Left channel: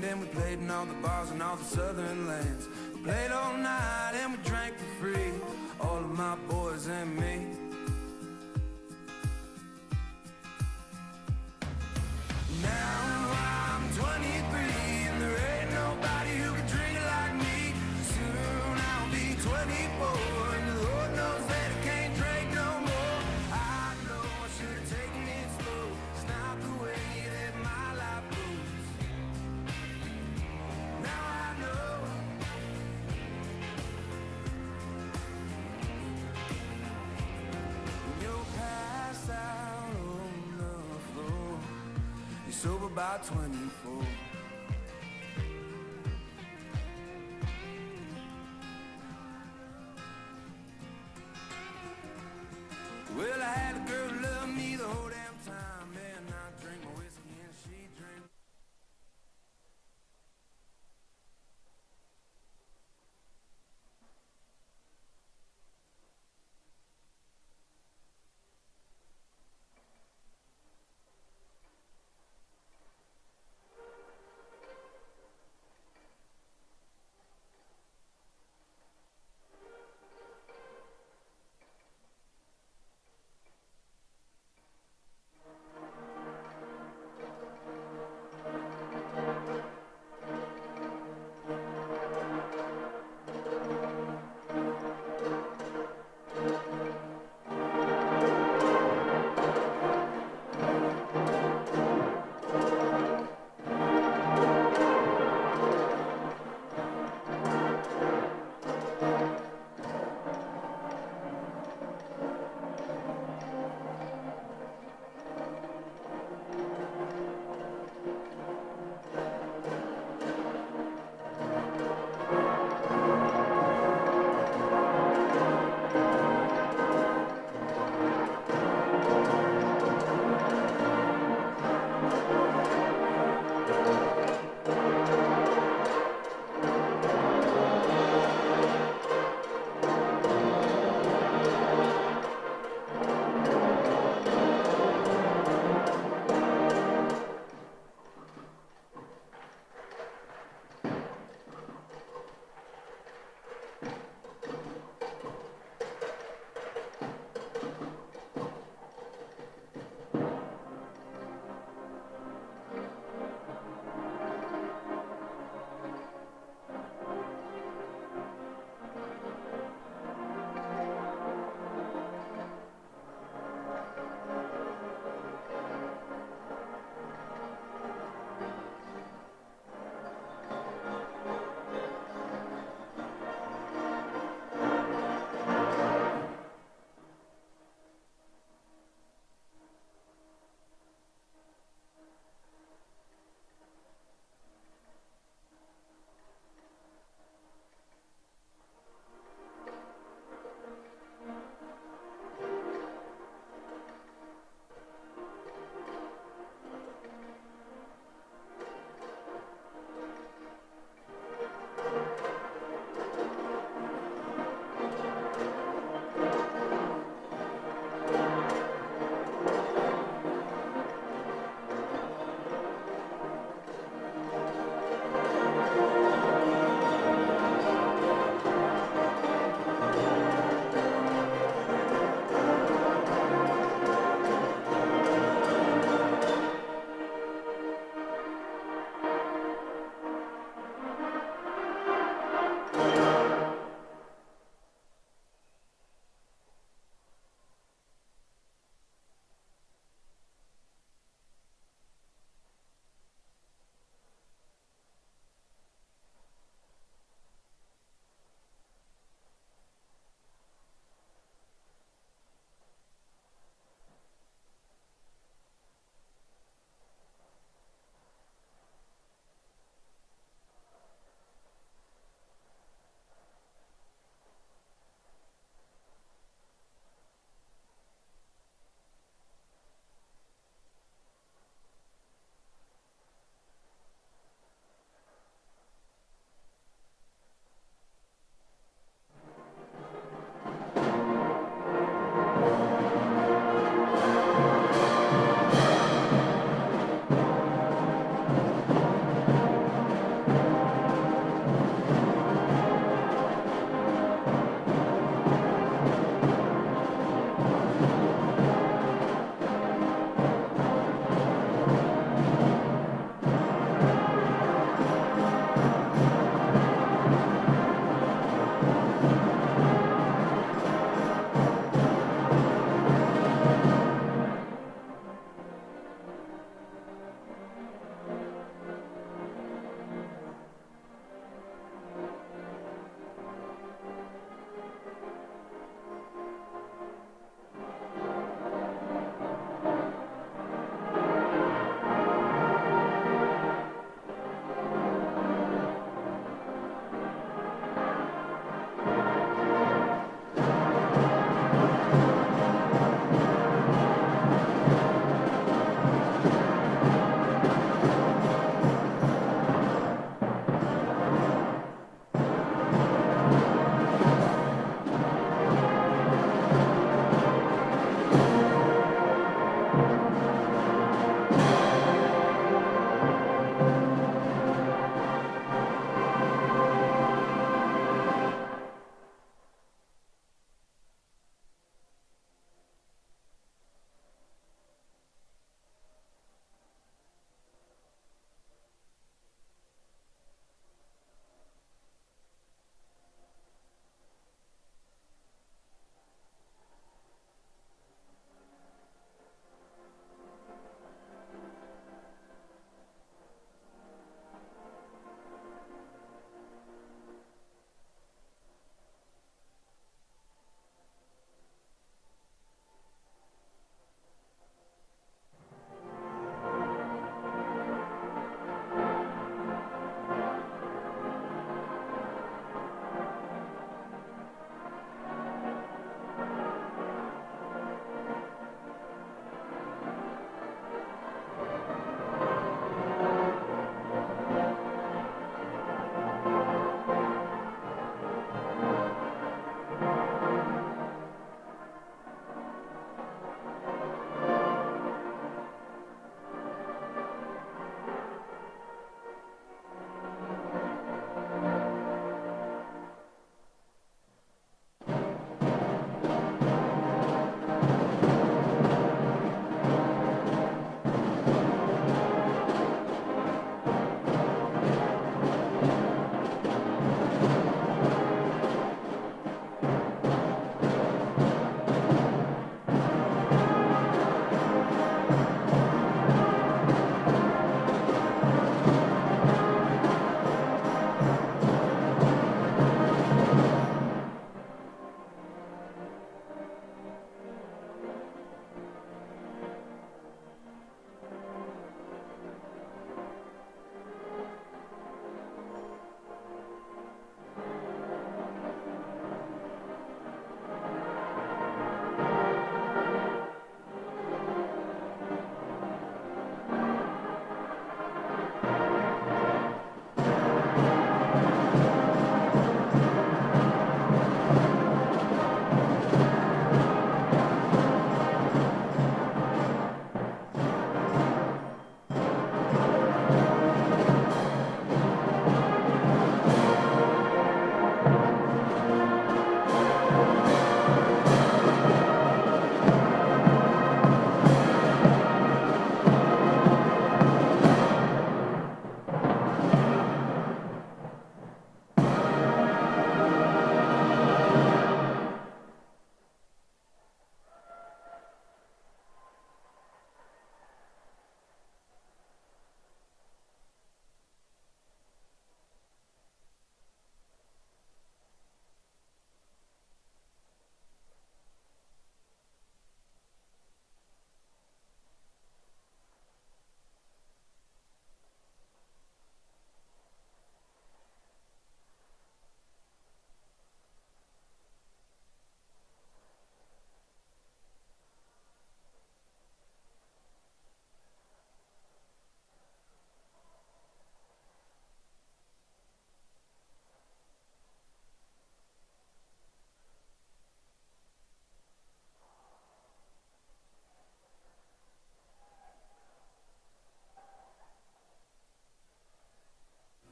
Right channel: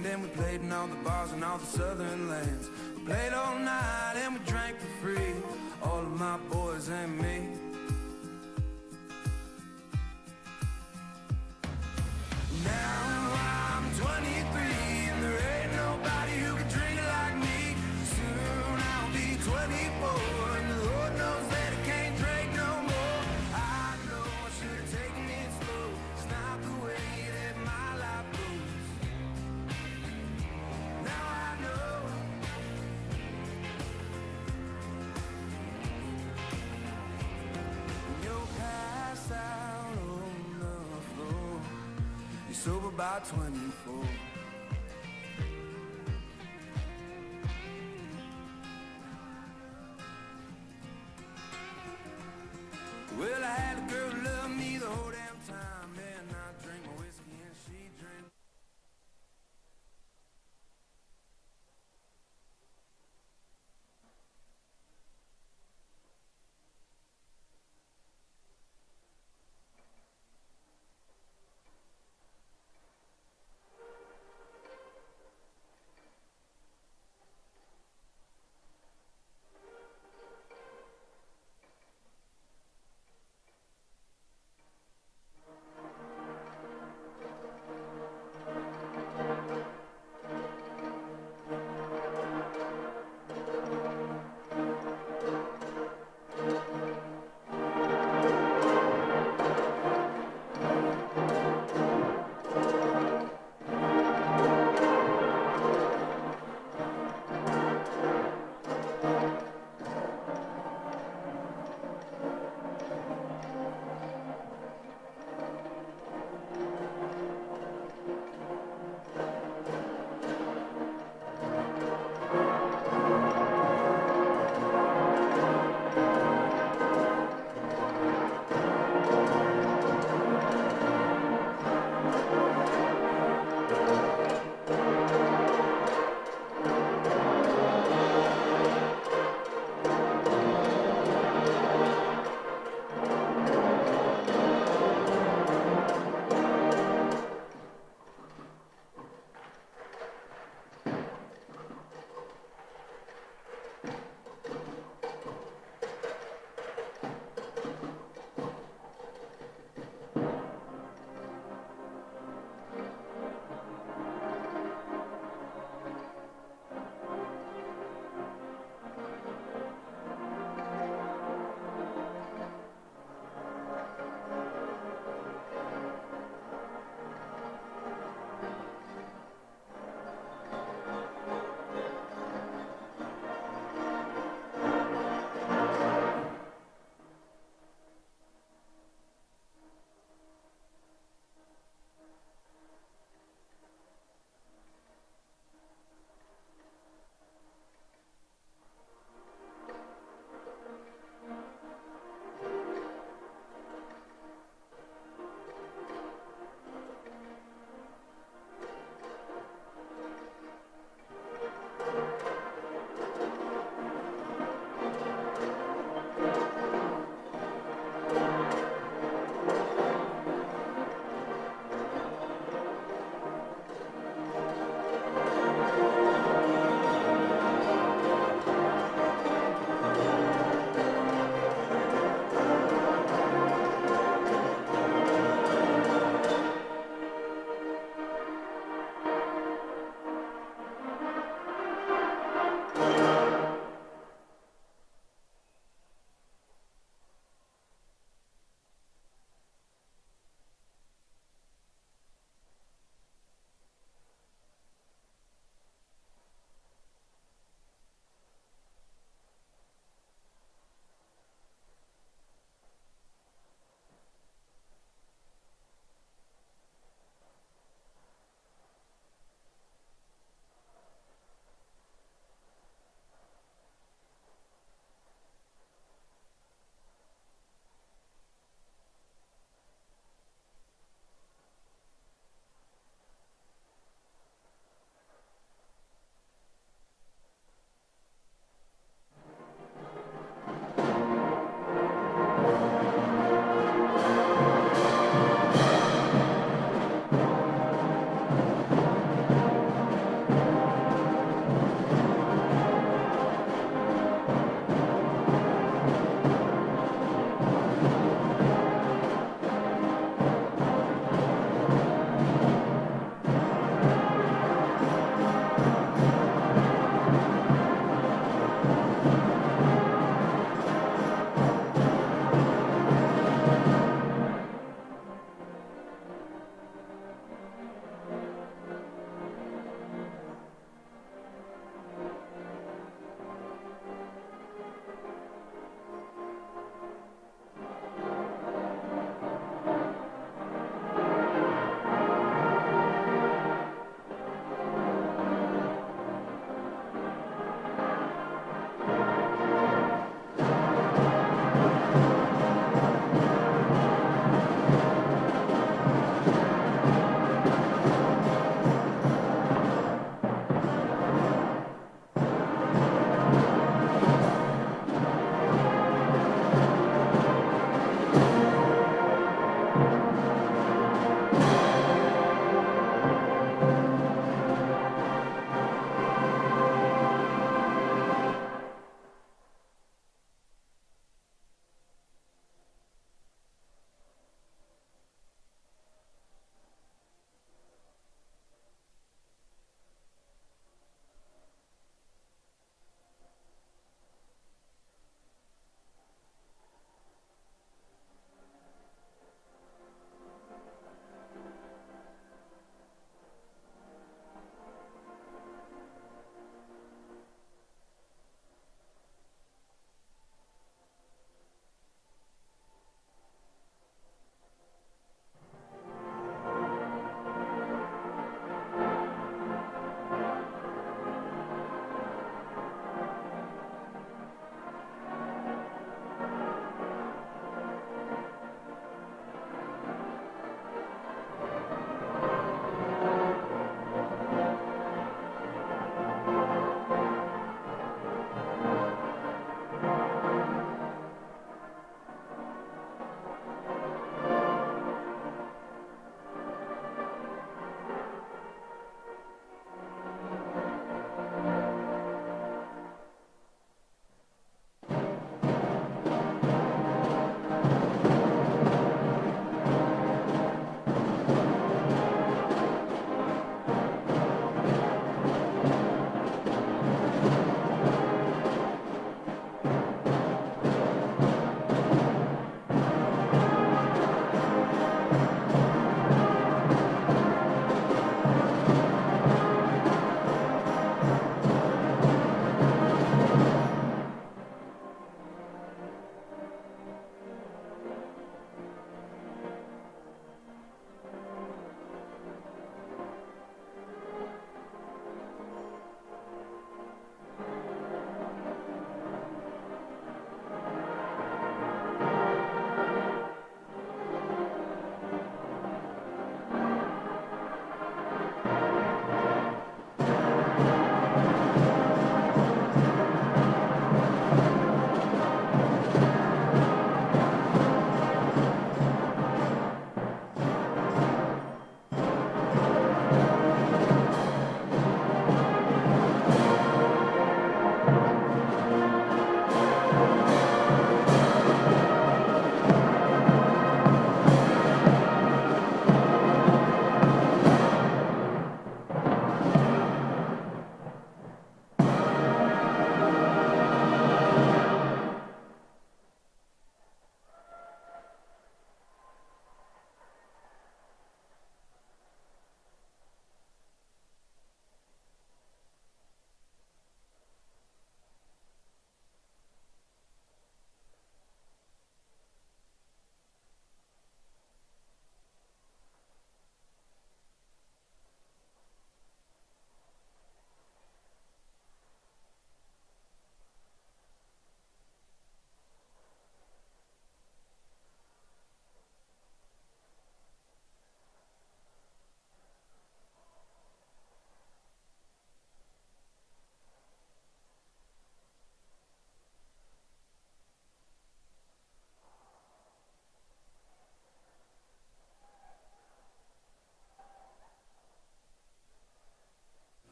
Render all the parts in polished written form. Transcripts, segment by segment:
band and we played in all the bars and all the southern lands. We played all night and we drank for free, all of my boys and me. Now I'm 23 and there ain't nobody who can drink like me. Soon I'll be 24 and the Lord knows that I can't drink no more. I know I should have taken it slow. It's not the way that my life goes. Now I know. When you're passed out on the floor, you're sober by 24. Well, I had a girl who loved me the whole damn time, and I drank my whiskey and she drank.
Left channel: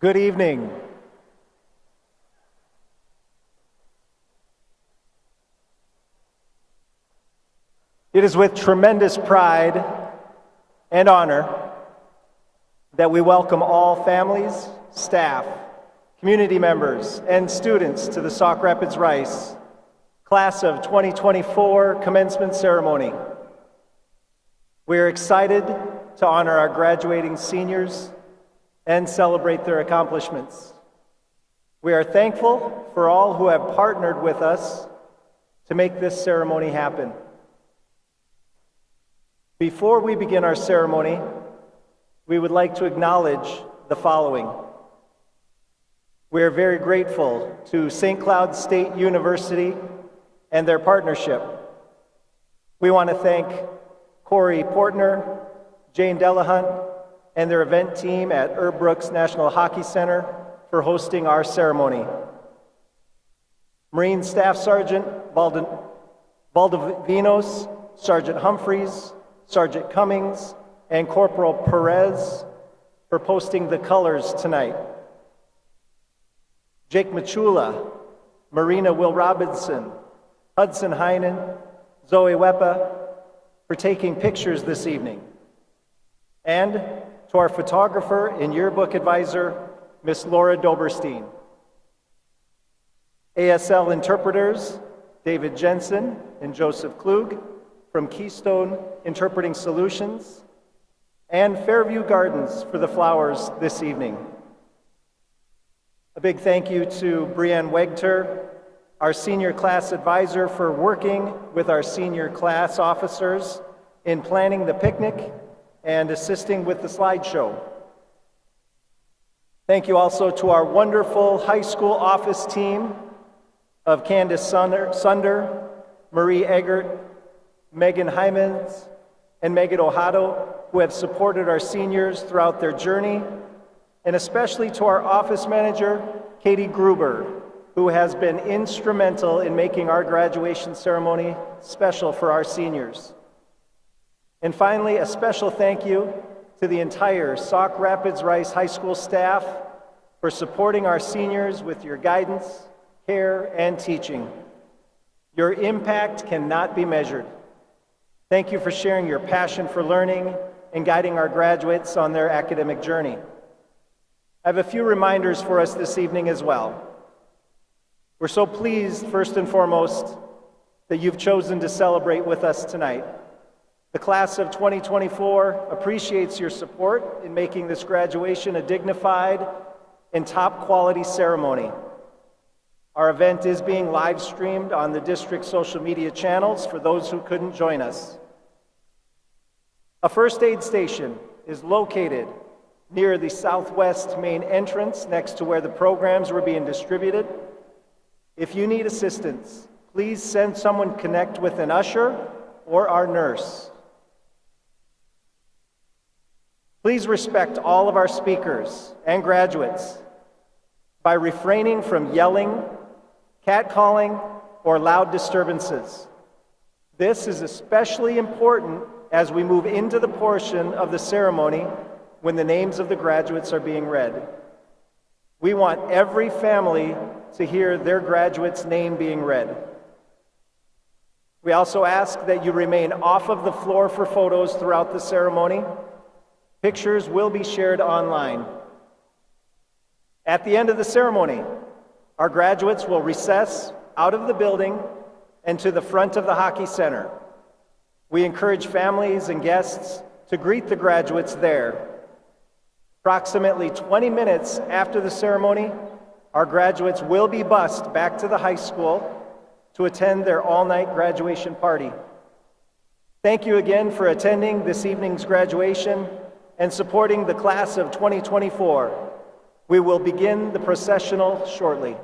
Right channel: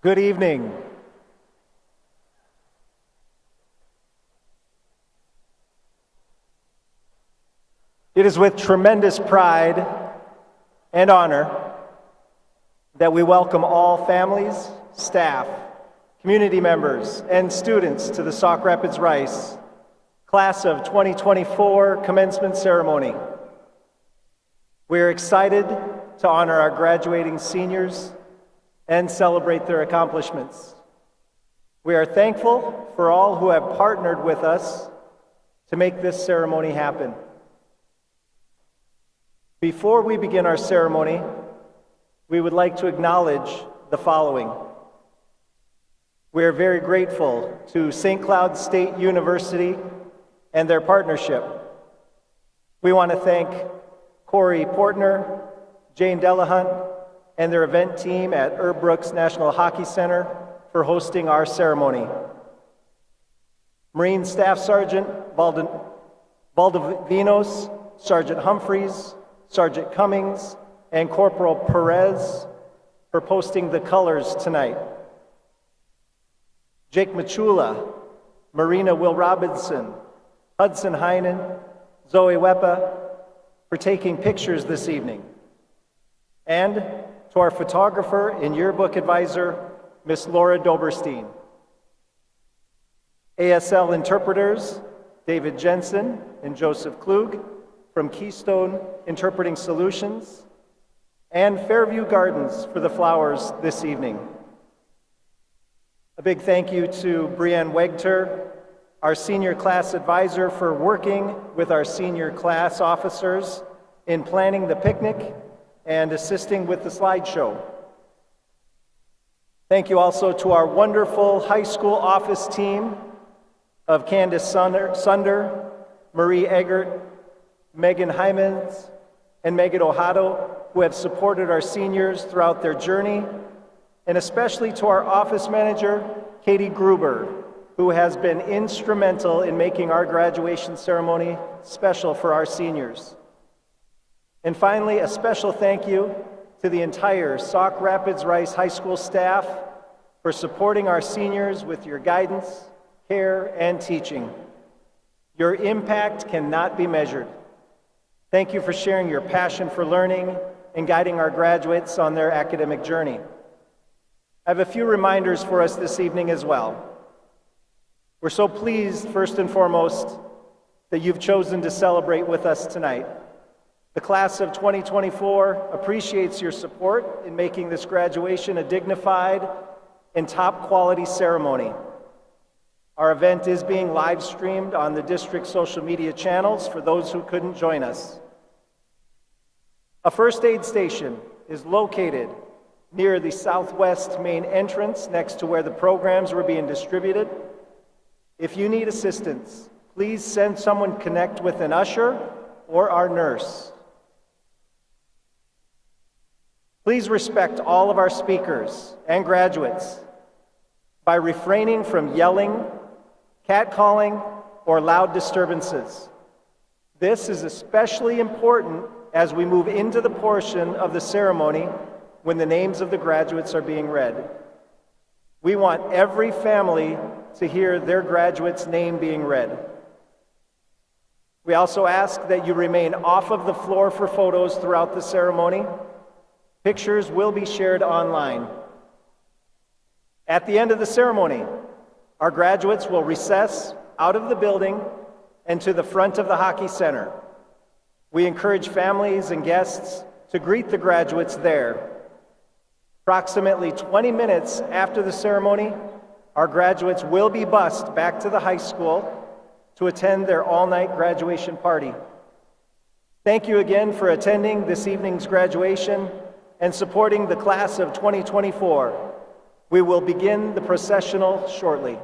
Good evening. It is with tremendous pride and honor that we welcome all families, staff, community members, and students to the Sauk Rapids Rice Class of 2024 commencement ceremony. We are excited to honor our graduating seniors and celebrate their accomplishments. We are thankful for all who have partnered with us to make this ceremony happen. Before we begin our ceremony, we would like to acknowledge the following. We are very grateful to St. Cloud State University and their partnership. We want to thank Corey Portner, Jane Delahunt, and their event team at Herb Brooks National Hockey Center for hosting our ceremony. Marine Staff Sergeant Valdivinos, Sergeant Humphreys, Sergeant Cummings, and Corporal Perez for posting the colors tonight. Jake Machula, Marina Will Robinson, Hudson Heinen, Zoe Wepa for taking pictures this evening. And to our photographer and yearbook advisor, Miss Laura Doberstein. ASL interpreters, David Jensen and Joseph Klug from Keystone Interpreting Solutions, and Fairview Gardens for the flowers this evening. A big thank you to Brianne Wegter, our senior class advisor, for working with our senior class officers in planning the picnic and assisting with the slideshow. Thank you also to our wonderful high school office team of Candace Sunder, Marie Eggert, Megan Hymans, and Megan Ojado, who have supported our seniors throughout their journey, and especially to our office manager, Katie Gruber, who has been instrumental in making our graduation ceremony special for our seniors. And finally, a special thank you to the entire Sauk Rapids Rice High School staff for supporting our seniors with your guidance, care, and teaching. Your impact cannot be measured. Thank you for sharing your passion for learning and guiding our graduates on their academic journey. I have a few reminders for us this evening as well. We're so pleased, first and foremost, that you've chosen to celebrate with us tonight. The class of 2024 appreciates your support in making this graduation a dignified and top quality ceremony. Our event is being live streamed on the district social media channels for those who couldn't join us. A first aid station is located near the southwest main entrance next to where the programs were being distributed. If you need assistance, please send someone connect with an usher or our nurse. Please respect all of our speakers and graduates by refraining from yelling, catcalling, or loud disturbances. This is especially important as we move into the portion of the ceremony when the names of the graduates are being read. We want every family to hear their graduate's name being read. We also ask that you remain off of the floor for photos throughout the ceremony. Pictures will be shared online. At the end of the ceremony, our graduates will recess out of the building and to the front of the hockey center. We encourage families and guests to greet the graduates there. Approximately 20 minutes after the ceremony, our graduates will be bused back to the high school to attend their all-night graduation party. Thank you again for attending this evening's graduation and supporting the class of 2024. We will begin the processional shortly.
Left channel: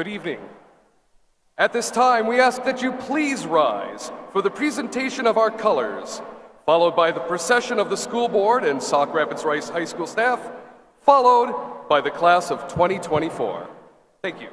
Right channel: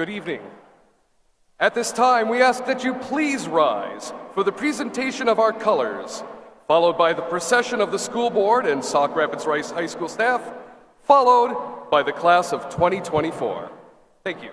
Good evening. At this time, we ask that you please rise for the presentation of our colors, followed by the procession of the school board and Sauk Rapids Rice High School staff, followed by the class of 2024. Thank you.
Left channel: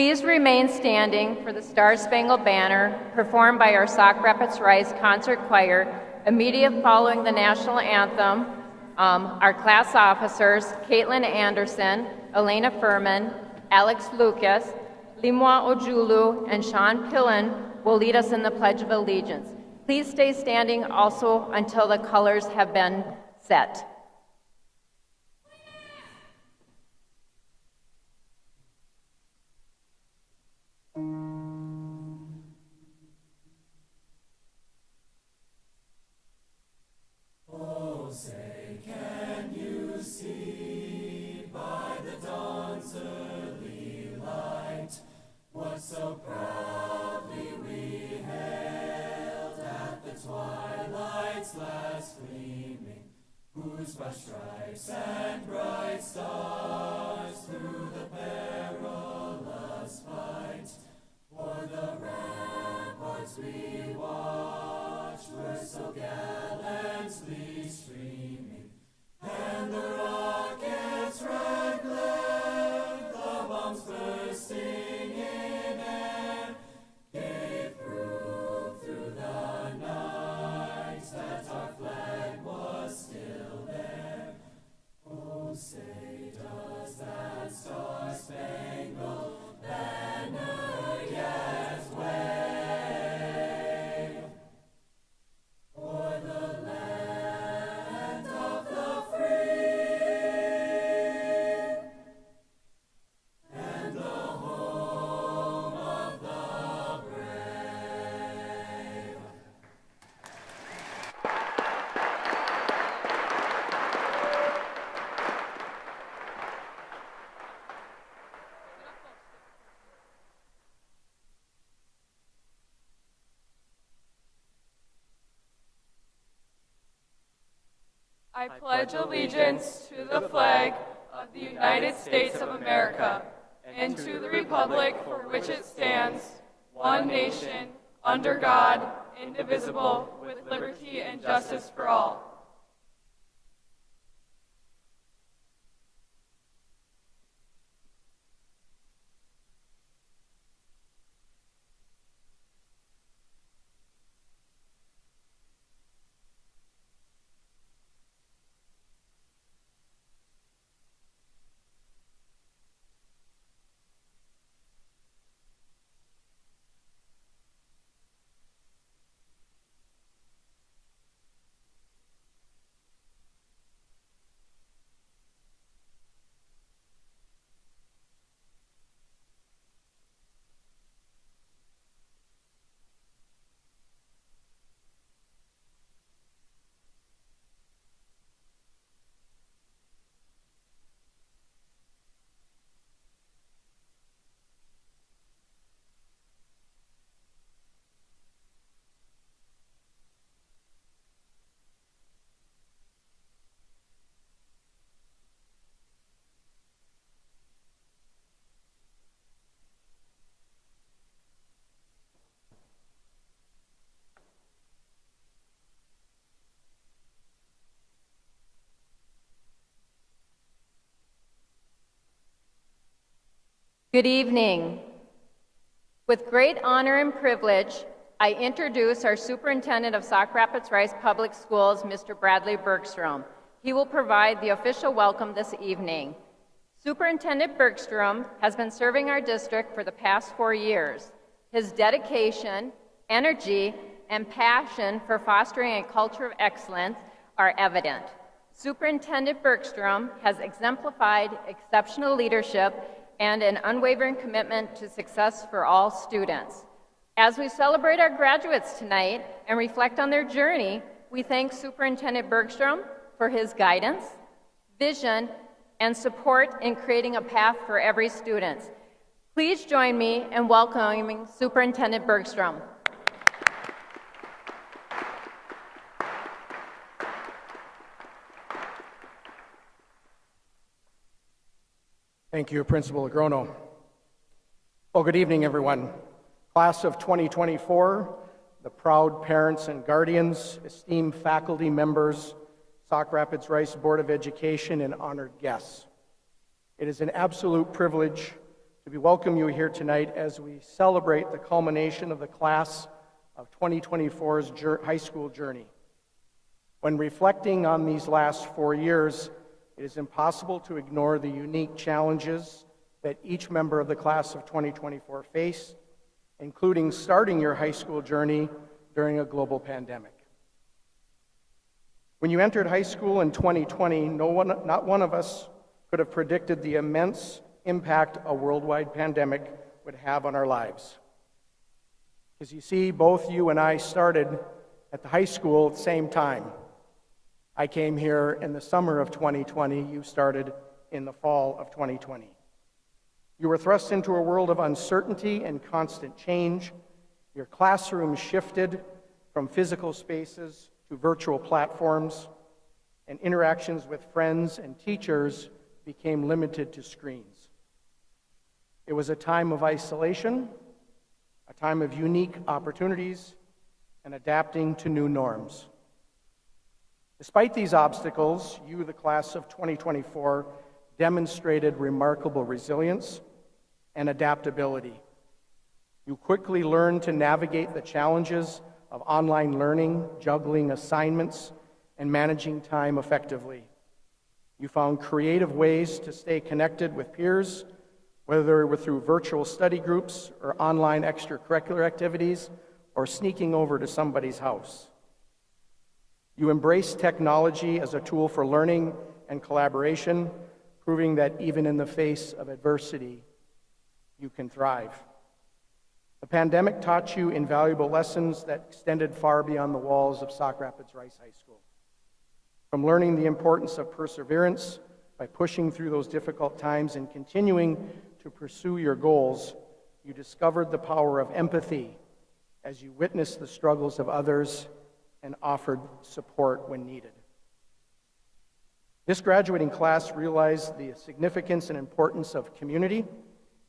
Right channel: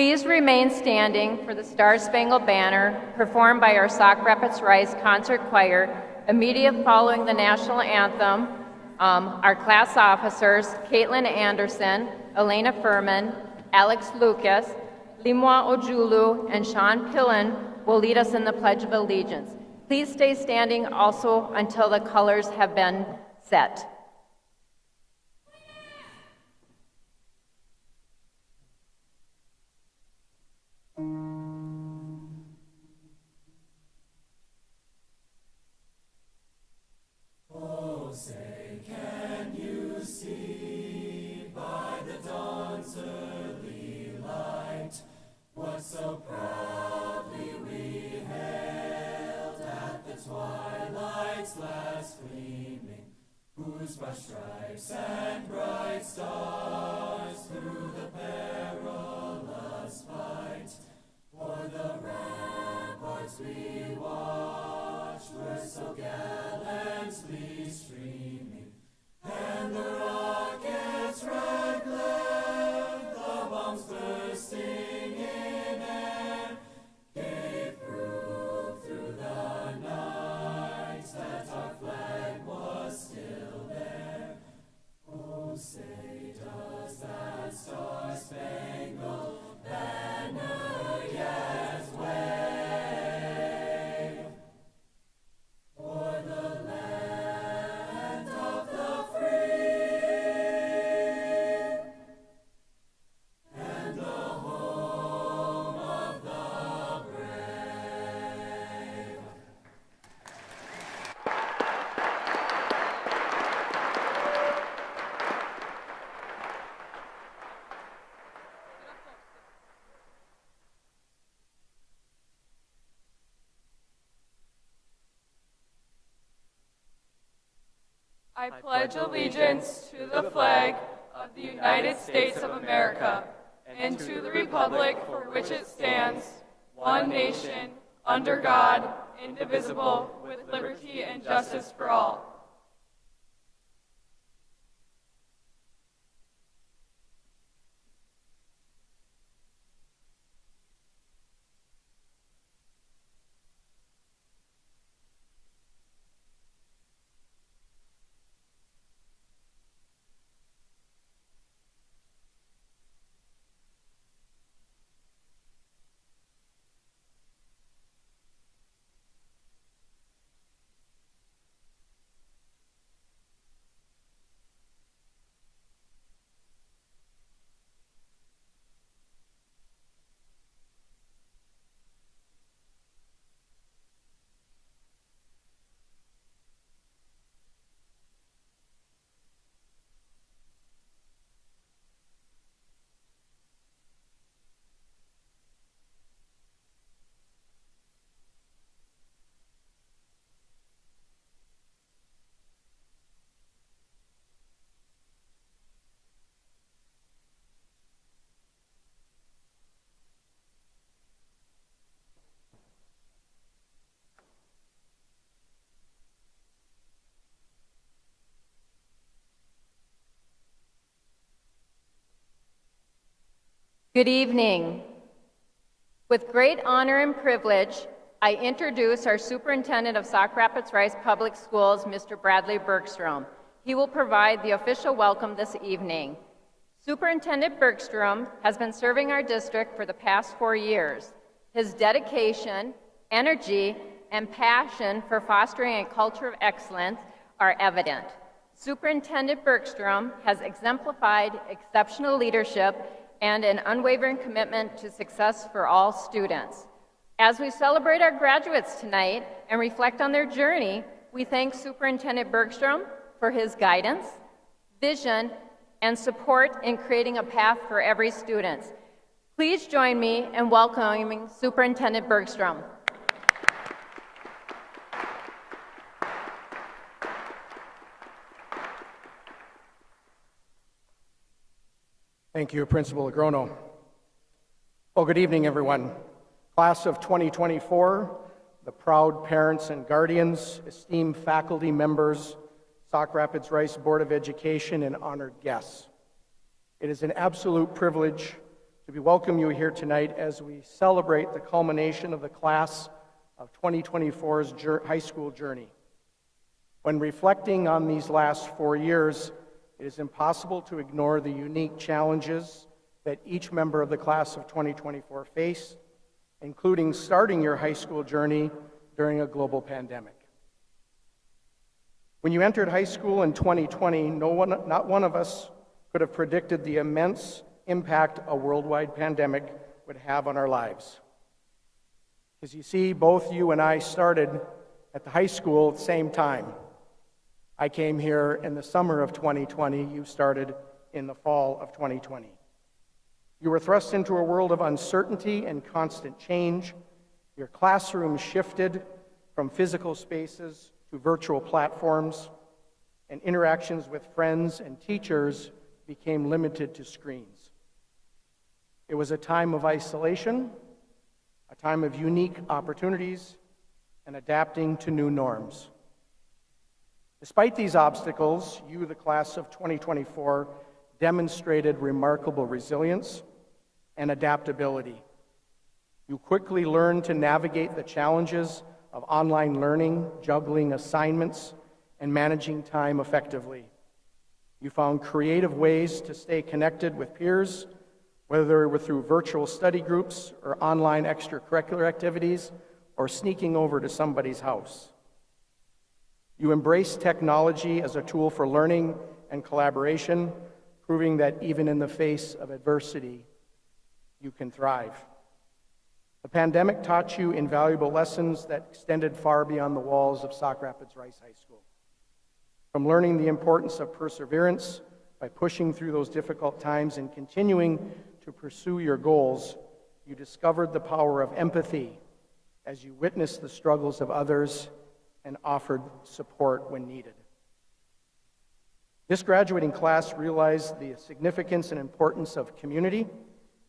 Please remain standing for the Star Spangled Banner performed by our Sauk Rapids Rice Concert Choir immediate following the national anthem. Our class officers, Caitlin Anderson, Elena Furman, Alex Lucas, Limwa Ojulu, and Sean Pillen will lead us in the Pledge of Allegiance. Please stay standing also until the colors have been set. So proudly we hailed at the twilight's last gleaming, whose bright stripes and bright stars through the perilous fight, o'er the ramparts we watched were so gallantly streaming, and the rocket's red glare, the bombs bursting say, does that star-spangled banner yet wave o'er the land of the free and the home of the brave? I pledge allegiance to the flag of the United States of America and to the republic for which it stands, one nation, under God, indivisible, with liberty and justice for all. Good evening. With great honor and privilege, I introduce our Superintendent of Sauk Rapids Rice Public Schools, Mr. Bradley Bergstrom. He will provide the official welcome this evening. Superintendent Bergstrom has been serving our district for the past 4 years. His dedication, energy, and passion for fostering a culture of excellence are evident. Superintendent Bergstrom has exemplified exceptional leadership and an unwavering commitment to success for all students. As we celebrate our graduates tonight and reflect on their journey, we thank Superintendent Bergstrom for his guidance, vision, and support in creating a path for every student. Please join me in welcoming Superintendent Bergstrom. Thank you, Principal Agrono. Well, good evening, everyone. Class of 2024, the proud parents and guardians, esteemed faculty members, Sauk Rapids Rice Board of Education, and honored guests. It is an absolute privilege to to welcome you here tonight as we celebrate the culmination of the class of 2024's high school journey. When reflecting on these last 4 years, it is impossible to ignore the unique challenges that each member of the class of 2024 faced, including starting your high school journey during a global pandemic. When you entered high school in 2020, not one of us could have predicted the immense impact a worldwide pandemic would have on our lives. As you see, both you and I started at the high school at the same time. I came here in the summer of 2020. You started in the fall of 2020. You were thrust into a world of uncertainty and constant change. Your classroom shifted from physical spaces to virtual platforms, and interactions with friends and teachers became limited to screens. It was a time of isolation, a time of unique opportunities, and adapting to new norms. Despite these obstacles, you, the class of 2024, demonstrated remarkable resilience and adaptability. You quickly learned to navigate the challenges of online learning, juggling assignments, and managing time effectively. You found creative ways to stay connected with peers, whether it were through virtual study groups or online extracurricular activities or sneaking over to somebody's house. You embraced technology as a tool for learning and collaboration, proving that even in the face of adversity, you can thrive. The pandemic taught you invaluable lessons that extended far beyond the walls of Sauk Rapids Rice High School. From learning the importance of perseverance by pushing through those difficult times and continuing to pursue your goals, you discovered the power of empathy as you witnessed the struggles of others and offered support when needed. This graduating class realized the significance and importance of community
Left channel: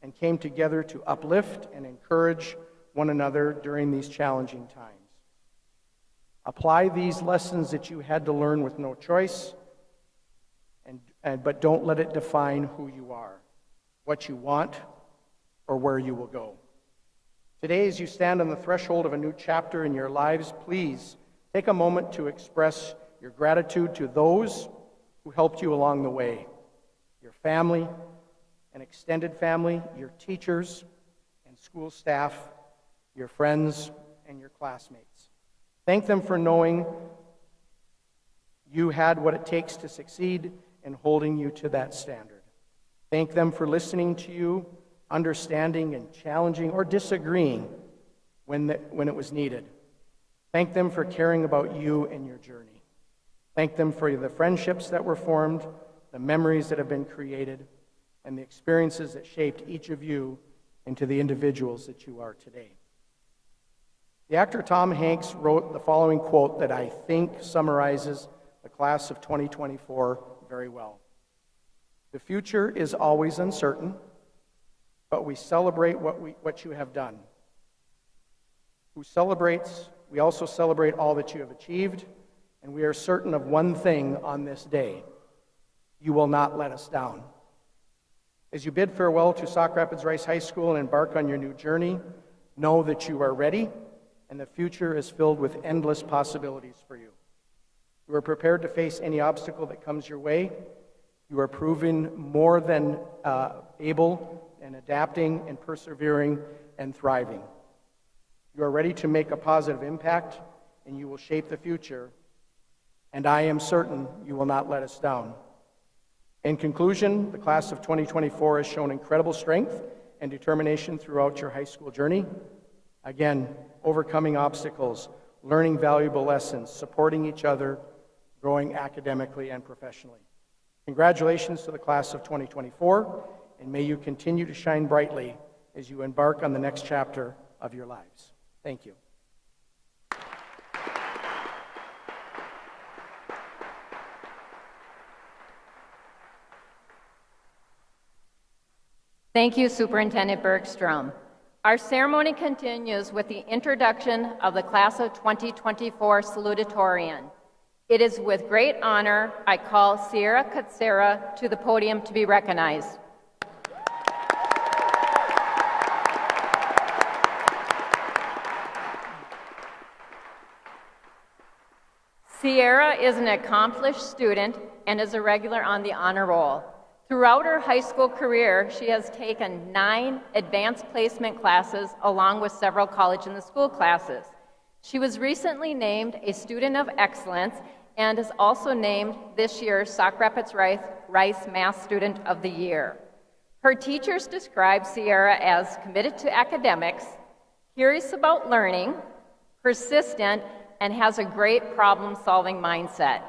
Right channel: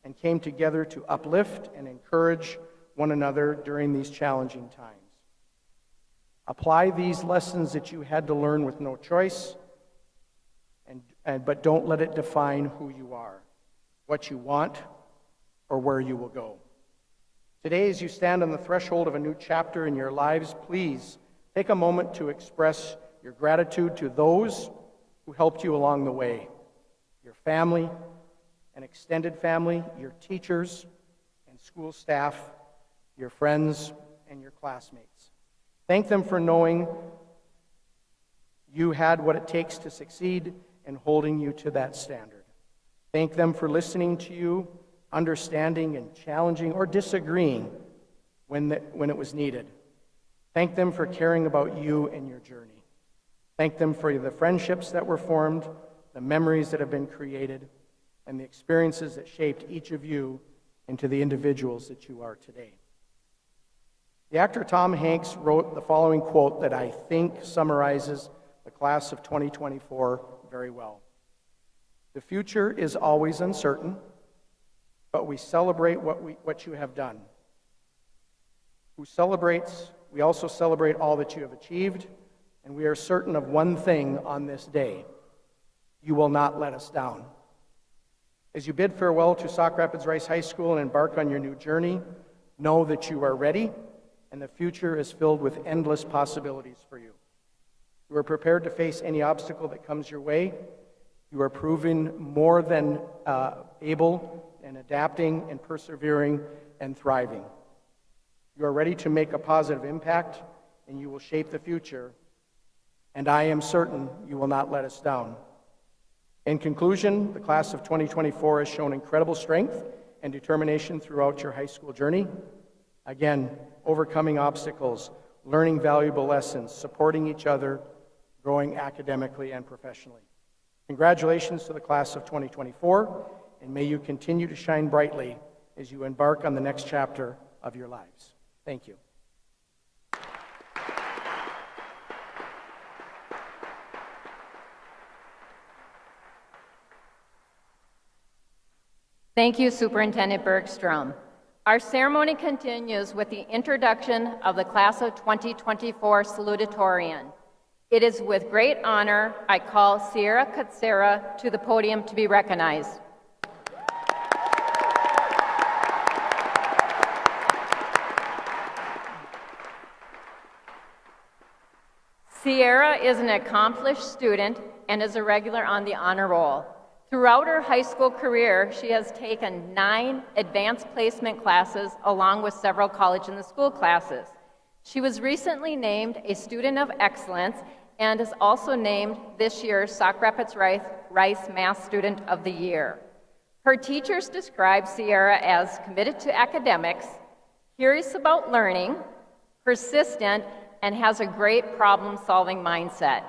and came together to uplift and encourage one another during these challenging times. Apply these lessons that you had to learn with no choice, but don't let it define who you are, what you want, or where you will go. Today, as you stand on the threshold of a new chapter in your lives, please take a moment to express your gratitude to those who helped you along the way, your family and extended family, your teachers and school staff, your friends and your classmates. Thank them for knowing you had what it takes to succeed and holding you to that standard. Thank them for listening to you, understanding and challenging or disagreeing when it was needed. Thank them for caring about you and your journey. Thank them for the friendships that were formed, the memories that have been created, and the experiences that shaped each of you into the individuals that you are today. The actor Tom Hanks wrote the following quote that I think summarizes the class of 2024 very well. The future is always uncertain, but we celebrate what you have done. We also celebrate all that you have achieved, and we are certain of one thing on this day: you will not let us down. As you bid farewell to Sauk Rapids Rice High School and embark on your new journey, know that you are ready, and the future is filled with endless possibilities for you. You are prepared to face any obstacle that comes your way. You are proven more than able and adapting and persevering and thriving. You are ready to make a positive impact, and you will shape the future. And I am certain you will not let us down. In conclusion, the class of 2024 has shown incredible strength and determination throughout your high school journey. Again, overcoming obstacles, learning valuable lessons, supporting each other, growing academically and professionally. Congratulations to the class of 2024, and may you continue to shine brightly as you embark on the next chapter of your lives. Thank you. Thank you, Superintendent Bergstrom. Our ceremony continues with the introduction of the Class of 2024 salutatorian. It is with great honor I call Sierra Katsera to the podium to be recognized. Sierra is an accomplished student and is a regular on the honor roll. Throughout her high school career, she has taken 9 advanced placement classes along with several college and the school classes. She was recently named a Student of Excellence and is also named this year's Sauk Rapids Rice Math Student of the Year. Her teachers describe Sierra as committed to academics, curious about learning, persistent, and has a great problem-solving mindset.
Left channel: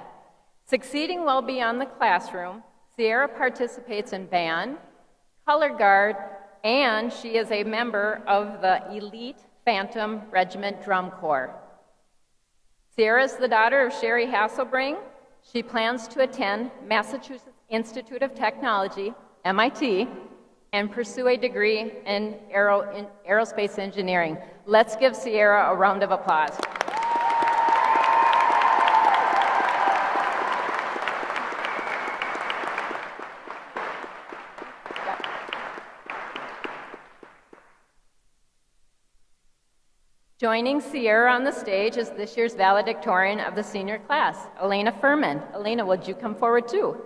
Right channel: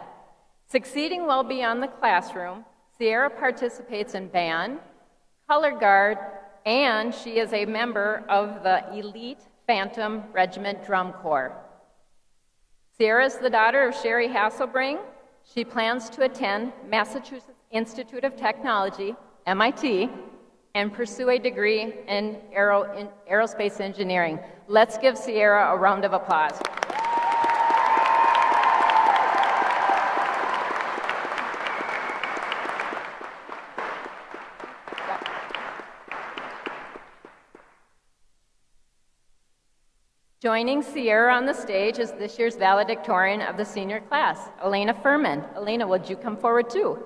Succeeding well beyond the classroom, Sierra participates in band, color guard, and she is a member of the elite Phantom Regiment Drum Corps. Sierra is the daughter of Sherry Hasselbring. She plans to attend Massachusetts Institute of Technology, MIT, and pursue a degree in aerospace engineering. Let's give Sierra a round of applause. Joining Sierra on the stage is this year's valedictorian of the senior class, Elena Furman. Elena, would you come forward too?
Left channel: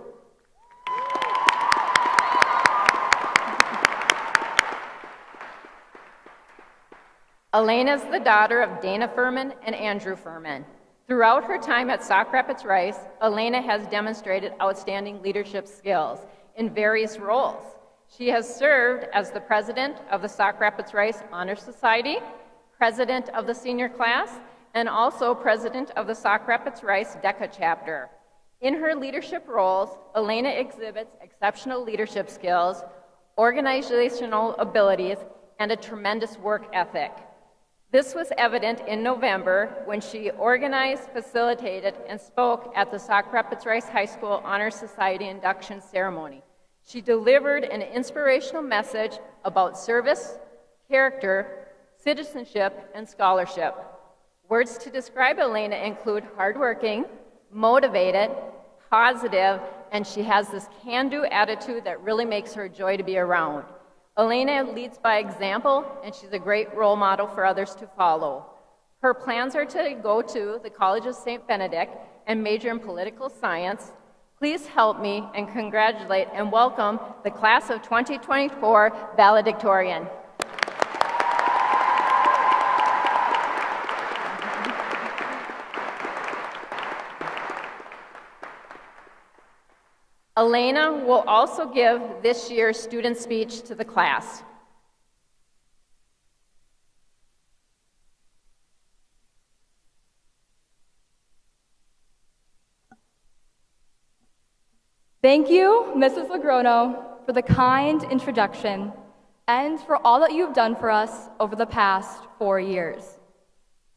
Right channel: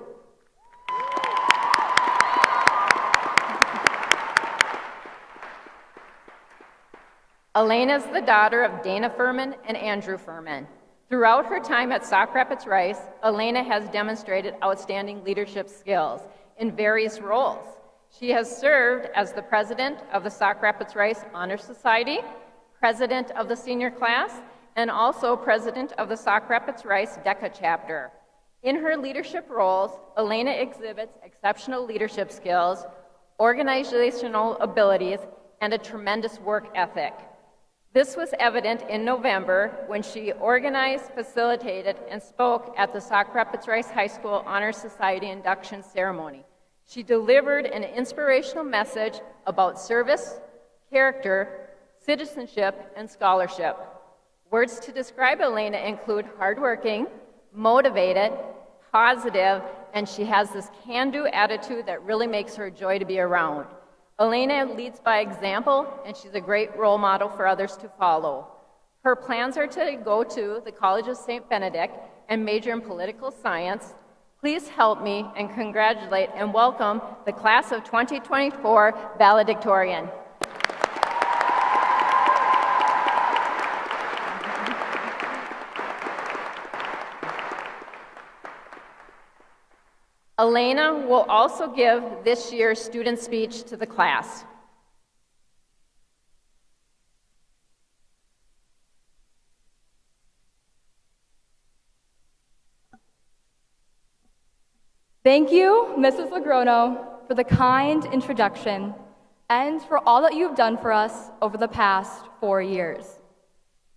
Elena is the daughter of Dana Furman and Andrew Furman. Throughout her time at Sauk Rapids Rice, Elena has demonstrated outstanding leadership skills in various roles. She has served as the president of the Sauk Rapids Rice Honor Society, president of the senior class, and also president of the Sauk Rapids Rice DECA chapter. In her leadership roles, Elena exhibits exceptional leadership skills, organizational abilities, and a tremendous work ethic. This was evident in November when she organized, facilitated, and spoke at the Sauk Rapids Rice High School Honor Society induction ceremony. She delivered an inspirational message about service, character, citizenship, and scholarship. Words to describe Elena include hardworking, motivated, positive, and she has this can-do attitude that really makes her a joy to be around. Elena leads by example, and she's a great role model for others to follow. Her plans are to go to the College of St. Benedict and major in political science. Please help me and congratulate and welcome the class of 2024 valedictorian. Elena will also give this year's student speech to the class. Thank you, Mrs. Lagrono, for the kind introduction and for all that you have done for us over the past 4 years.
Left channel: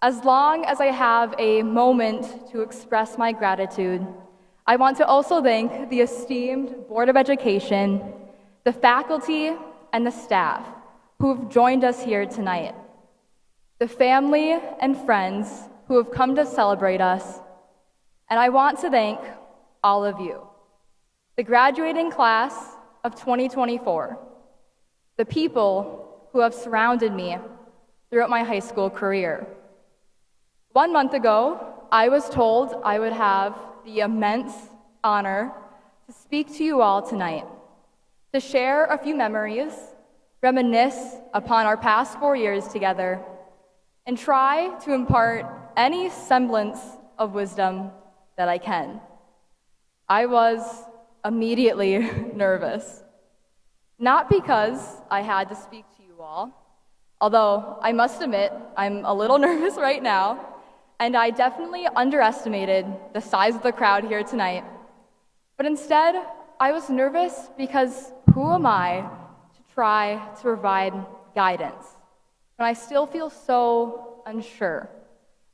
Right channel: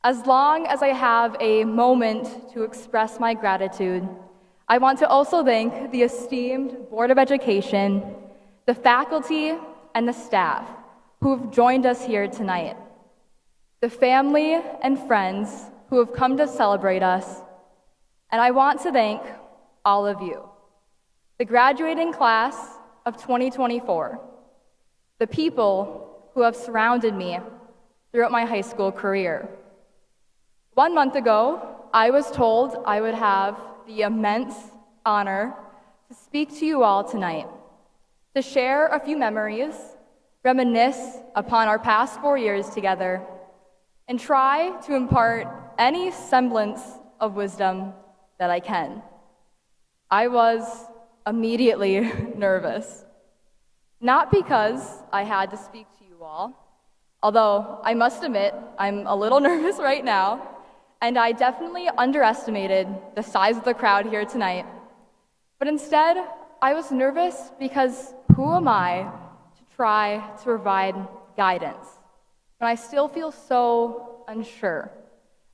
As long as I have a moment to express my gratitude, I want to also thank the esteemed Board of Education, the faculty, and the staff who have joined us here tonight, the family and friends who have come to celebrate us, and I want to thank all of you, the graduating class of 2024, the people who have surrounded me throughout my high school career. 1 month ago, I was told I would have the immense honor to speak to you all tonight, to share a few memories, reminisce upon our past 4 years together, and try to impart any semblance of wisdom that I can. I was immediately nervous, not because I had to speak to you all, although I must admit I'm a little nervous right now, and I definitely underestimated the size of the crowd here tonight. But instead, I was nervous because who am I to try to provide guidance when I still feel so unsure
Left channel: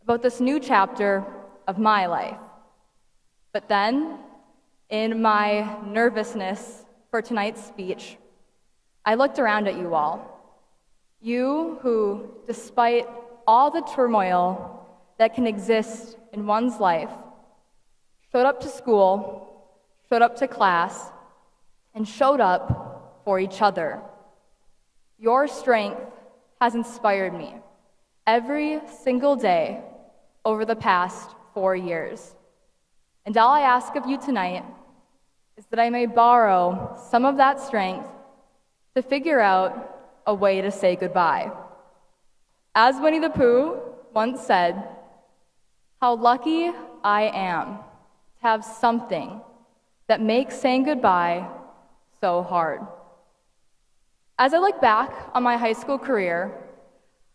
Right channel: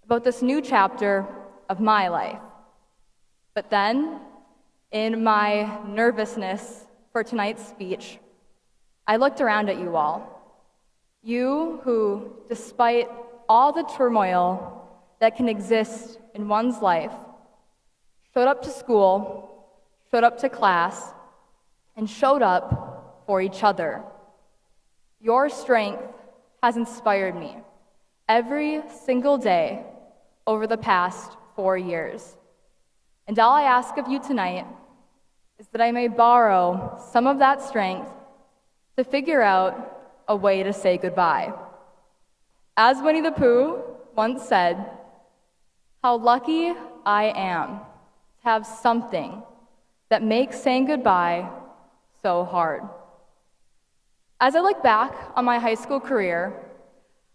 about this new chapter of my life? But then, in my nervousness for tonight's speech, I looked around at you all. You who, despite all the turmoil that can exist in one's life, showed up to school, showed up to class, and showed up for each other. Your strength has inspired me every single day over the past 4 years. And all I ask of you tonight is that I may borrow some of that strength to figure out a way to say goodbye. As Winnie the Pooh once said, "How lucky I am to have something that makes saying goodbye so hard." As I look back on my high school career,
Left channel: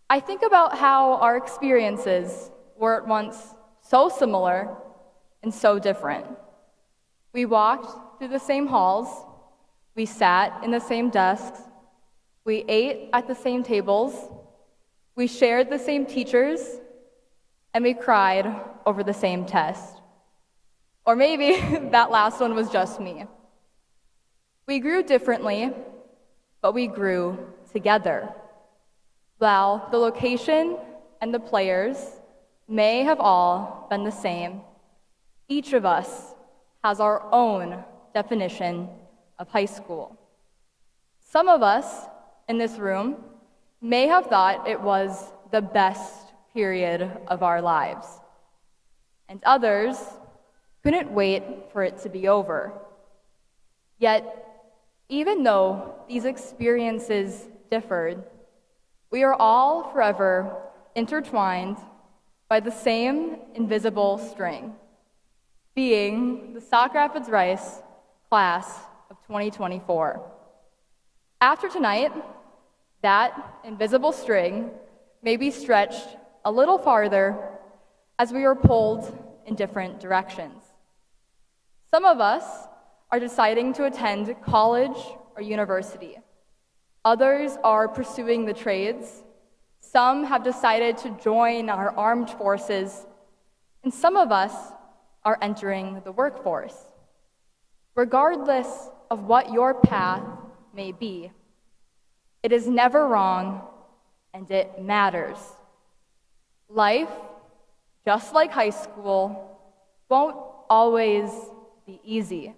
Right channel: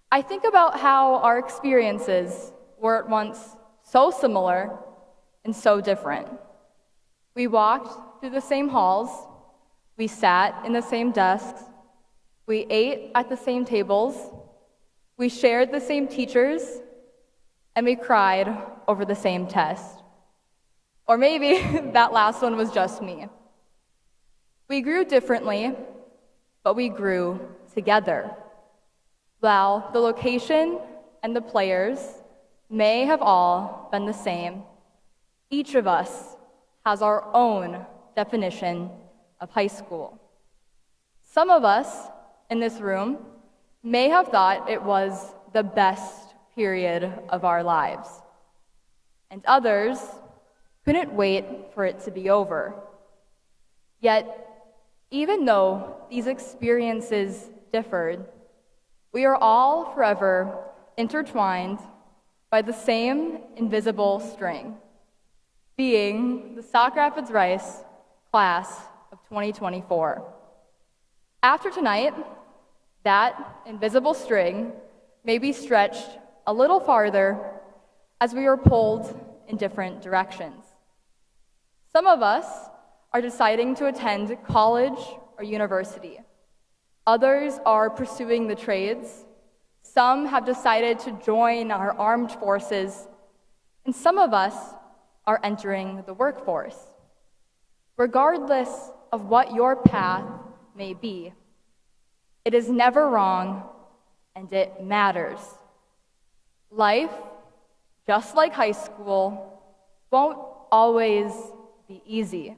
I think about how our experiences were at once so similar and so different. We walked through the same halls, we sat in the same desks, we ate at the same tables, we shared the same teachers, and we cried over the same test. Or maybe that last one was just me. We grew differently, but we grew together. While the location and the players may have all been the same, each of us has our own definition of high school. Some of us in this room may have thought it was the best period of our lives, and others couldn't wait for it to be over. Yet, even though these experiences differed, we are all forever intertwined by the same invisible string, being the Sauk Rapids Rice class of 2024. After tonight, that invisible string may be stretched a little farther as we are pulled in different directions. Some of us are deciding to attend college or university. Others are pursuing the trades. Some have decided to join our armed forces, and some of us are entering the workforce. Regardless of what your path may be, it is never wrong and it matters. Life, just like high school, won't always be easy.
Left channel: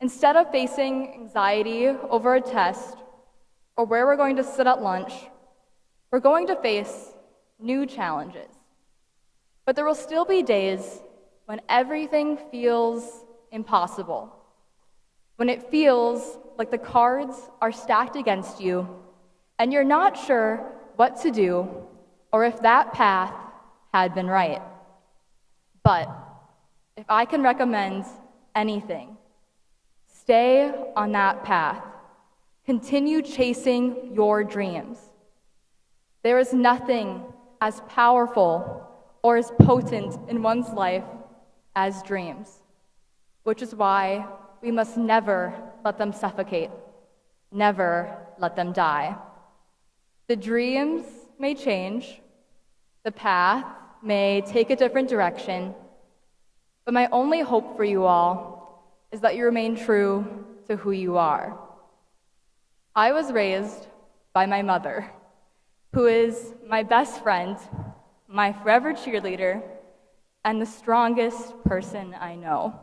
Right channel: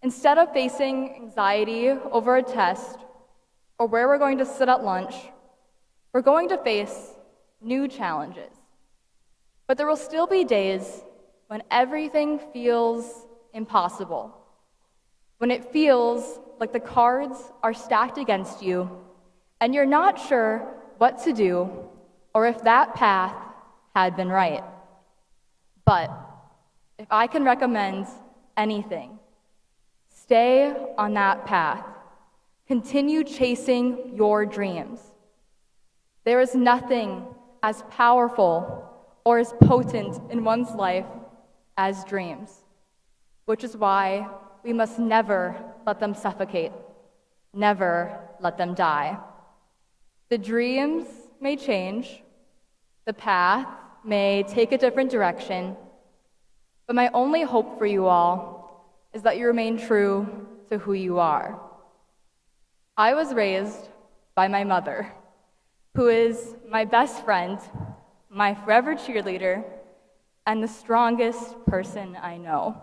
Instead of facing anxiety over a test or where we're going to sit at lunch, we're going to face new challenges. But there will still be days when everything feels impossible, when it feels like the cards are stacked against you and you're not sure what to do or if that path had been right. But if I can recommend anything, stay on that path. Continue chasing your dreams. There is nothing as powerful or as potent in one's life as dreams, which is why we must never let them suffocate, never let them die. The dreams may change, the path may take a different direction, but my only hope for you all is that you remain true to who you are. I was raised by my mother, who is my best friend, my forever cheerleader, and the strongest person I know.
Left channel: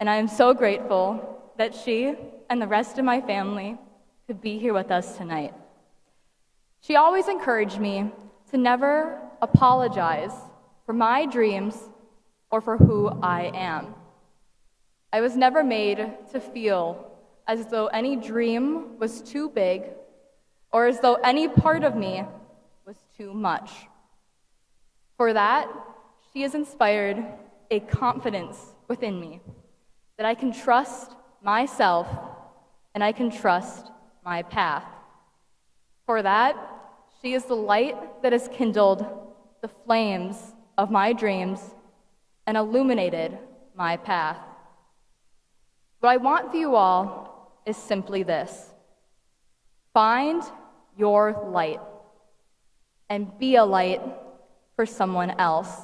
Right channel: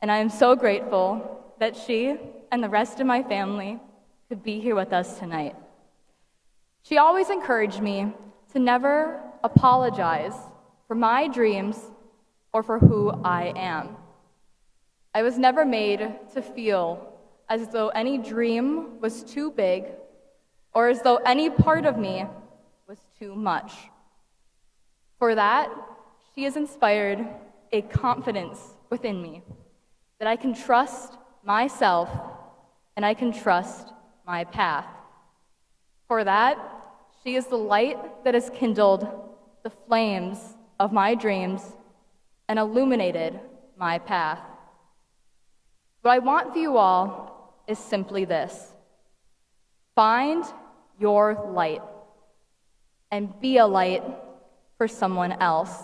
And I am so grateful that she and the rest of my family could be here with us tonight. She always encouraged me to never apologize for my dreams or for who I am. I was never made to feel as though any dream was too big or as though any part of me was too much. For that, she has inspired a confidence within me that I can trust myself and I can trust my path. For that, she is the light that has kindled the flames of my dreams and illuminated my path. What I want for you all is simply this: find your light and be a light for someone else.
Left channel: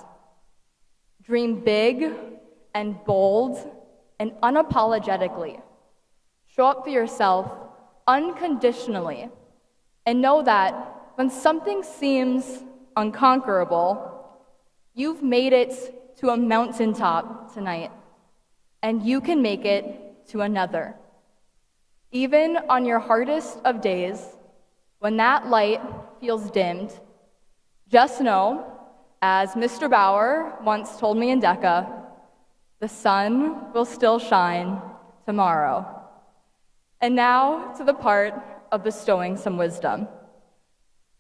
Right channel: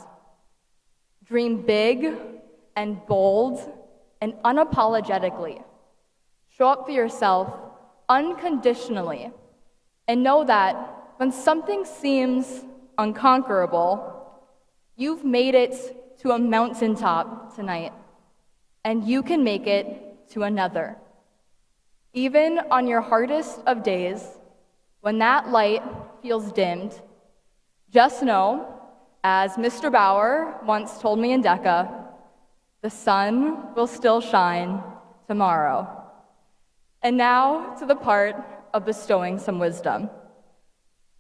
Dream big and bold and unapologetically. Show up for yourself unconditionally and know that when something seems unconquerable, you've made it to a mountaintop tonight, and you can make it to another. Even on your hardest of days, when that light feels dimmed, just know, as Mr. Bauer once told me in DECA, The sun will still shine tomorrow. And now to the part of bestowing some wisdom.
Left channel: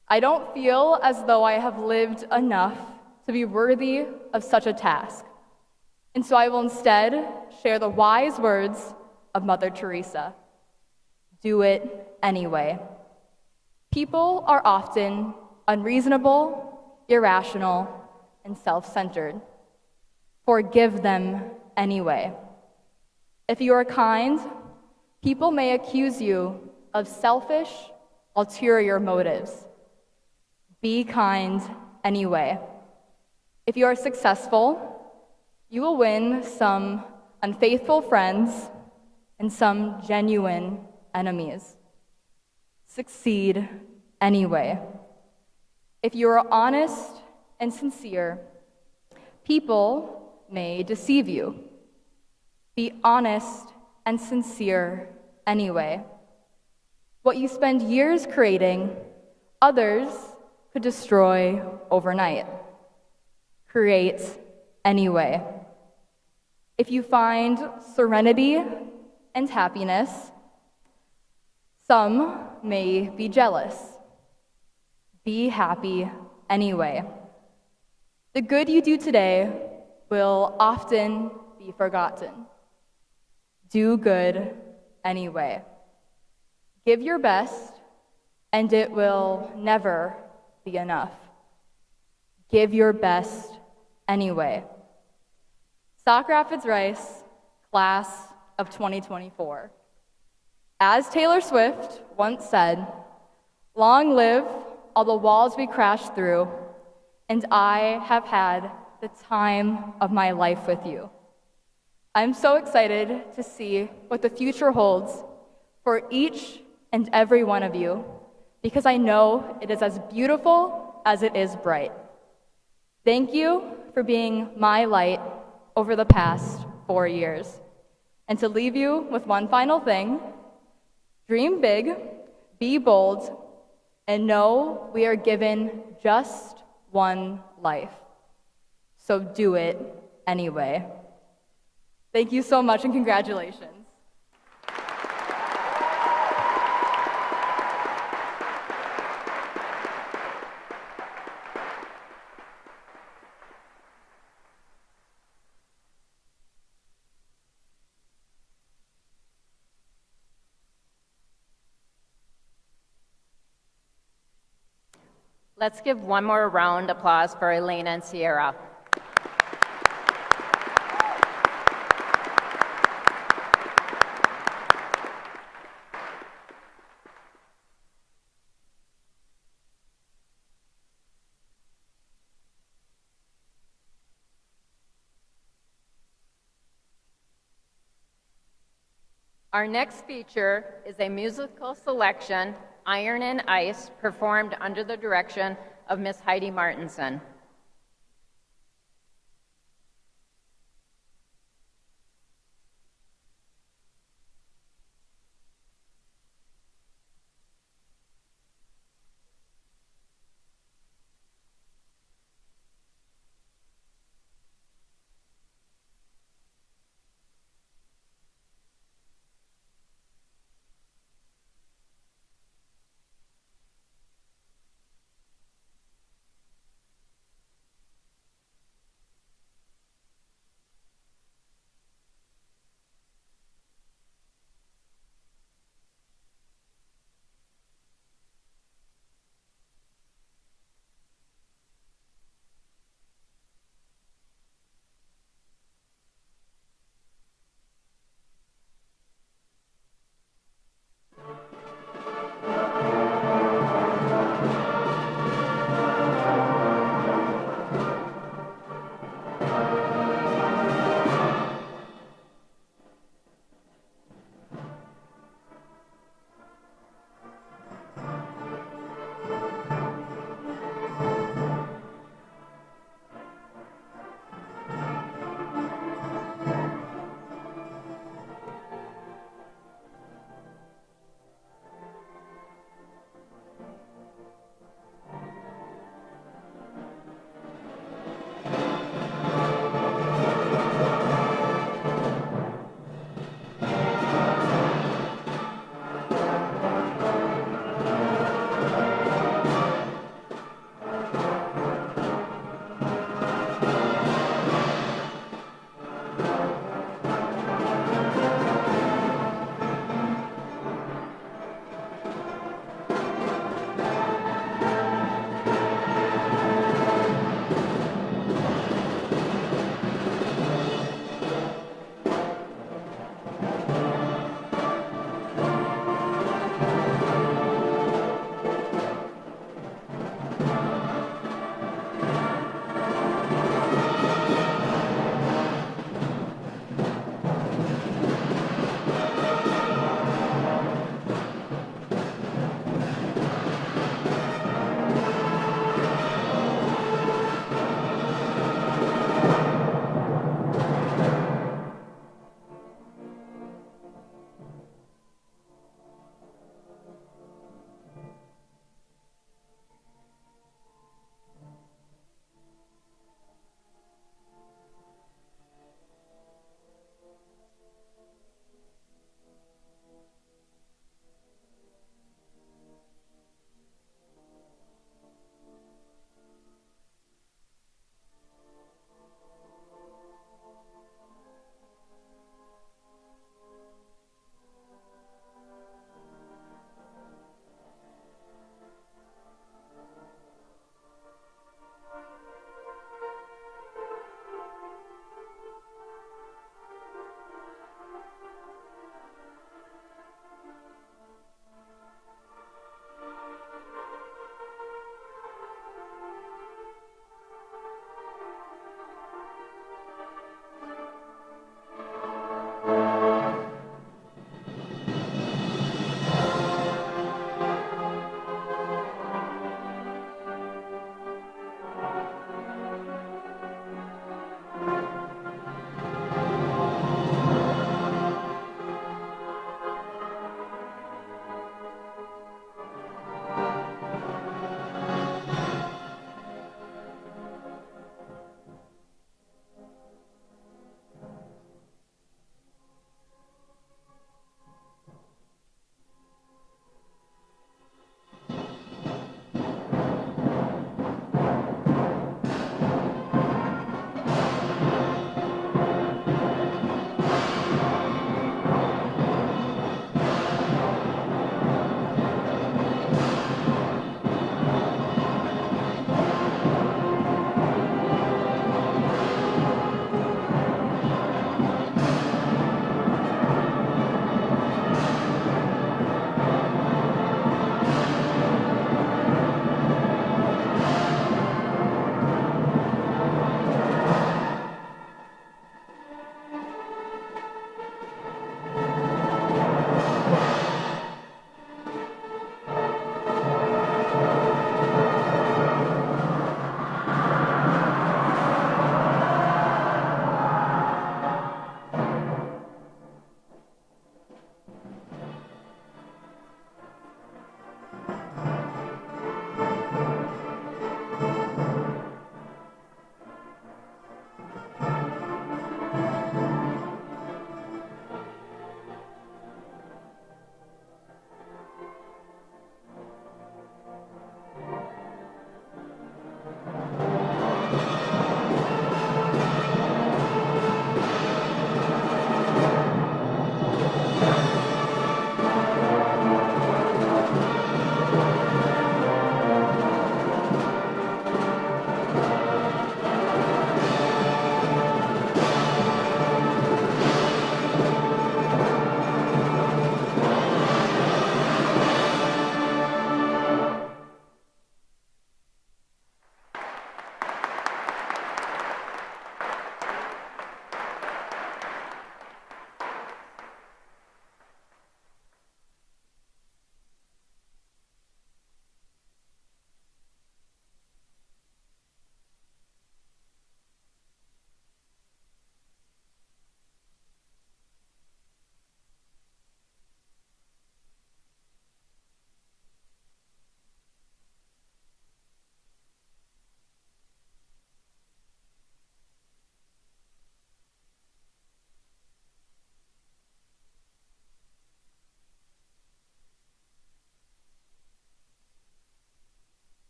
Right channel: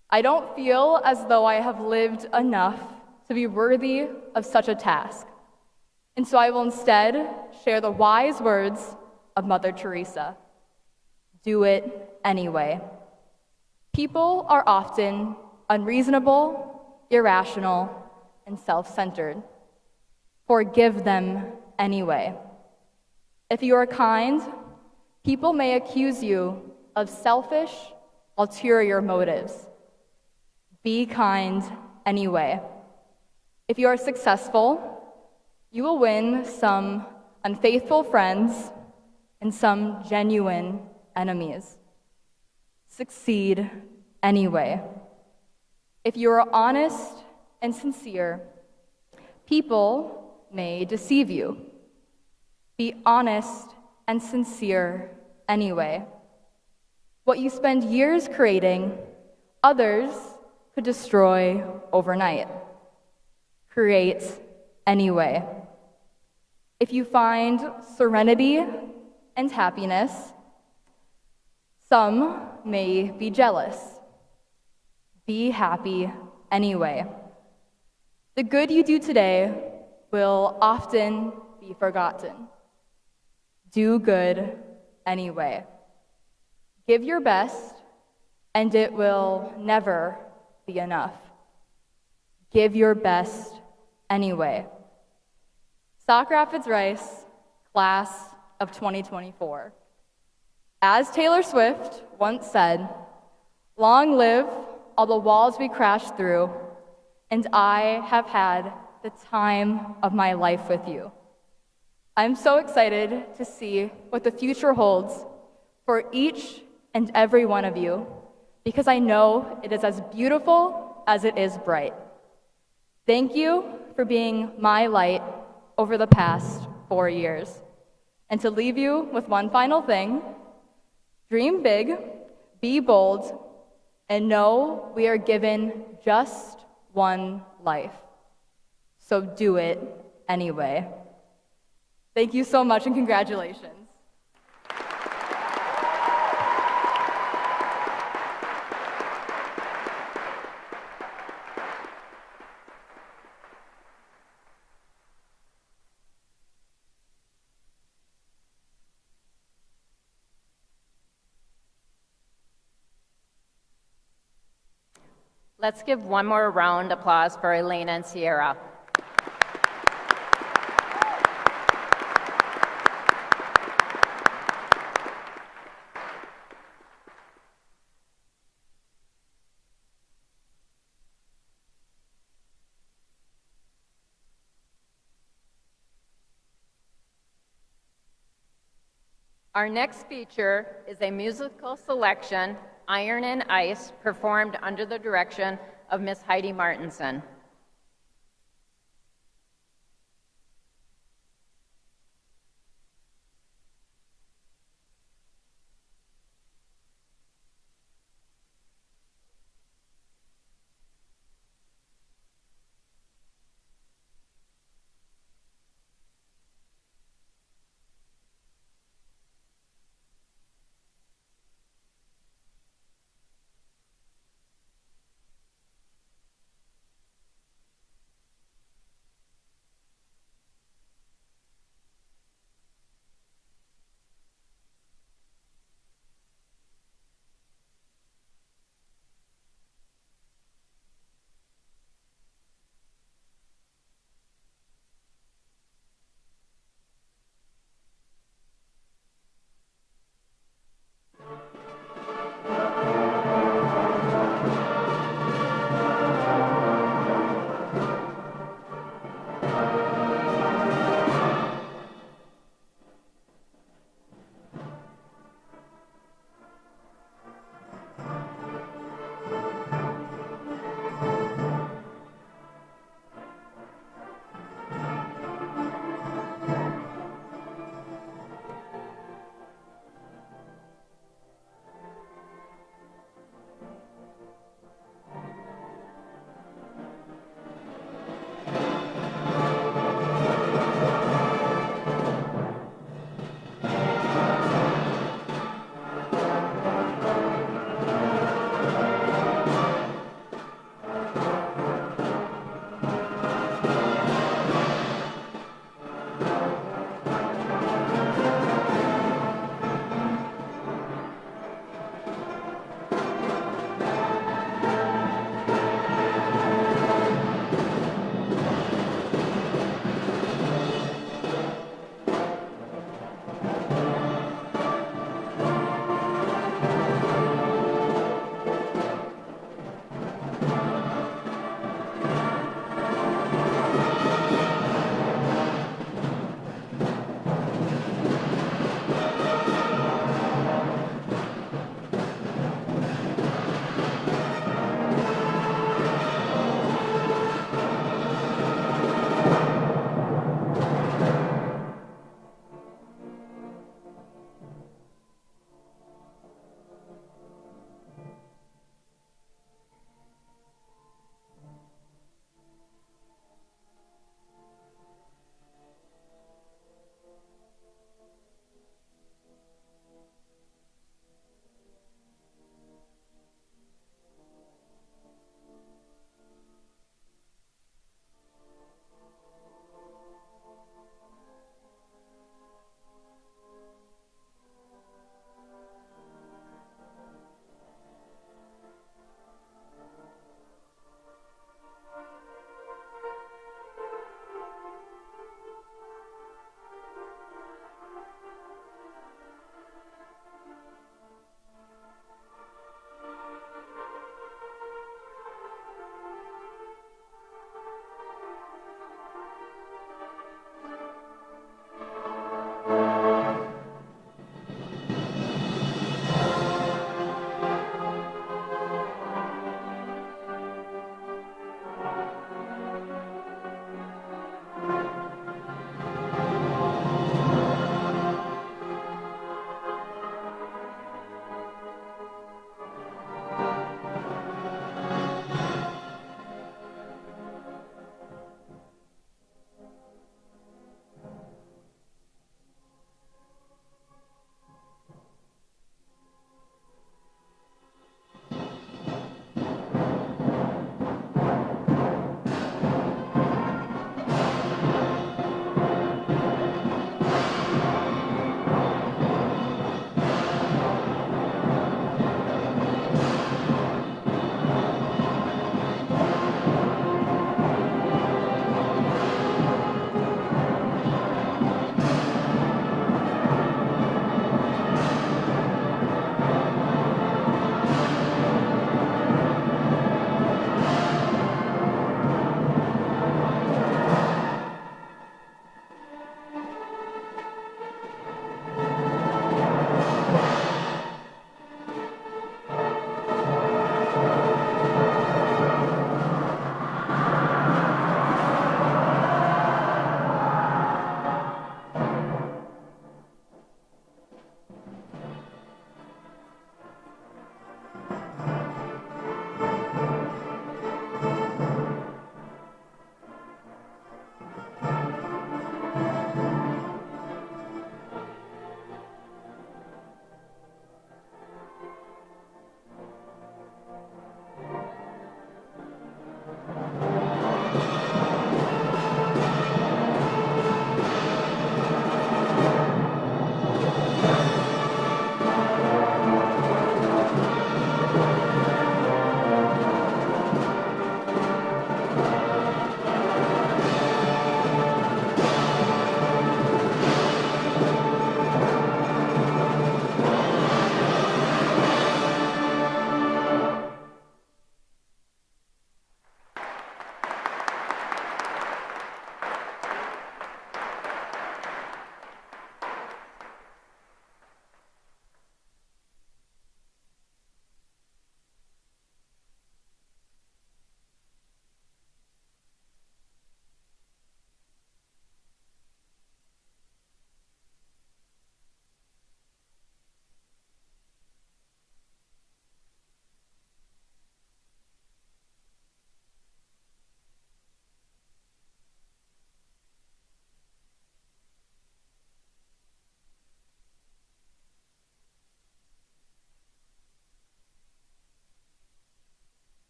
I don't feel as though I have lived enough to be worthy of such a task. And so I will instead share the wise words of Mother Teresa. Do it anyway. People are often unreasonable, irrational, and self-centered. Forgive them anyway. If you are kind, people may accuse you of selfish, ulterior motives. Be kind anyway. If you are successful, you will win some unfaithful friends and some genuine enemies. Succeed anyway. If you are honest and sincere, people may deceive you. Be honest and sincere anyway. What you spend years creating, others could destroy overnight. Create anyway. If you find serenity and happiness, some may be jealous. Be happy anyway. The good you do today will often be forgotten. Do good anyway. Give your best, and it will never be enough. Give your best anyway. Sauk Rapids Rice, class of 2024. As Taylor Swift once said, long live all the walls we crashed through, and I have had the time of my life with you. I'm so excited to see what the future holds for each and every one of you, because I know it is as beautiful as it is bright. Thank you for being my light over the past 4 years. And to leave you with one final thing, dream big, be bold, and know we are given just one life. So do it anyway. Thank you so much and congratulations. Let's give one more round of applause for Elena and Sierra. Our next feature is a musical selection, Iron and Ice, performed under the direction of Miss Heidi Martinson.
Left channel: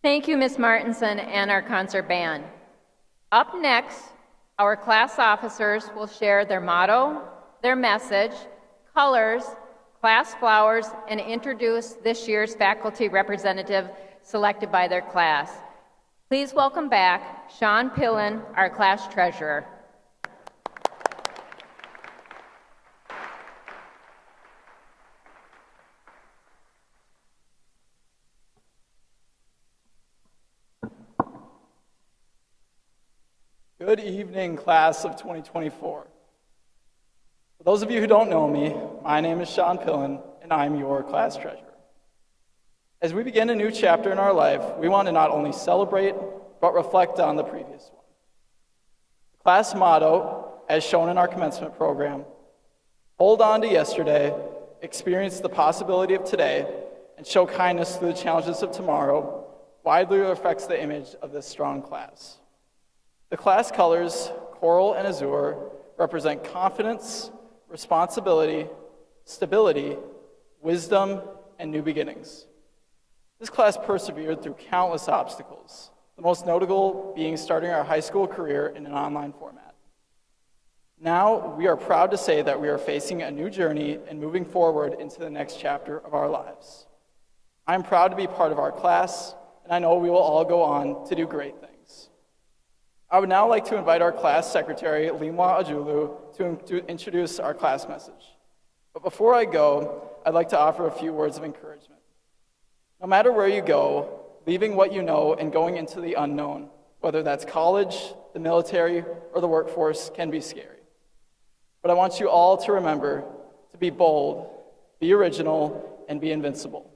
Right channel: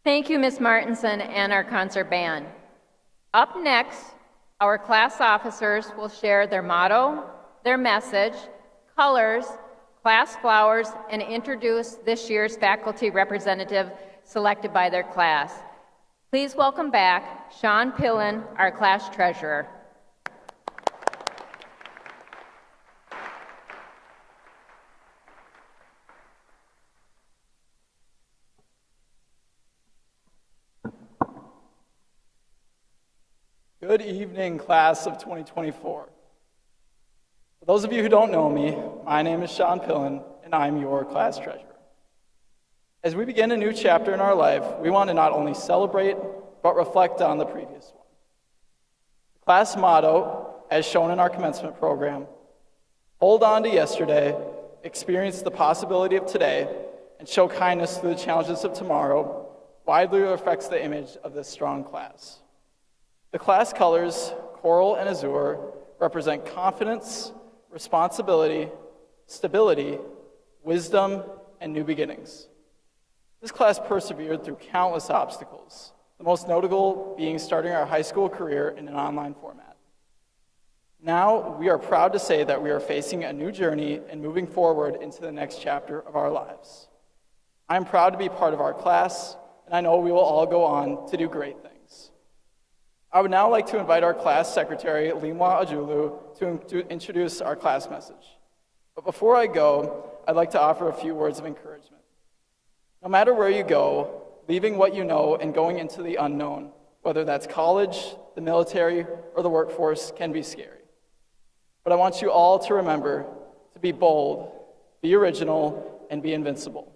Thank you, Ms. Martinson and our concert band. Up next, our class officers will share their motto, their message, colors, class flowers, and introduce this year's faculty representative selected by their class. Please welcome back Sean Pillen, our class treasurer. Good evening, class of 2024. For those of you who don't know me, my name is Sean Pillen, and I'm your class treasurer. As we begin a new chapter in our life, we want to not only celebrate, but reflect on the previous one. The class motto, as shown in our commencement program, hold on to yesterday, experience the possibility of today, and show kindness through the challenges of tomorrow, widely reflects the image of this strong class. The class colors, coral and azure, represent confidence, responsibility, stability, wisdom, and new beginnings. This class persevered through countless obstacles, the most notable being starting our high school career in an online format. Now, we are proud to say that we are facing a new journey and moving forward into the next chapter of our lives. I'm proud to be part of our class, and I know we will all go on to do great things. I would now like to invite our class secretary, Limwa Ajulu, to introduce our class message. But before I go, I'd like to offer a few words of encouragement. No matter where you go, leaving what you know and going into the unknown, whether that's college, the military, or the workforce, can be scary. But I want you all to remember to be bold, be original, and be invincible.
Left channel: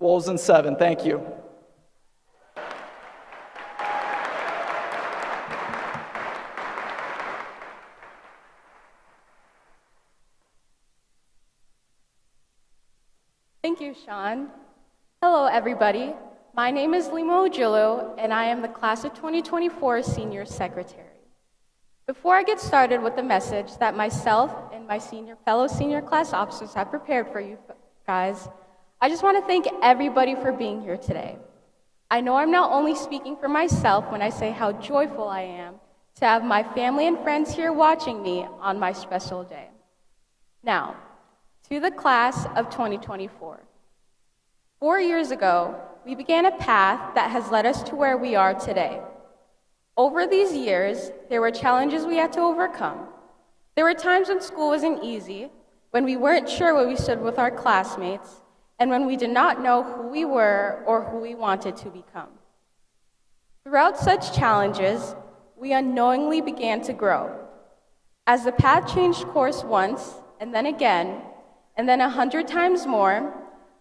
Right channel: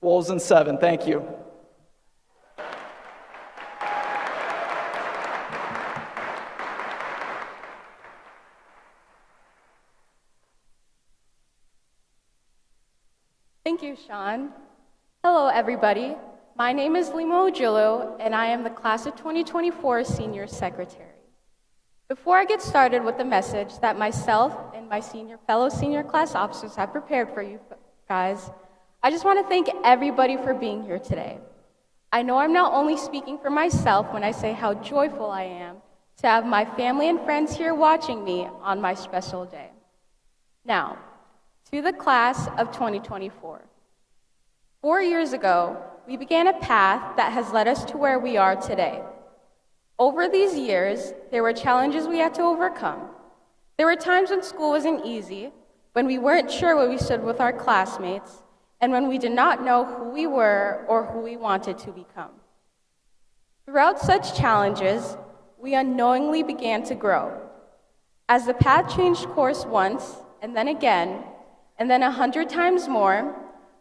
Wolves in 7, thank you. Thank you, Sean. Hello, everybody. My name is Limo Ujulu, and I am the class of 2024 senior secretary. Before I get started with the message that myself and my fellow senior class officers have prepared for you guys, I just want to thank everybody for being here today. I know I'm not only speaking for myself when I say how joyful I am to have my family and friends here watching me on my special day. Now, to the class of 2024. 4 years ago, we began a path that has led us to where we are today. Over these years, there were challenges we had to overcome. There were times when school wasn't easy, when we weren't sure where we stood with our classmates, and when we did not know who we were or who we wanted to become. Throughout such challenges, we unknowingly began to grow. As the path changed course once, and then again, and then 100 times more,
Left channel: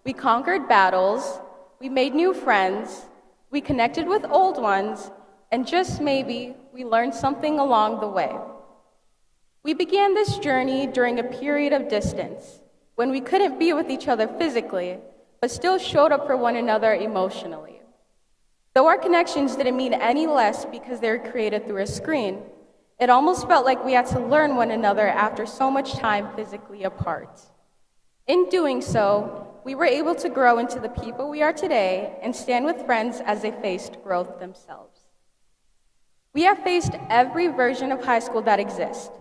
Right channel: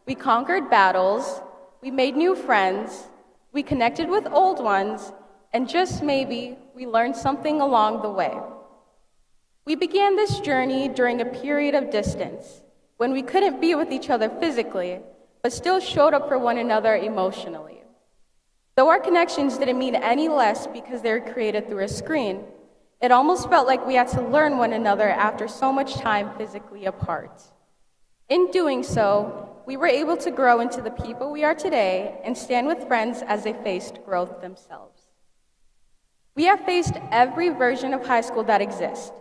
we conquered battles, we made new friends, we connected with old ones, and just maybe we learned something along the way. We began this journey during a period of distance, when we couldn't be with each other physically, but still showed up for one another emotionally. Though our connections didn't mean any less because they were created through a screen, it almost felt like we had to learn one another after so much time physically apart. In doing so, we were able to grow into the people we are today and stand with friends as they faced growth themselves. We have faced every version of high school that exists:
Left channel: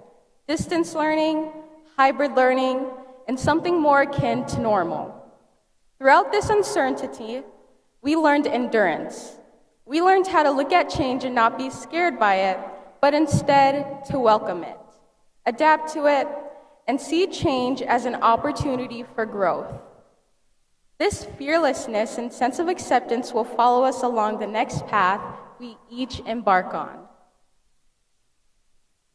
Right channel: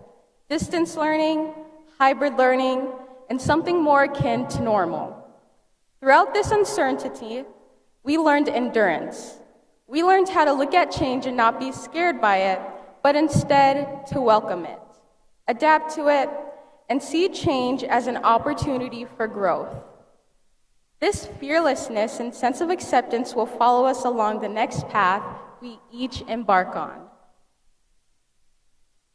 distance learning, hybrid learning, and something more akin to normal. Throughout this uncertainty, we learned endurance. We learned how to look at change and not be scared by it, but instead to welcome it, adapt to it, and see change as an opportunity for growth. This fearlessness and sense of acceptance will follow us along the next path we each embark on.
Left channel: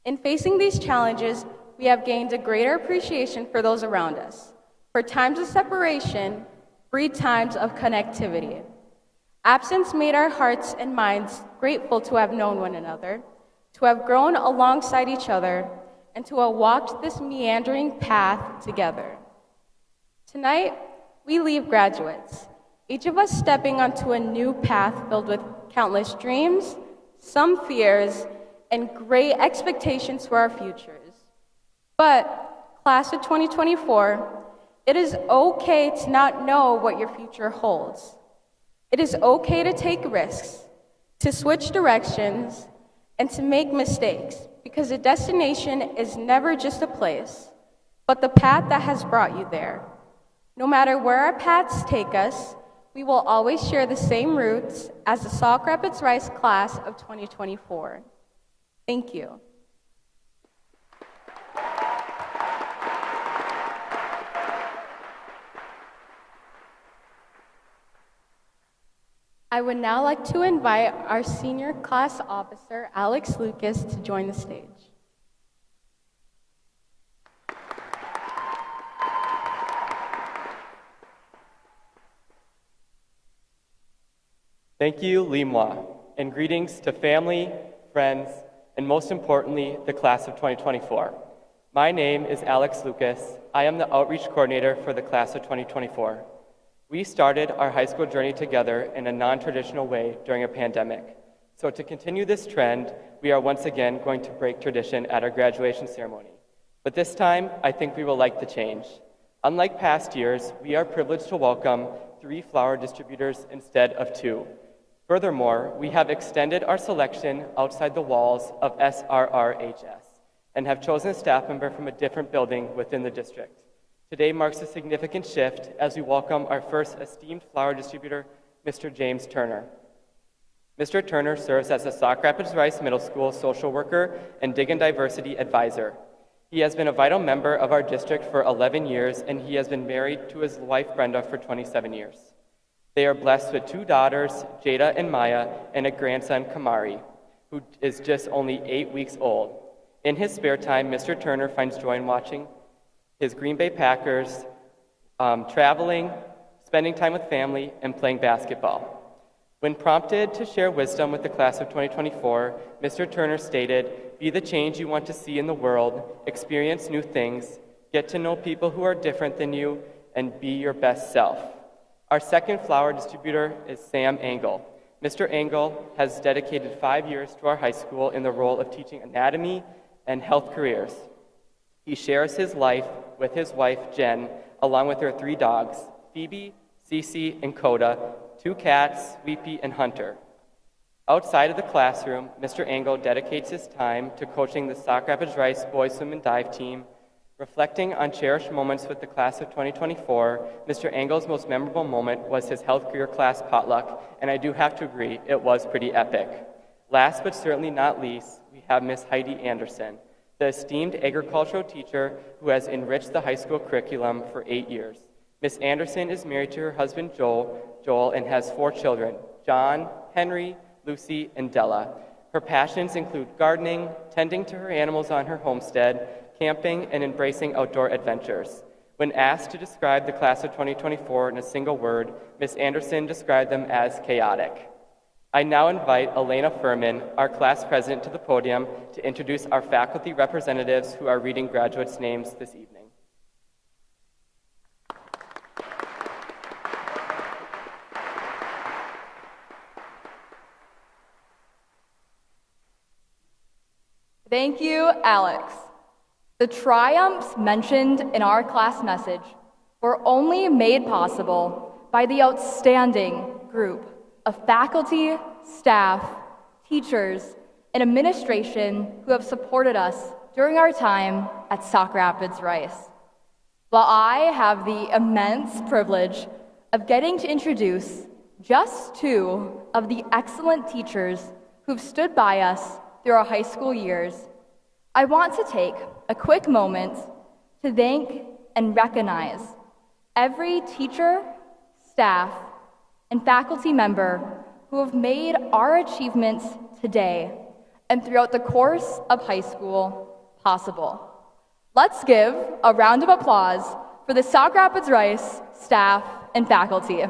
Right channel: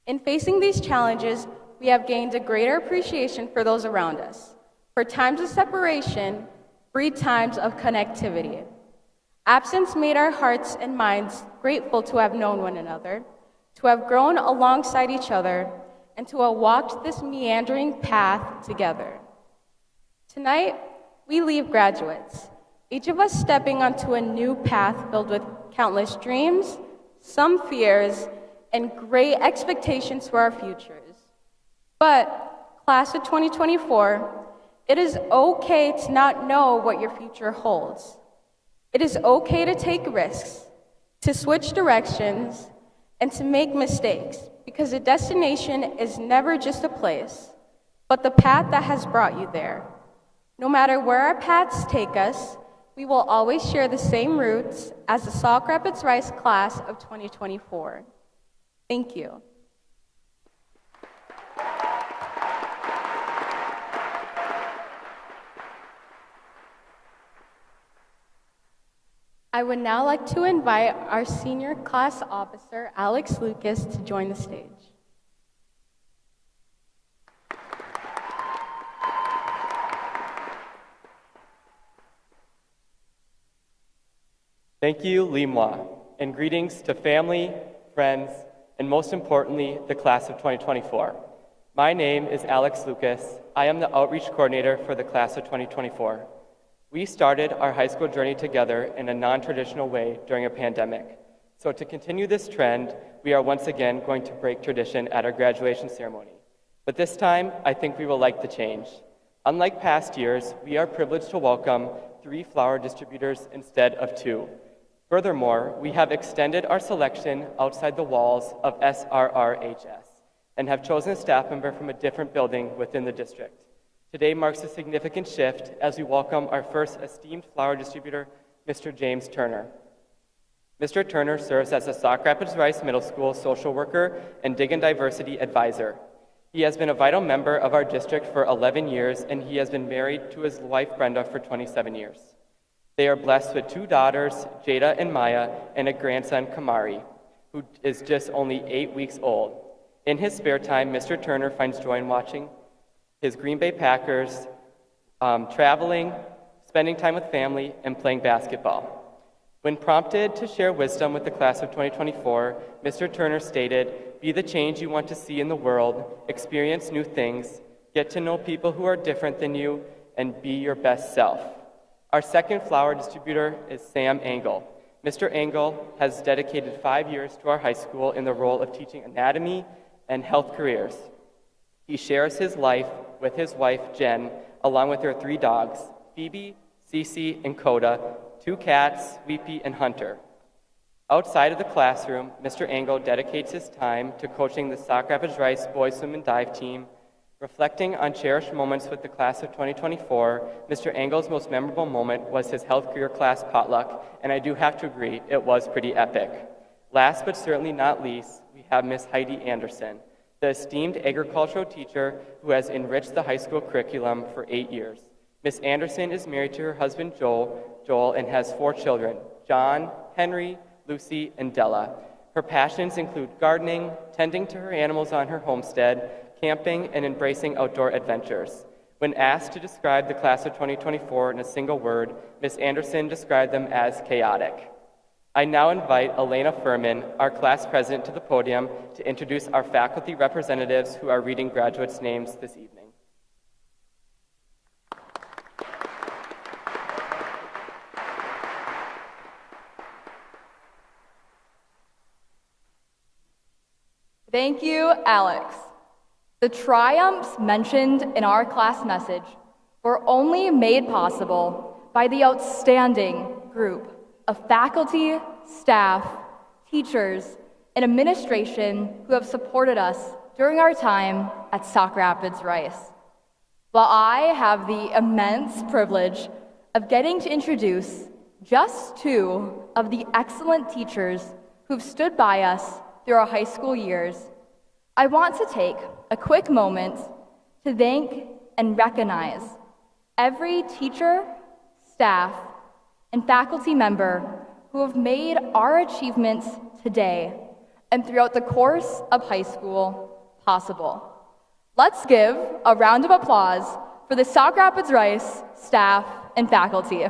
In facing these challenges, we have gained a greater appreciation for those around us, for times of separation, breed times of connectivity. Absence made our hearts and minds grateful to have known one another, to have grown alongside each other, and to have walked this meandering path together. Tonight, we leave graduates, each of us stepping onto a new path filled with countless dreams, some fears, and great expectations for our futures. But, class of 2024, it is okay to not know what your future holds. It is okay to take risks, to switch directions, and to make mistakes, because a destination is never just a place, but the path that has brought you there. No matter where our paths take us, we will always share the same roots as the Sauk Rapids Rice class of 2024. Thank you. I would now like to invite our senior class officer, Alex Lucas, to join the stage. Thank you, Limwa, and greetings to family, friends, and most importantly, the class of 2024. My name is Alex Lucas. I am the outreach coordinator for the class of 2024. We started our high school journey together in a non-traditional way during a pandemic. So to continue this trend, we are once again going to break tradition at our graduation ceremony. But this time, I think we will like the change. Unlike past years, we are privileged to welcome 3 flower distributors instead of 2. Furthermore, we have extended our selection outside the walls of SRRHS and have chosen a staff member from a different building within the district. Today marks a significant shift as we welcome our first esteemed flower distributor, Mr. James Turner. Mr. Turner serves as a Sauk Rapids Rice Middle School social worker and Dig and Diversity advisor. He has been a vital member of our district for 11 years, and he has been married to his wife, Brenda, for 27 years. They are blessed with 2 daughters, Jada and Maya, and a grandson, Kamari, who is just only 8 weeks old. In his spare time, Mr. Turner finds joy in watching his Green Bay Packers, traveling, spending time with family, and playing basketball. When prompted to share wisdom with the class of 2024, Mr. Turner stated, "Be the change you want to see in the world, experience new things, get to know people who are different than you, and be your best self." Our second flower distributor is Sam Engel. Mr. Engel has dedicated 5 years to our high school in the role of teaching anatomy and health careers. He shares his life with his wife, Jen, along with their 3 dogs, Phoebe, Cece, and Coda, 2 cats, Weepy and Hunter. Outside of the classroom, Mr. Engel dedicates his time to coaching the Sauk Rapids Rice Boys Swim and Dive team. Reflecting on cherished moments with the class of 2024, Mr. Engel's most memorable moment was his health career class potluck, and I do have to agree, it was pretty epic. Last but certainly not least, we have Miss Heidi Anderson, the esteemed agricultural teacher who has enriched the high school curriculum for 8 years. Miss Anderson is married to her husband Joel, and has 4 children, John, Henry, Lucy, and Della. Her passions include gardening, tending to her animals on her homestead, camping, and embracing outdoor adventures. When asked to describe the class of 2024 in a single word, Miss Anderson described them as chaotic. I now invite Elena Furman, our class president, to the podium to introduce our faculty representatives who are reading graduates' names this evening. Thank you, Alex. The triumphs mentioned in our class message were only made possible by the outstanding group of faculty, staff, teachers, and administration who have supported us during our time at Sauk Rapids Rice. While I have the immense privilege of getting to introduce just 2 of the excellent teachers who've stood by us through our high school years, I want to take a quick moment to thank and recognize every teacher, staff, and faculty member who have made our achievements today and throughout the course of high school possible. Let's give a round of applause for the Sauk Rapids Rice staff and faculty.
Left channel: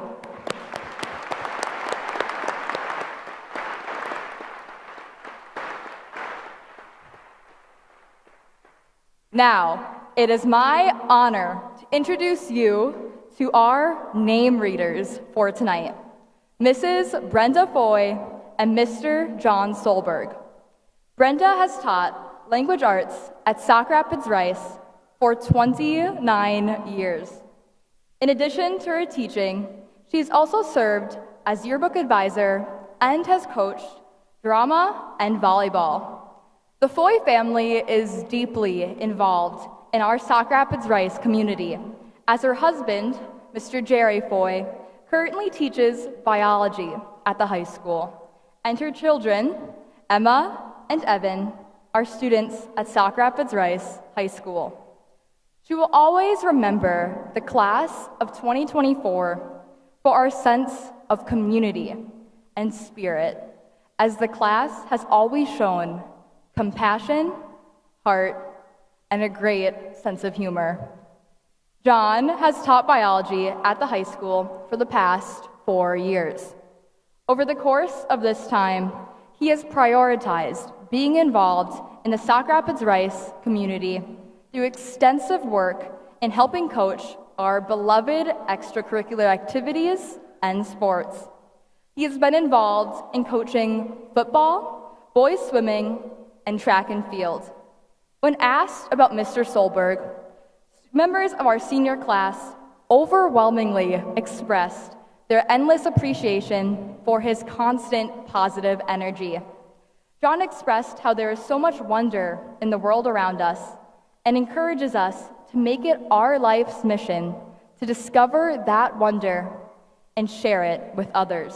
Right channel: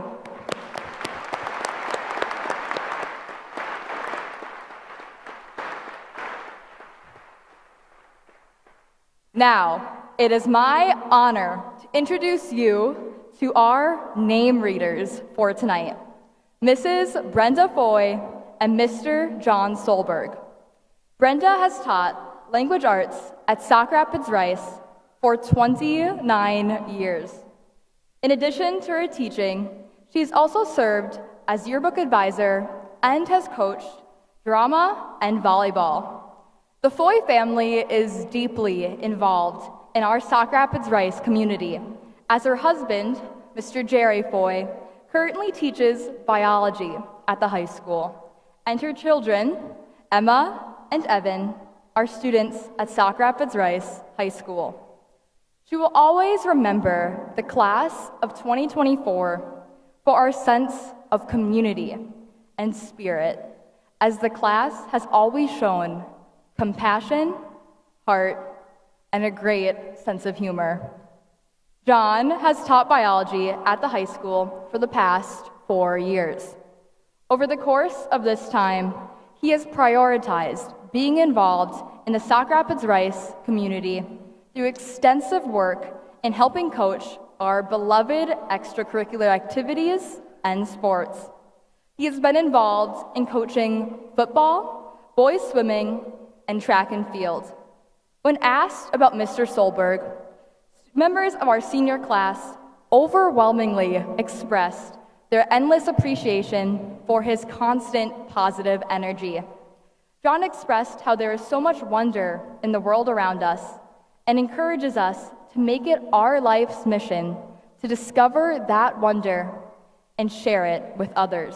Now, it is my honor to introduce you to our name readers for tonight, Mrs. Brenda Foy and Mr. John Solberg. Brenda has taught language arts at Sauk Rapids Rice for 29 years. In addition to her teaching, she's also served as yearbook advisor and has coached drama and volleyball. The Foy family is deeply involved in our Sauk Rapids Rice community, as her husband, Mr. Jerry Foy, currently teaches biology at the high school, and her children, Emma and Evan, are students at Sauk Rapids Rice High School. She will always remember the class of 2024 for our sense of community and spirit, as the class has always shown compassion, heart, and a great sense of humor. John has taught biology at the high school for the past 4 years. Over the course of this time, he has prioritized being involved in the Sauk Rapids Rice community through extensive work in helping coach our beloved extracurricular activities and sports. He has been involved in coaching football, boys swimming, and track and field. When asked about Mr. Solberg, members of our senior class overwhelmingly expressed their endless appreciation for his constant positive energy. John expressed how there is so much wonder in the world around us and encourages us to make it our life's mission to discover that wonder and share it with others.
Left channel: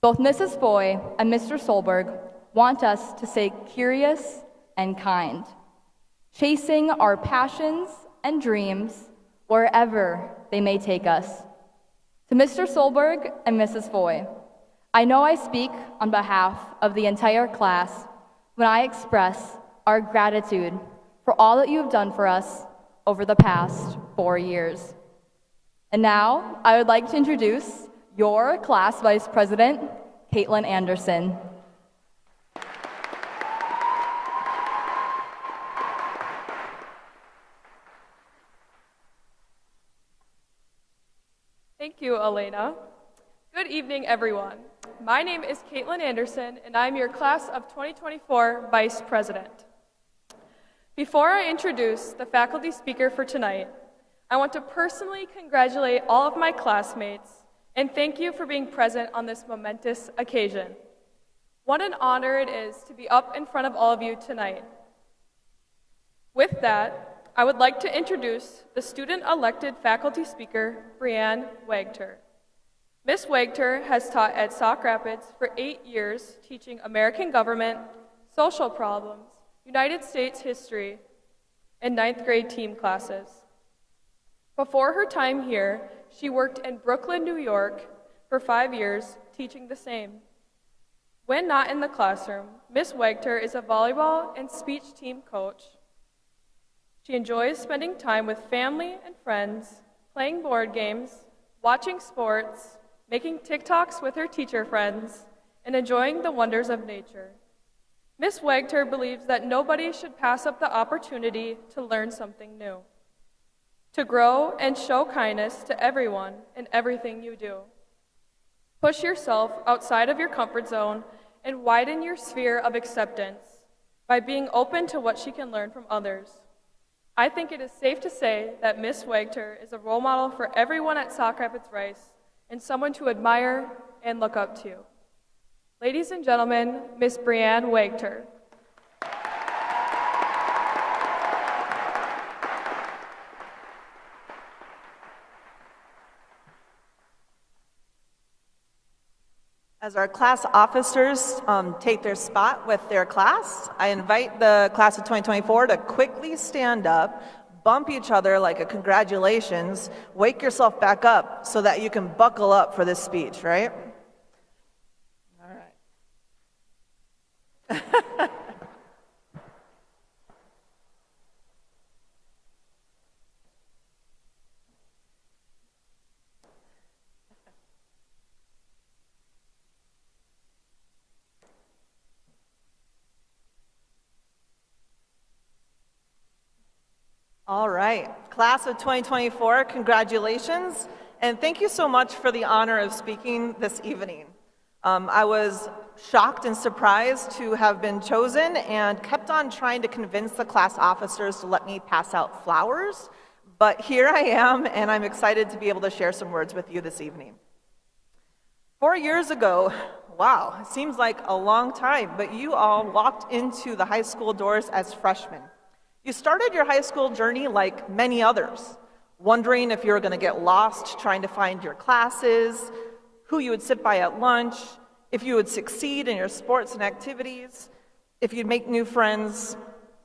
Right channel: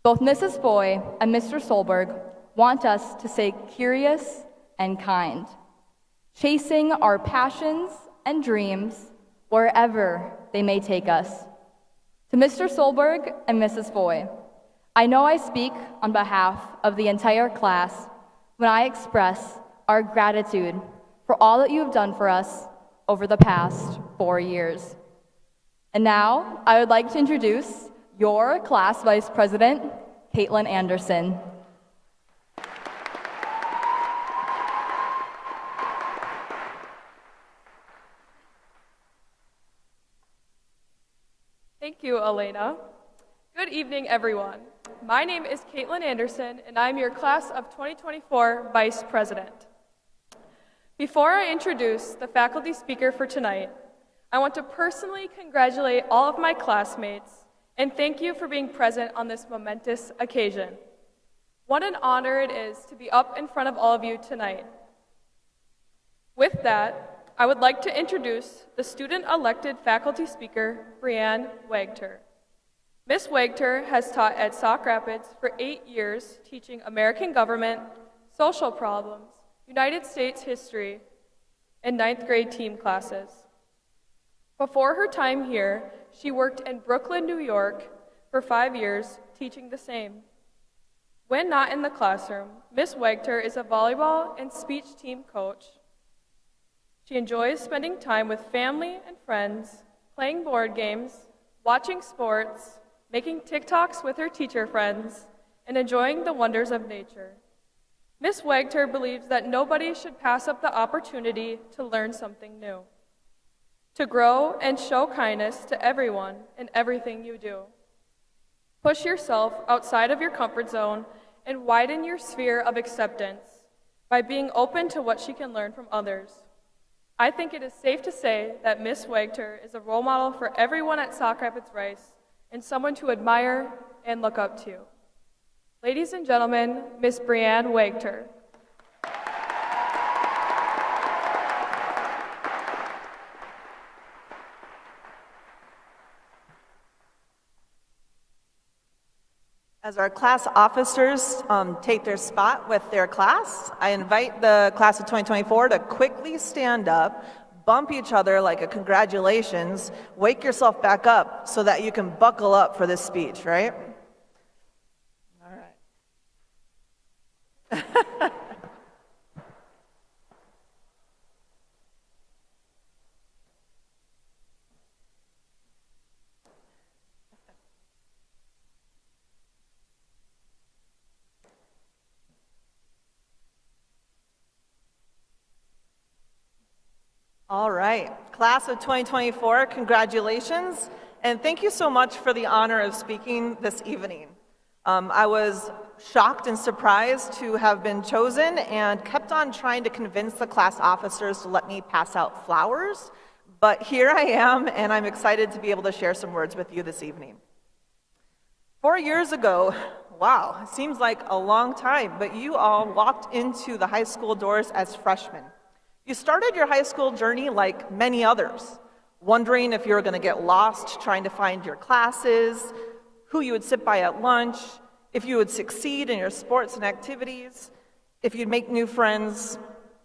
Both Mrs. Foy and Mr. Solberg want us to stay curious and kind, chasing our passions and dreams wherever they may take us. To Mr. Solberg and Mrs. Foy, I know I speak on behalf of the entire class when I express our gratitude for all that you have done for us over the past 4 years. And now, I would like to introduce your class vice president, Caitlin Anderson. Thank you, Elena. Good evening, everyone. My name is Caitlin Anderson, and I'm your Class of 2024 Vice President. Before I introduce the faculty speaker for tonight, I want to personally congratulate all of my classmates and thank you for being present on this momentous occasion. What an honor it is to be up in front of all of you tonight. With that, I would like to introduce the student-elected faculty speaker, Brianne Wagter. Ms. Wagter has taught at Sauk Rapids for 8 years, teaching American government, social problems, United States history, and 9th grade team classes. Before her time here, she worked in Brooklyn, New York for 5 years, teaching the same. When not in the classroom, Ms. Wagter is a volleyball and speech team coach. She enjoys spending time with family and friends, playing board games, watching sports, making TikToks with her teacher friends, and enjoying the wonders of nature. Ms. Wagter believes that nobody should pass up the opportunity to learn something new, to grow and show kindness to everyone in everything you do. Push yourself outside of your comfort zone and widen your sphere of acceptance by being open to what she can learn from others. I think it is safe to say that Ms. Wagter is a role model for everyone at Sauk Rapids Rice and someone to admire and look up to. Ladies and gentlemen, Ms. Brianne Wagter. As our class officers take their spot with their class, I invite the class of 2024 to quickly stand up, bump each other like a congratulations, wake yourself back up so that you can buckle up for this speech, right? All right. All right, class of 2024, congratulations, and thank you so much for the honor of speaking this evening. I was shocked and surprised to have been chosen and kept on trying to convince the class officers to let me pass out flowers, but here I am, and I'm excited to be able to share some words with you this evening. 4 years ago, wow, it seems like a long time, but you all walked into the high school doors as freshmen. You started your high school journey like many others, wondering if you were going to get lost trying to find your classes, who you would sit by at lunch, if you would succeed in your sports and activities, if you'd make new friends,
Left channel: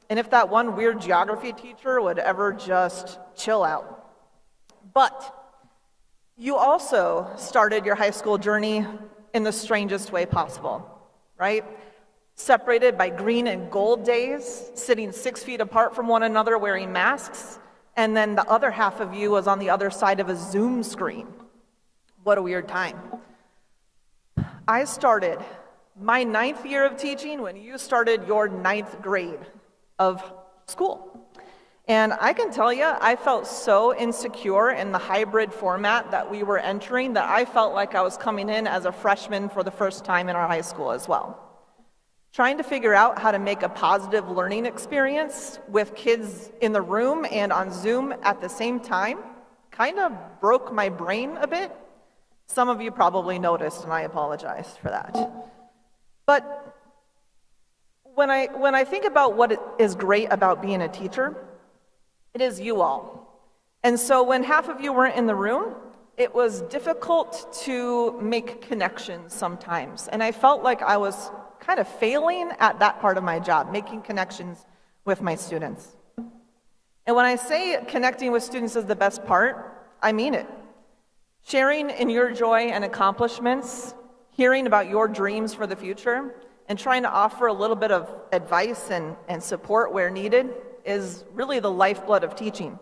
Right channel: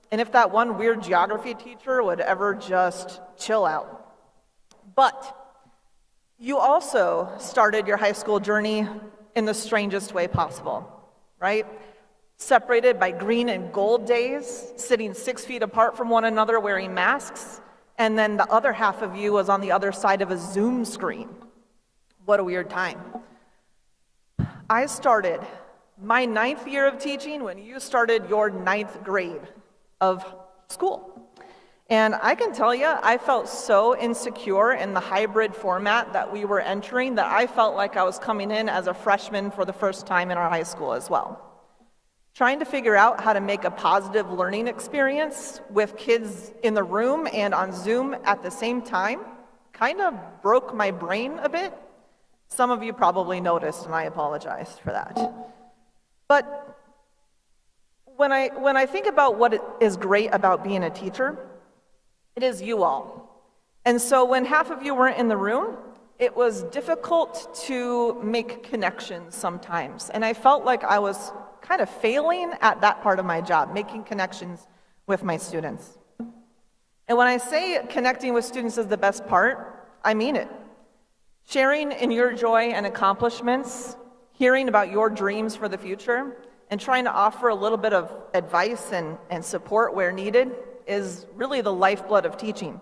and if that one weird geography teacher would ever just chill out. But you also started your high school journey in the strangest way possible, right? Separated by green and gold days, sitting 6 feet apart from one another wearing masks, and then the other half of you was on the other side of a Zoom screen. What a weird time. I started my 9th year of teaching when you started your 9th grade of school. And I can tell you, I felt so insecure in the hybrid format that we were entering that I felt like I was coming in as a freshman for the first time in our high school as well. Trying to figure out how to make a positive learning experience with kids in the room and on Zoom at the same time kind of broke my brain a bit. Some of you probably noticed, and I apologize for that. But when I think about what is great about being a teacher, it is you all. And so when half of you weren't in the room, it was difficult to make connections sometimes. And I felt like I was kind of failing at that part of my job, making connections with my students. And when I say connecting with students is the best part, I mean it. Sharing in your joy and accomplishments, hearing about your dreams for the future, and trying to offer a little bit of advice and support where needed is really the lifeblood of teaching.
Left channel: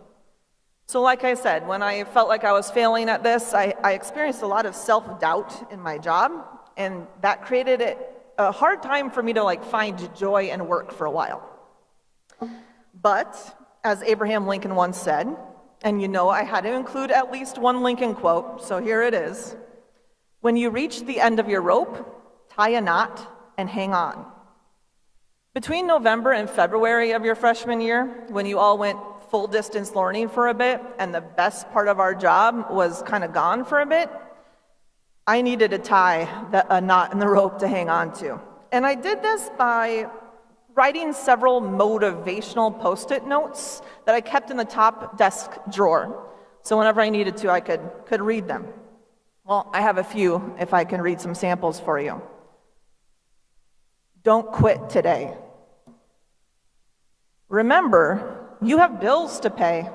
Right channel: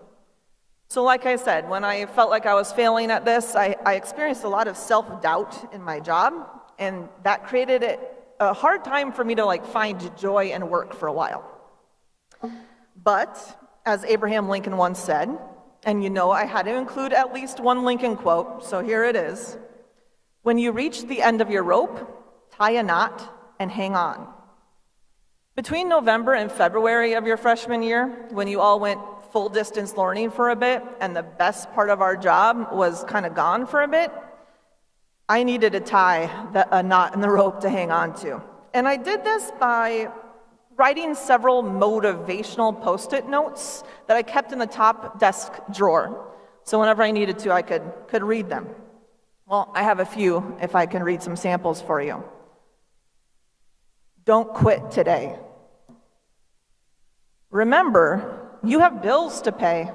So like I said, when I felt like I was failing at this, I experienced a lot of self-doubt in my job, and that created a hard time for me to find joy in work for a while. But as Abraham Lincoln once said, and you know I had to include at least one Lincoln quote, so here it is. When you reach the end of your rope, tie a knot and hang on. Between November and February of your freshman year, when you all went full distance learning for a bit and the best part of our job was kind of gone for a bit, I needed to tie a knot in the rope to hang on to. And I did this by writing several motivational Post-it notes that I kept in the top desk drawer. So whenever I needed to, I could read them. Well, I have a few if I can read some samples for you. Don't quit today. Remember, you have bills to pay.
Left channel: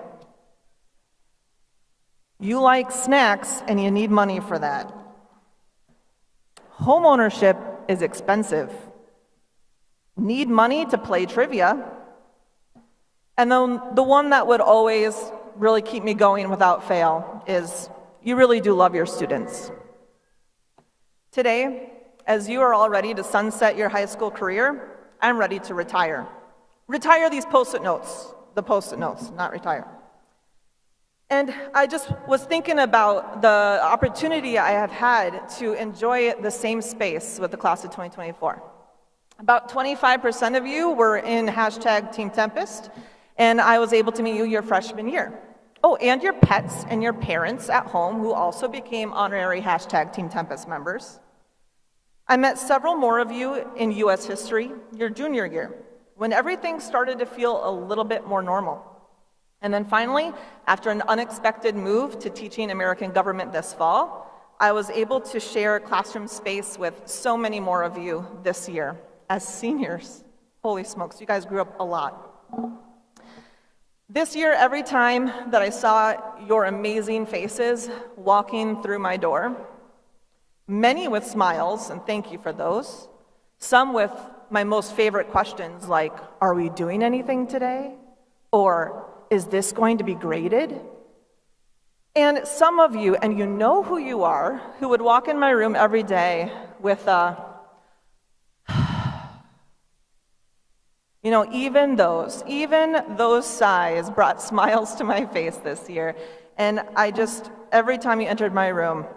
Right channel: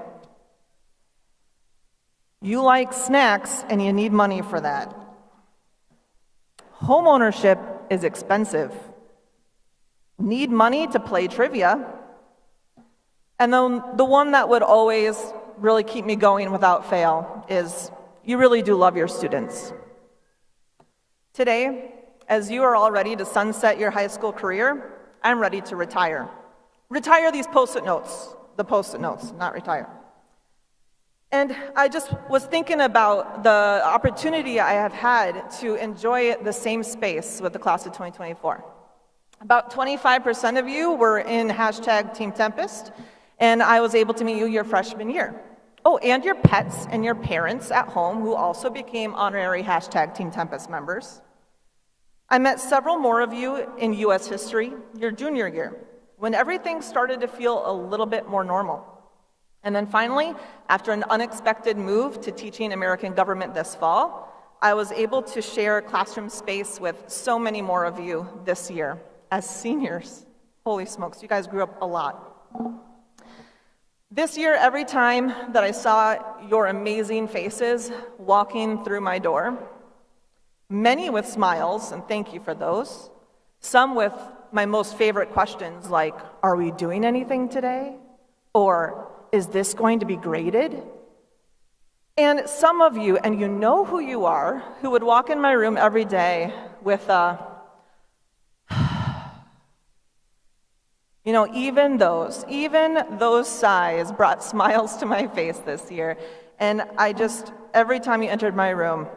You like snacks and you need money for that. Homeownership is expensive. Need money to play trivia. And then the one that would always really keep me going without fail is you really do love your students. Today, as you are all ready to sunset your high school career, I'm ready to retire. Retire these Post-it notes. The Post-it notes, not retire. And I just was thinking about the opportunity I have had to enjoy the same space with the class of 2024. About 25% of you were in hashtag Team Tempest, and I was able to meet you your freshman year. Oh, and your pets and your parents at home who also became honorary hashtag Team Tempest members. I met several more of you in U.S. history your junior year, when everything started to feel a little bit more normal. And then finally, after an unexpected move to teaching American government this fall, I was able to share classroom space with so many more of you this year as seniors. Holy smokes, you guys grew up a lot. This year, every time that I saw your amazing faces walking through my door, many with smiles, and thank you for those, some with my most favorite questions like, are we doing anything today? Or, is this going to be graded? And some of you, and you know who you are, who would walk in my room every day with even those sighs brought smiles to my face this year. And every time you entered my room,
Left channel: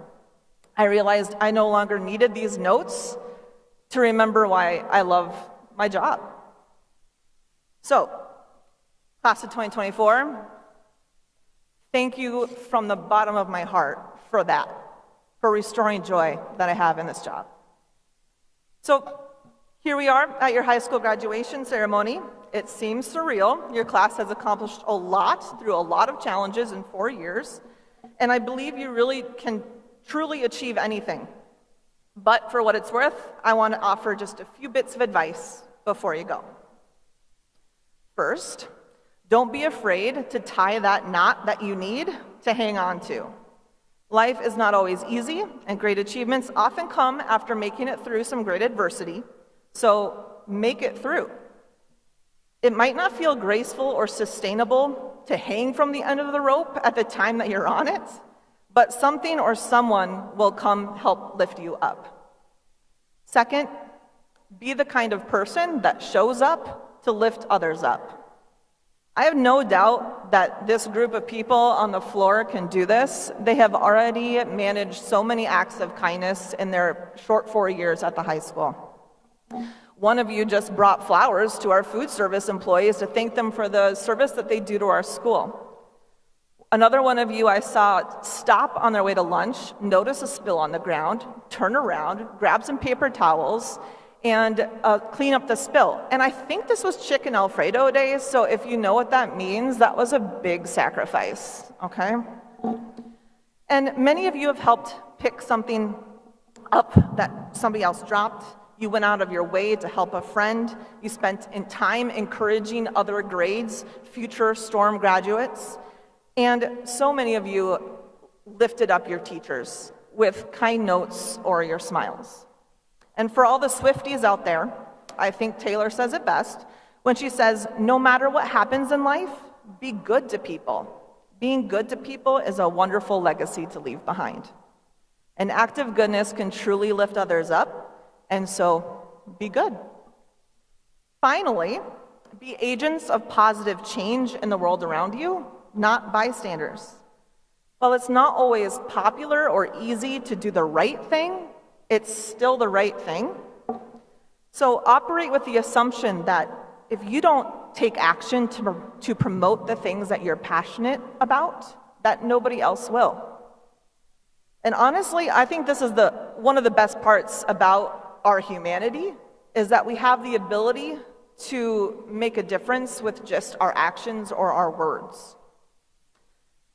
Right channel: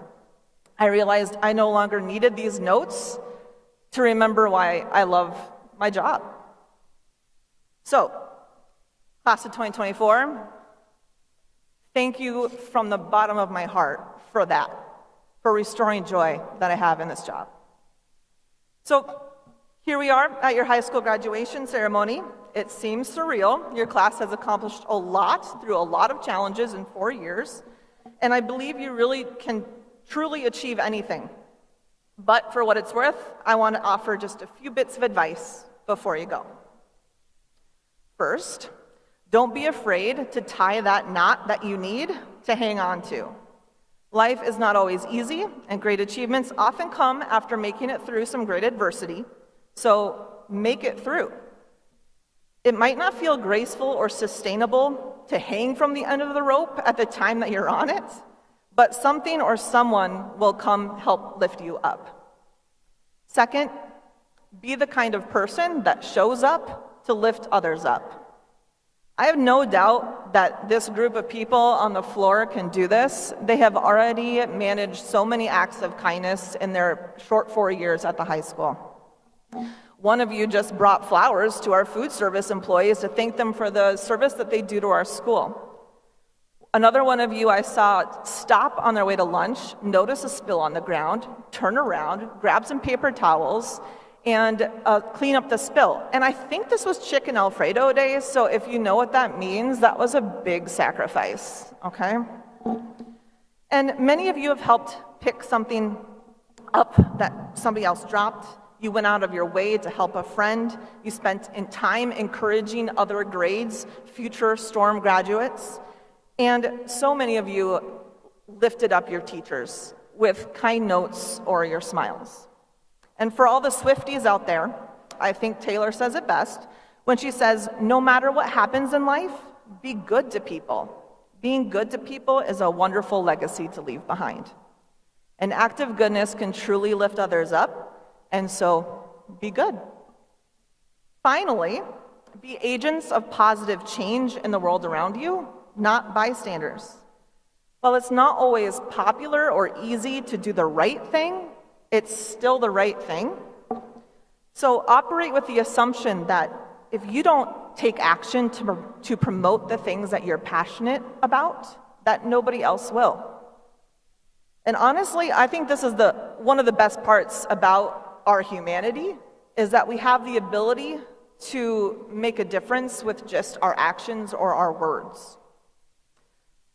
I realized I no longer needed these notes to remember why I love my job. So, class of 2024, thank you from the bottom of my heart for for restoring joy that I have in this job. So here we are at your high school graduation ceremony. It seems surreal. Your class has accomplished a lot through a lot of challenges in 4 years, and I believe you really can truly achieve anything. But for what it's worth, I want to offer just a few bits of advice before you go. First, don't be afraid to tie that knot that you need to hang on to. Life is not always easy, and great achievements often come after making it through some great adversity, so make it through. It might not feel graceful or sustainable to hang from the end of the rope at the time that you're on it, but something or someone will come help lift you up. Second, be the kind of person that shows up to lift others up. I have no doubt that this group of people on the floor can do this. They have already managed so many acts of kindness in their short 4 years at the high school. One of you just brought flowers to our food service employees to thank them for the service that they do to our school. Another one of you I saw stop on their way to lunch, notice a spill on the ground, turn around, grab some paper towels, and clean up the spill. And I think this was chicken Alfredo day, so if you know what that means, that was a big sacrifice, okay? And many of you have helped pick something up that somebody else dropped. You went out of your way to help a friend. You spent in time encouraging other grades, future STORM graduates. And so many of you lifted up your teachers with kind notes or your smiles. And for all the Swifties out there, I think Taylor says it best when she says, no matter what happens in life, be good to people. Being good to people is a wonderful legacy to leave behind. An act of goodness can truly lift others up, and so be good. Finally, be agents of positive change in the world around you, not bystanders. While it's not always popular or easy to do the right thing, it's still the right thing. So operate with the assumption that if you don't take action to promote the things that you're passionate about, that nobody else will. And honestly, I think this is one of the best parts about our humanity, is that we have the ability to make a difference with just our actions or our words.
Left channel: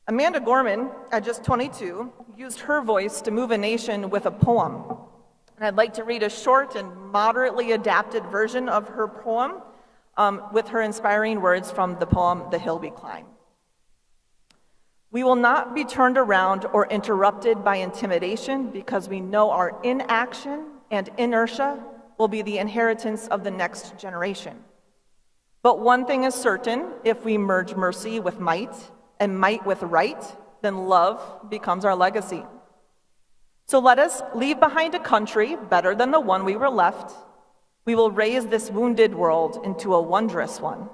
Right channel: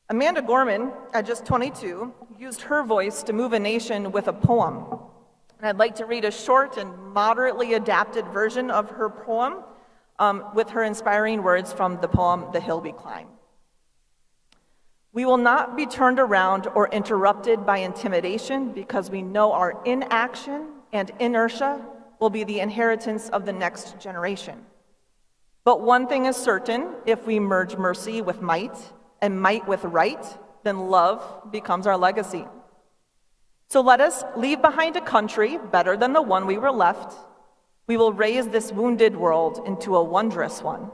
Amanda Gorman, at just 22, used her voice to move a nation with a poem. And I'd like to read a short and moderately adapted version of her poem with her inspiring words from the poem, The Hill We Climb. We will not be turned around or interrupted by intimidation because we know our inaction and inertia will be the inheritance of the next generation. But one thing is certain, if we merge mercy with might and might with right, then love becomes our legacy. So let us leave behind a country better than the one we were left. We will raise this wounded world into a wondrous one.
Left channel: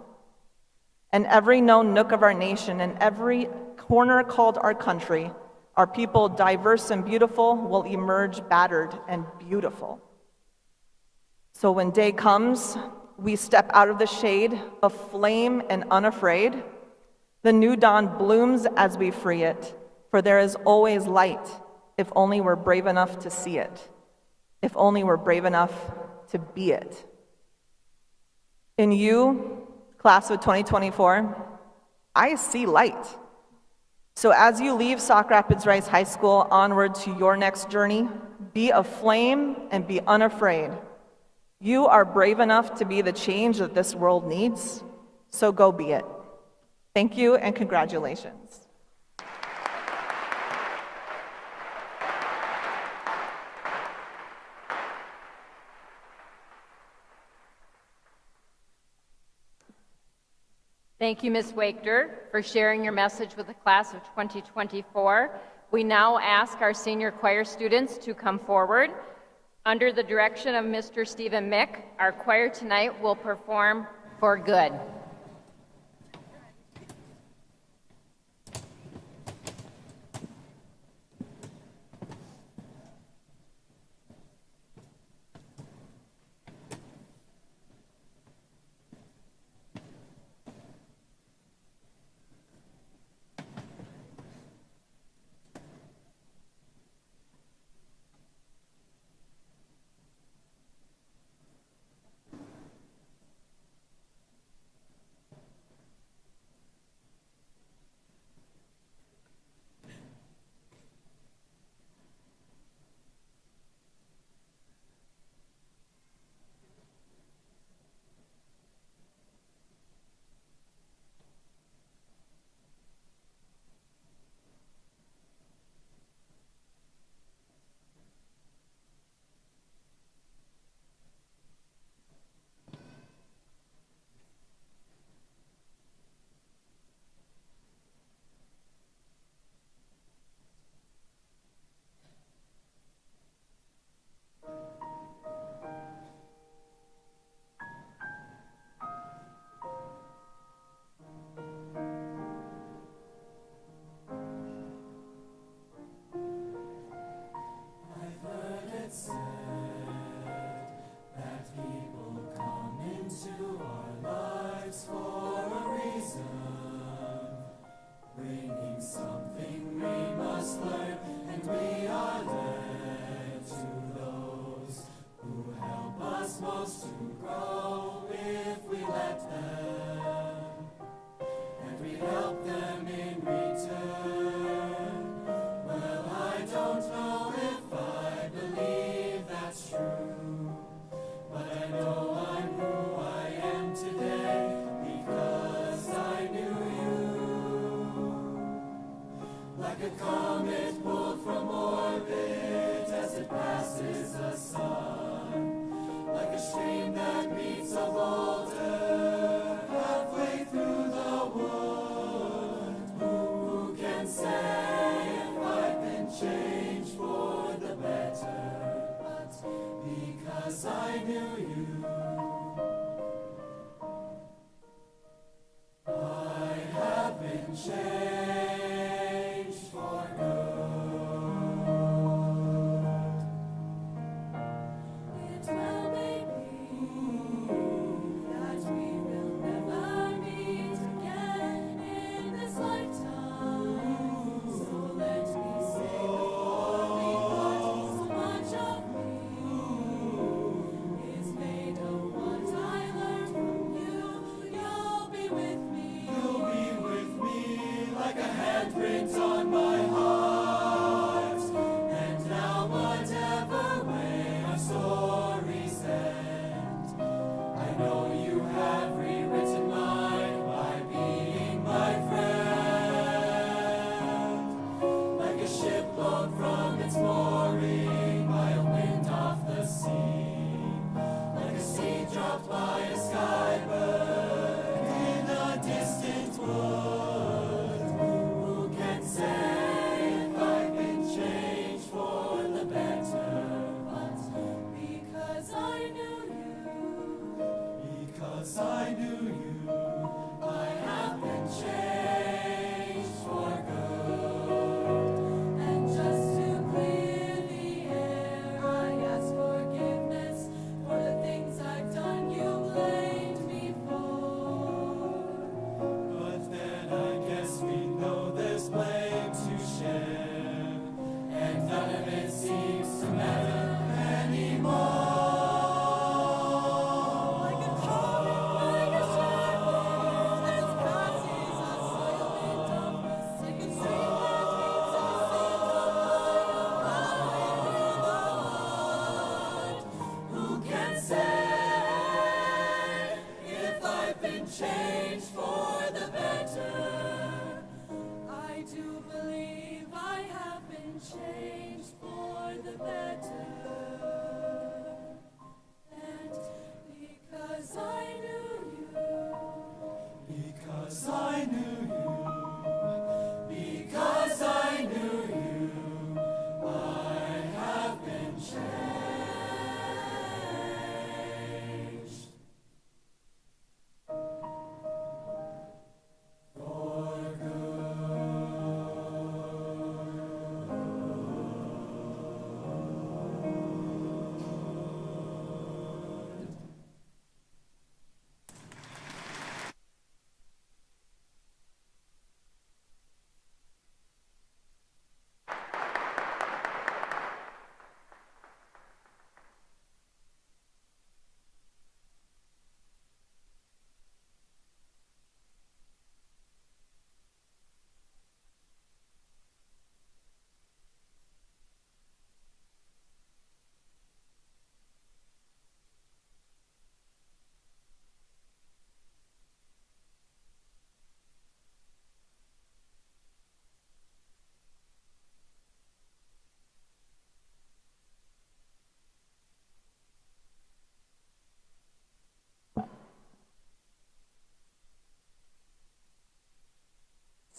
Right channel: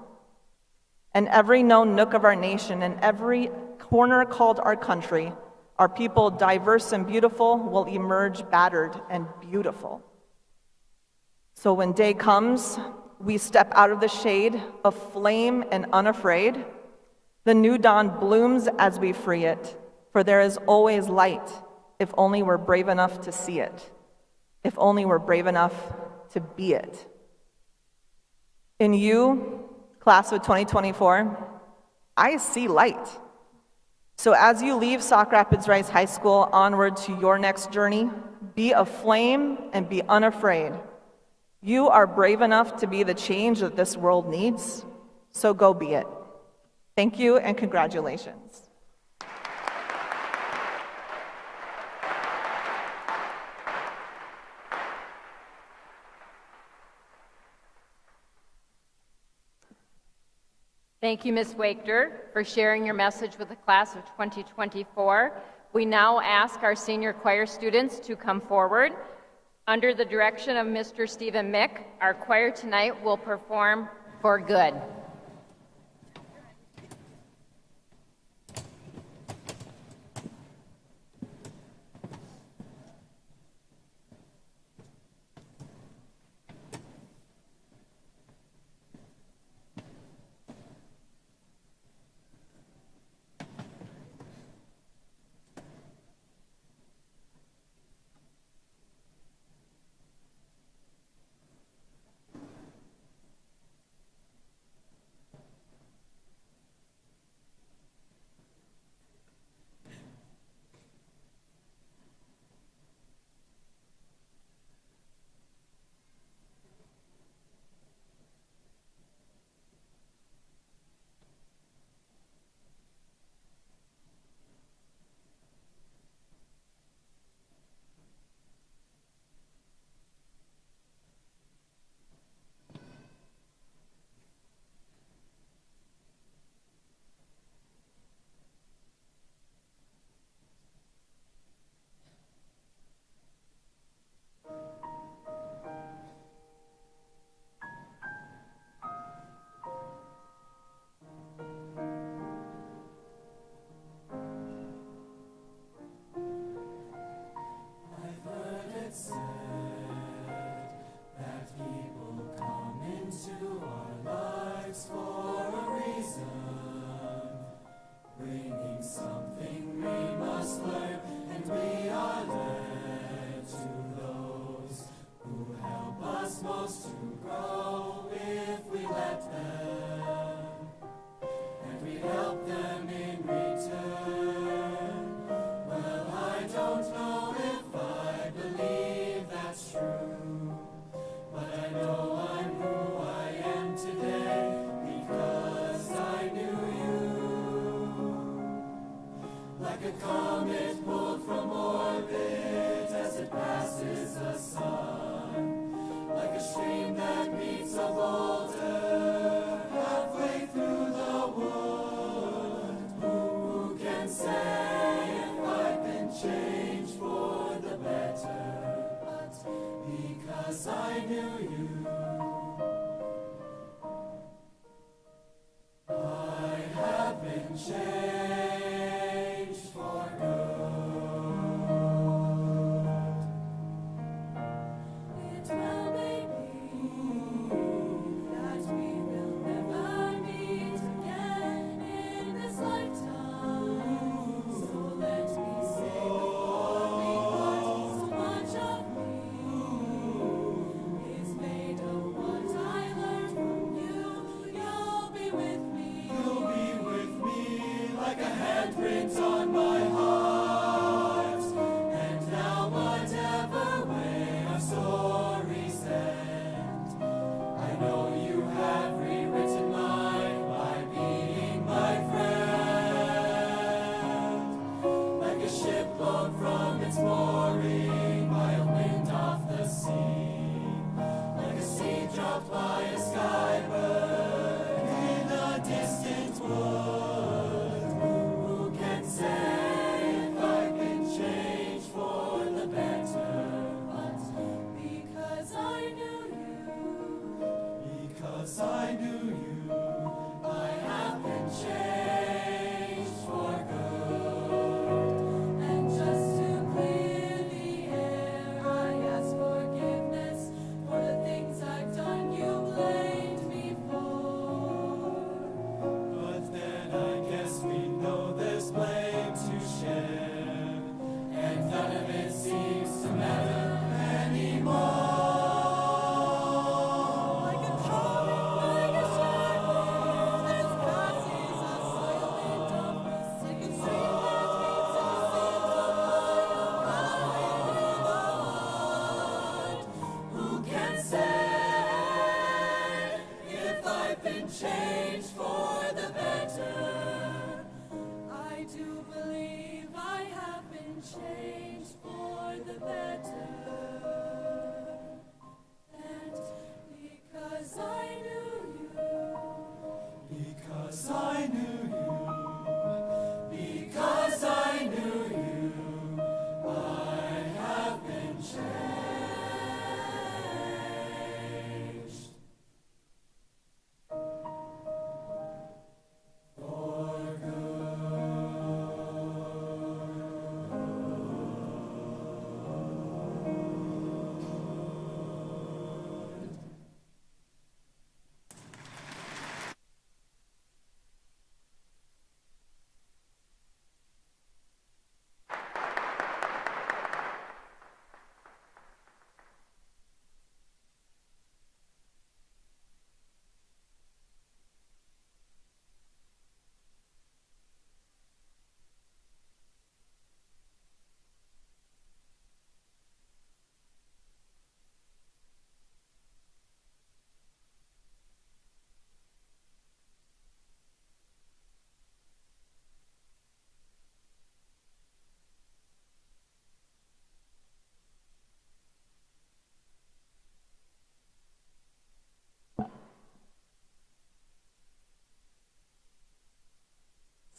And every known nook of our nation and every corner called our country, our people, diverse and beautiful, will emerge battered and beautiful. So when day comes, we step out of the shade, aflame and unafraid. The new dawn blooms as we free it, for there is always light, if only we're brave enough to see it, if only we're brave enough to be it. In you, class of 2024, I see light. So as you leave Sauk Rapids Rice High School onward to your next journey, be aflame and be unafraid. You are brave enough to be the change that this world needs, so go be it. Thank you and congratulations. Thank you, Ms. Wachter, for sharing your message with the class of 2024. We now ask our senior choir students to come forward. Under the direction of Mr. Stephen Mick, our choir tonight will perform For Good.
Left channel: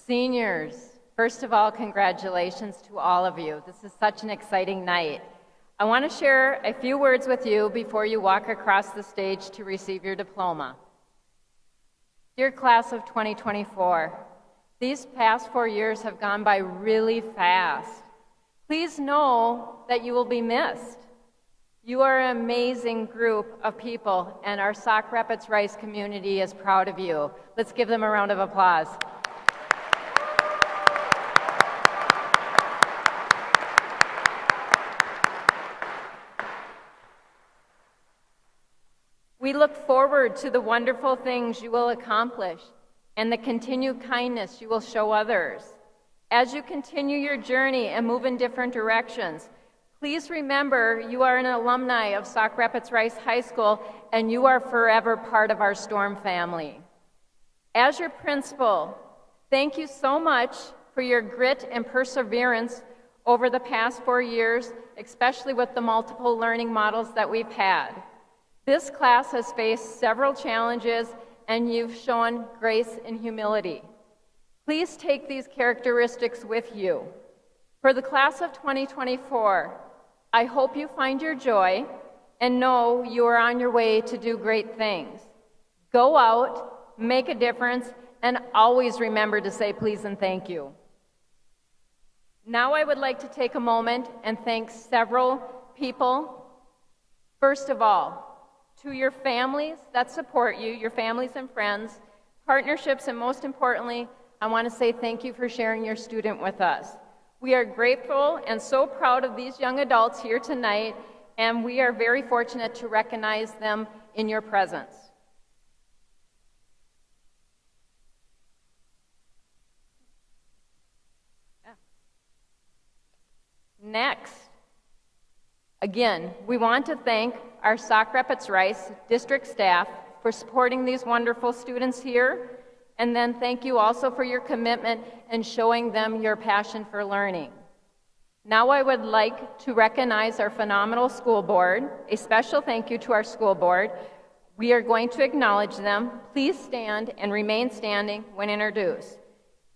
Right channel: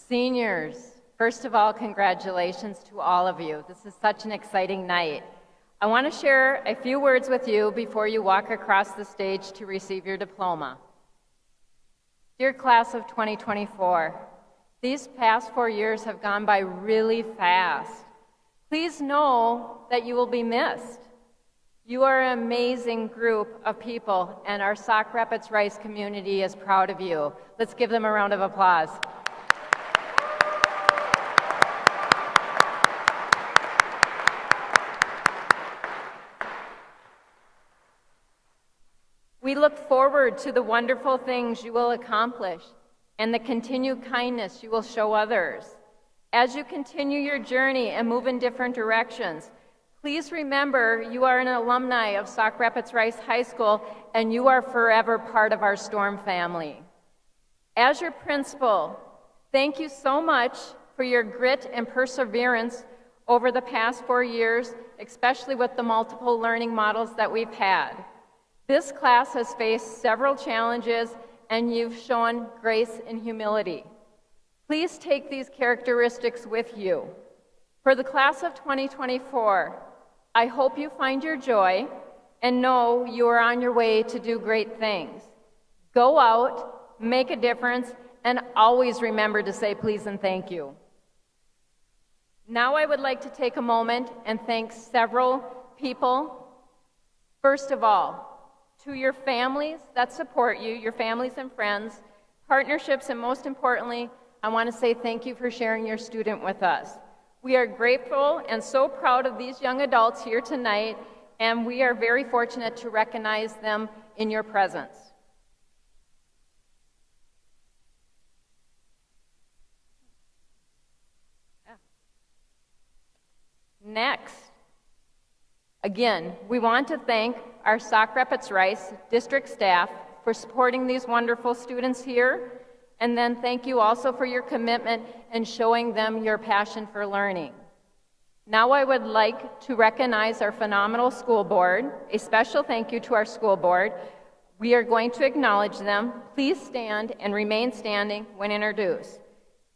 Seniors, first of all, congratulations to all of you. This is such an exciting night. I want to share a few words with you before you walk across the stage to receive your diploma. Dear class of 2024, these past 4 years have gone by really fast. Please know that you will be missed. You are an amazing group of people, and our Sauk Rapids Rice community is proud of you. Let's give them a round of applause. We look forward to the wonderful things you will accomplish and the continued kindness you will show others. As you continue your journey and move in different directions, please remember you are an alumni of Sauk Rapids Rice High School and you are forever part of our Storm family. As your principal, thank you so much for your grit and perseverance over the past 4 years, especially with the multiple learning models that we've had. This class has faced several challenges and you've shown grace and humility. Please take these characteristics with you. For the class of 2024, I hope you find your joy, and know you are on your way to do great things. Go out, make a difference, and always remember to say please and thank you. Now I would like to take a moment and thank several people. First of all, to your families that support you, your families and friends, partnerships, and most importantly, I want to say thank you for sharing your student with us. We are grateful and so proud of these young adults here tonight, and we are very fortunate to recognize them in your presence. Next, again, we want to thank our Sauk Rapids Rice district staff for supporting these wonderful students here, and then thank you also for your commitment and showing them your passion for learning. Now I would like to recognize our phenomenal school board. A special thank you to our school board. We are going to acknowledge them. Please stand and remain standing when introduced.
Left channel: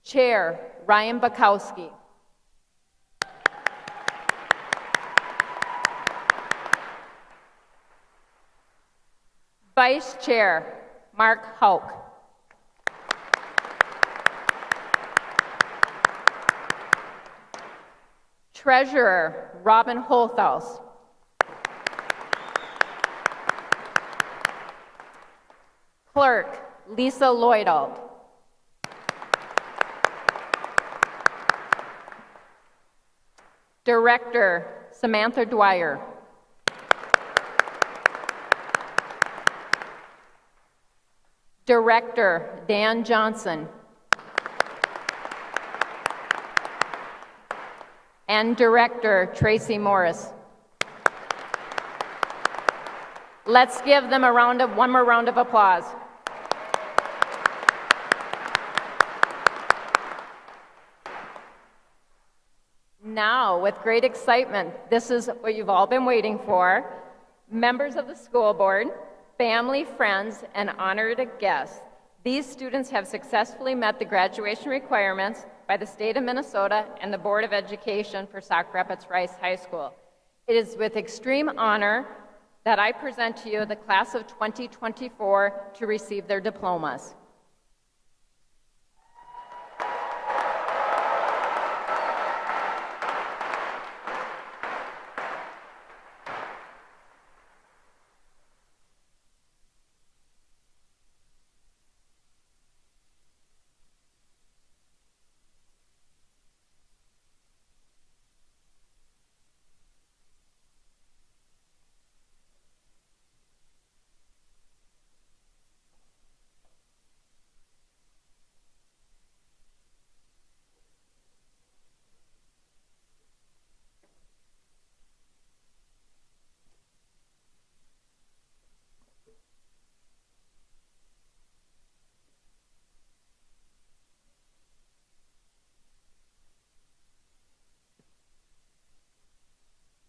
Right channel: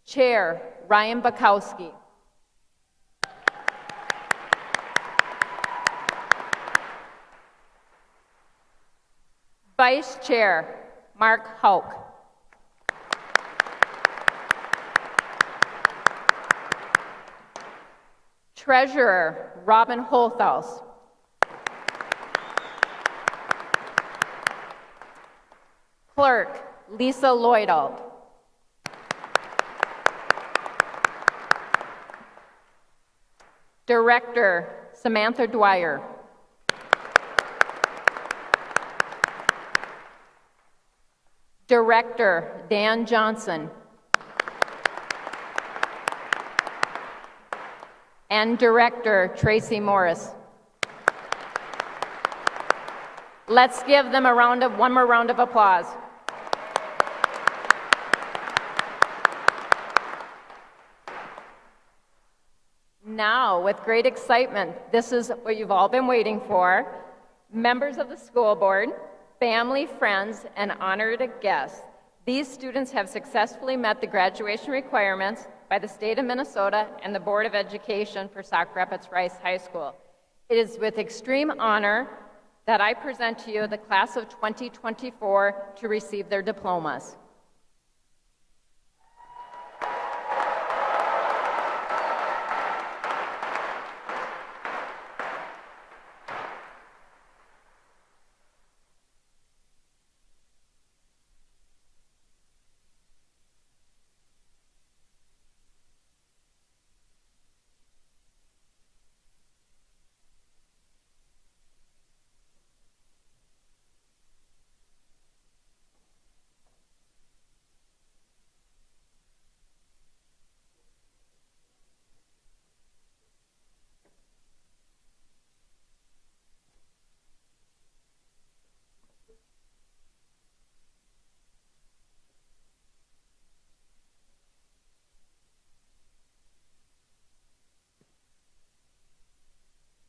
Chair Ryan Bukowski. Vice Chair Mark Hauk. Treasurer Robin Holthaus. Clerk Lisa Lloydall. Director Samantha Dwyer. Director Dan Johnson. And Director Tracy Morris. Let's give them one more round of applause. Now, with great excitement, this is what you've all been waiting for. Members of the school board, family, friends, and honored guests. These students have successfully met the graduation requirements by the state of Minnesota and the Board of Education for Sauk Rapids Rice High School. It is with extreme honor that I present to you the class of 2024 to receive their diplomas.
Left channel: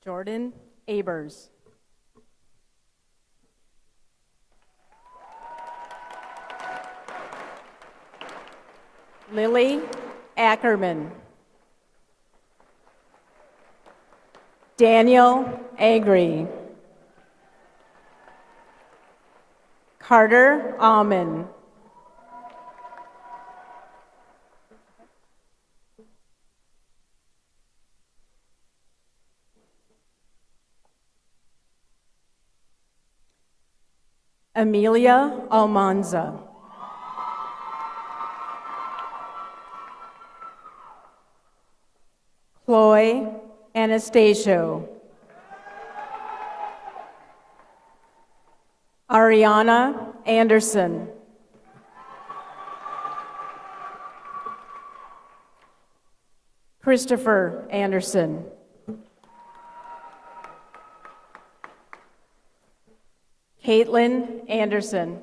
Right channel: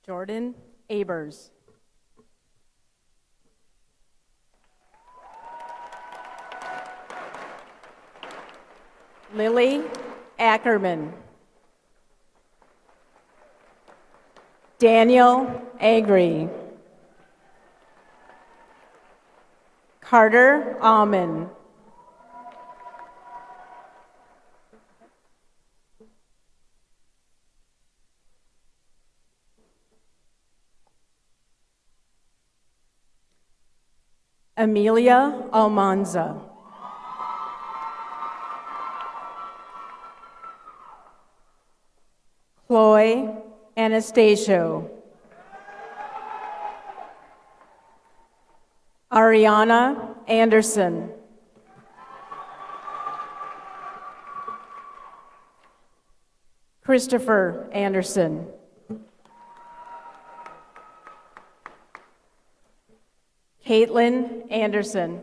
Jordan Abers. Lily Ackerman. Daniel Agri. Carter Alman. Amelia Almanza. Chloe Anastasio. Ariana Anderson. Christopher Anderson. Caitlin Anderson.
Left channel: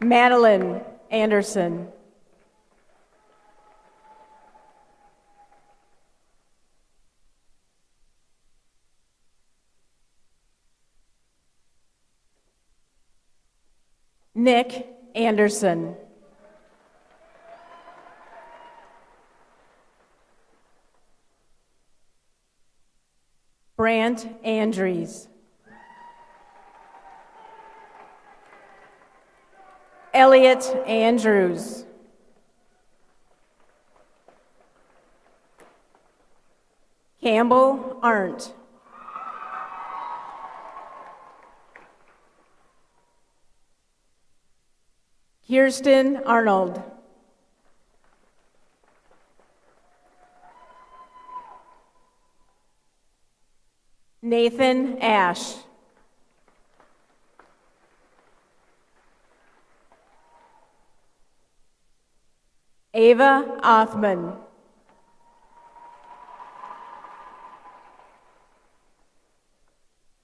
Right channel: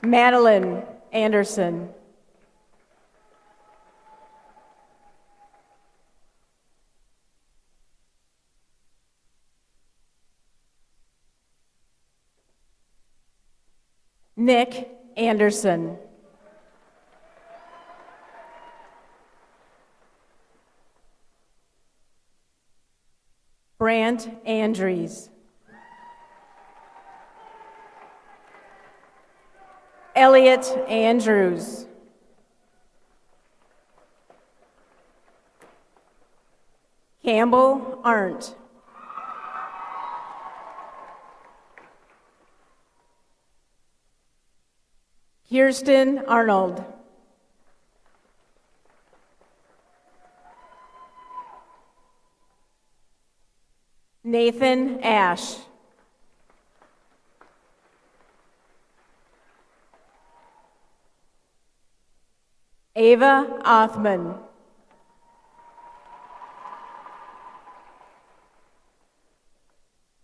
Madeline Anderson. Nick Anderson. Brant Andrews. Elliot Andrews. Campbell Arndt. Kirsten Arnold. Nathan Ash. Ava Othman.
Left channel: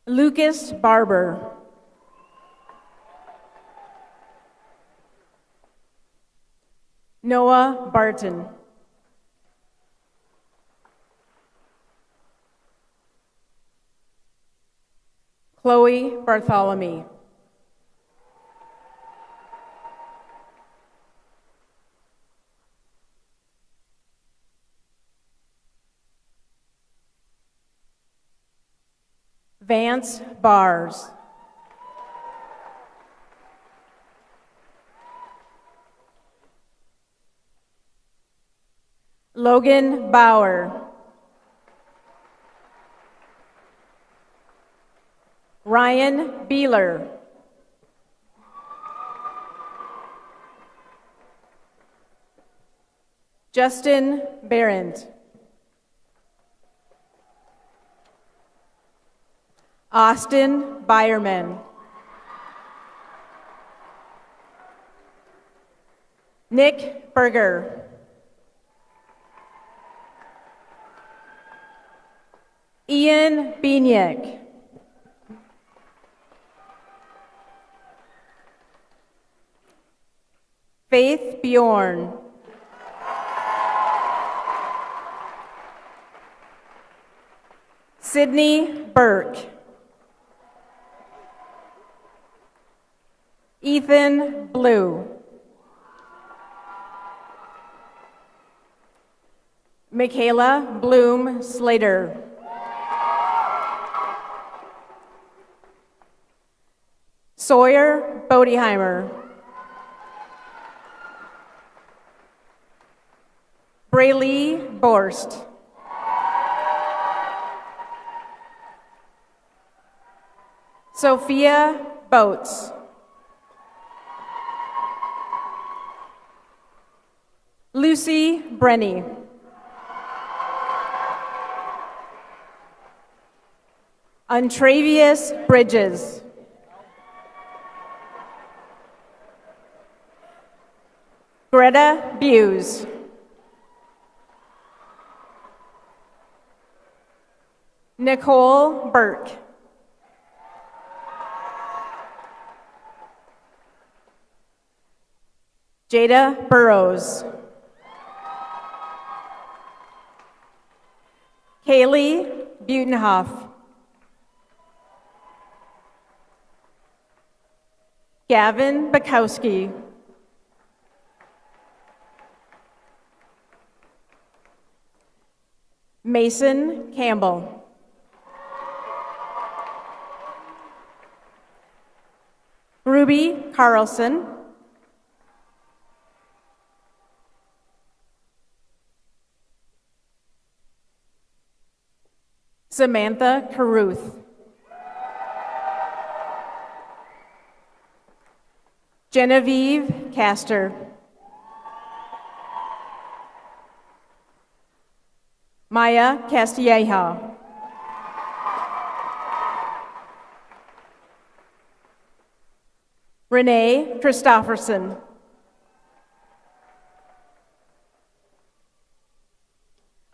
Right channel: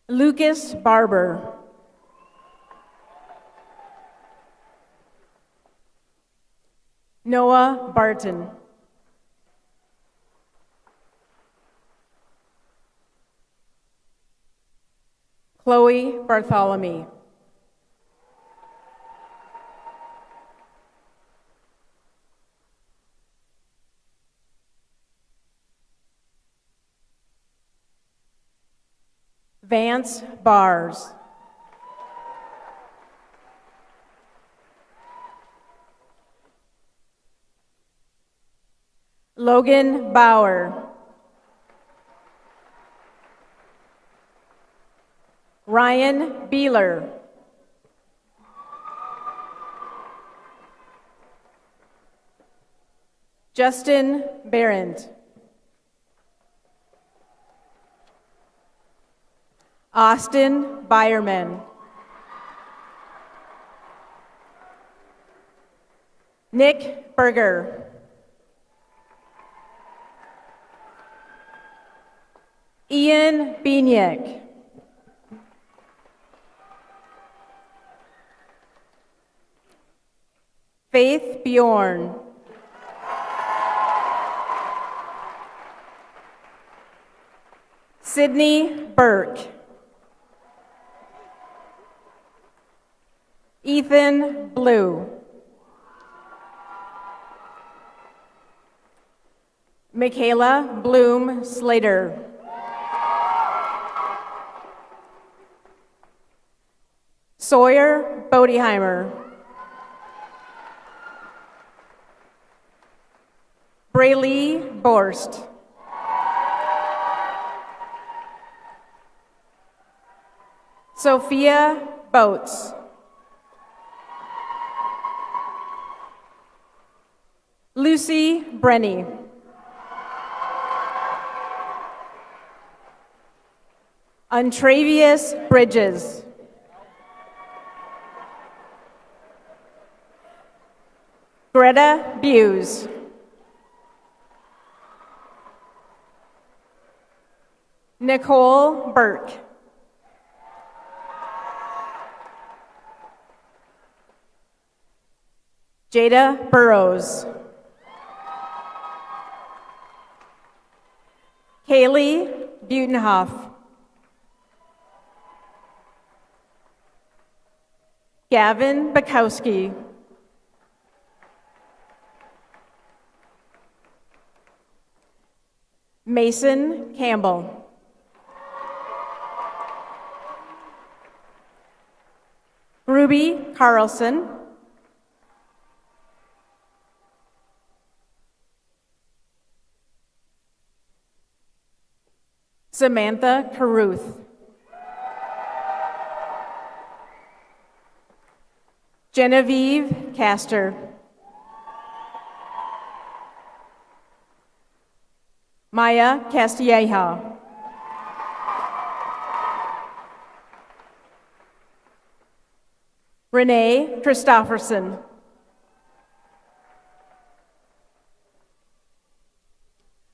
Lucas Barber. Noah Barton. Chloe Bartholomew. Vance Bars. Logan Bauer. Ryan Beeler. Justin Behrend. Austin Byerman. Nick Berger. Ian Bieniek. Faith Bjorn. Sydney Burke. Ethan Blue. Michaela Bloom Slater. Sawyer Bodiheimer. Braylee Borst. Sophia Boats. Lucy Brenny. Untravius Bridges. Greta Buse. Nicole Burke. Jada Burrows. Kaylee Butenhoff. Gavin Bukowski. Mason Campbell. Ruby Carlson. Samantha Caruth. Genevieve Castor. Maya Castilleja. Renee Christofferson.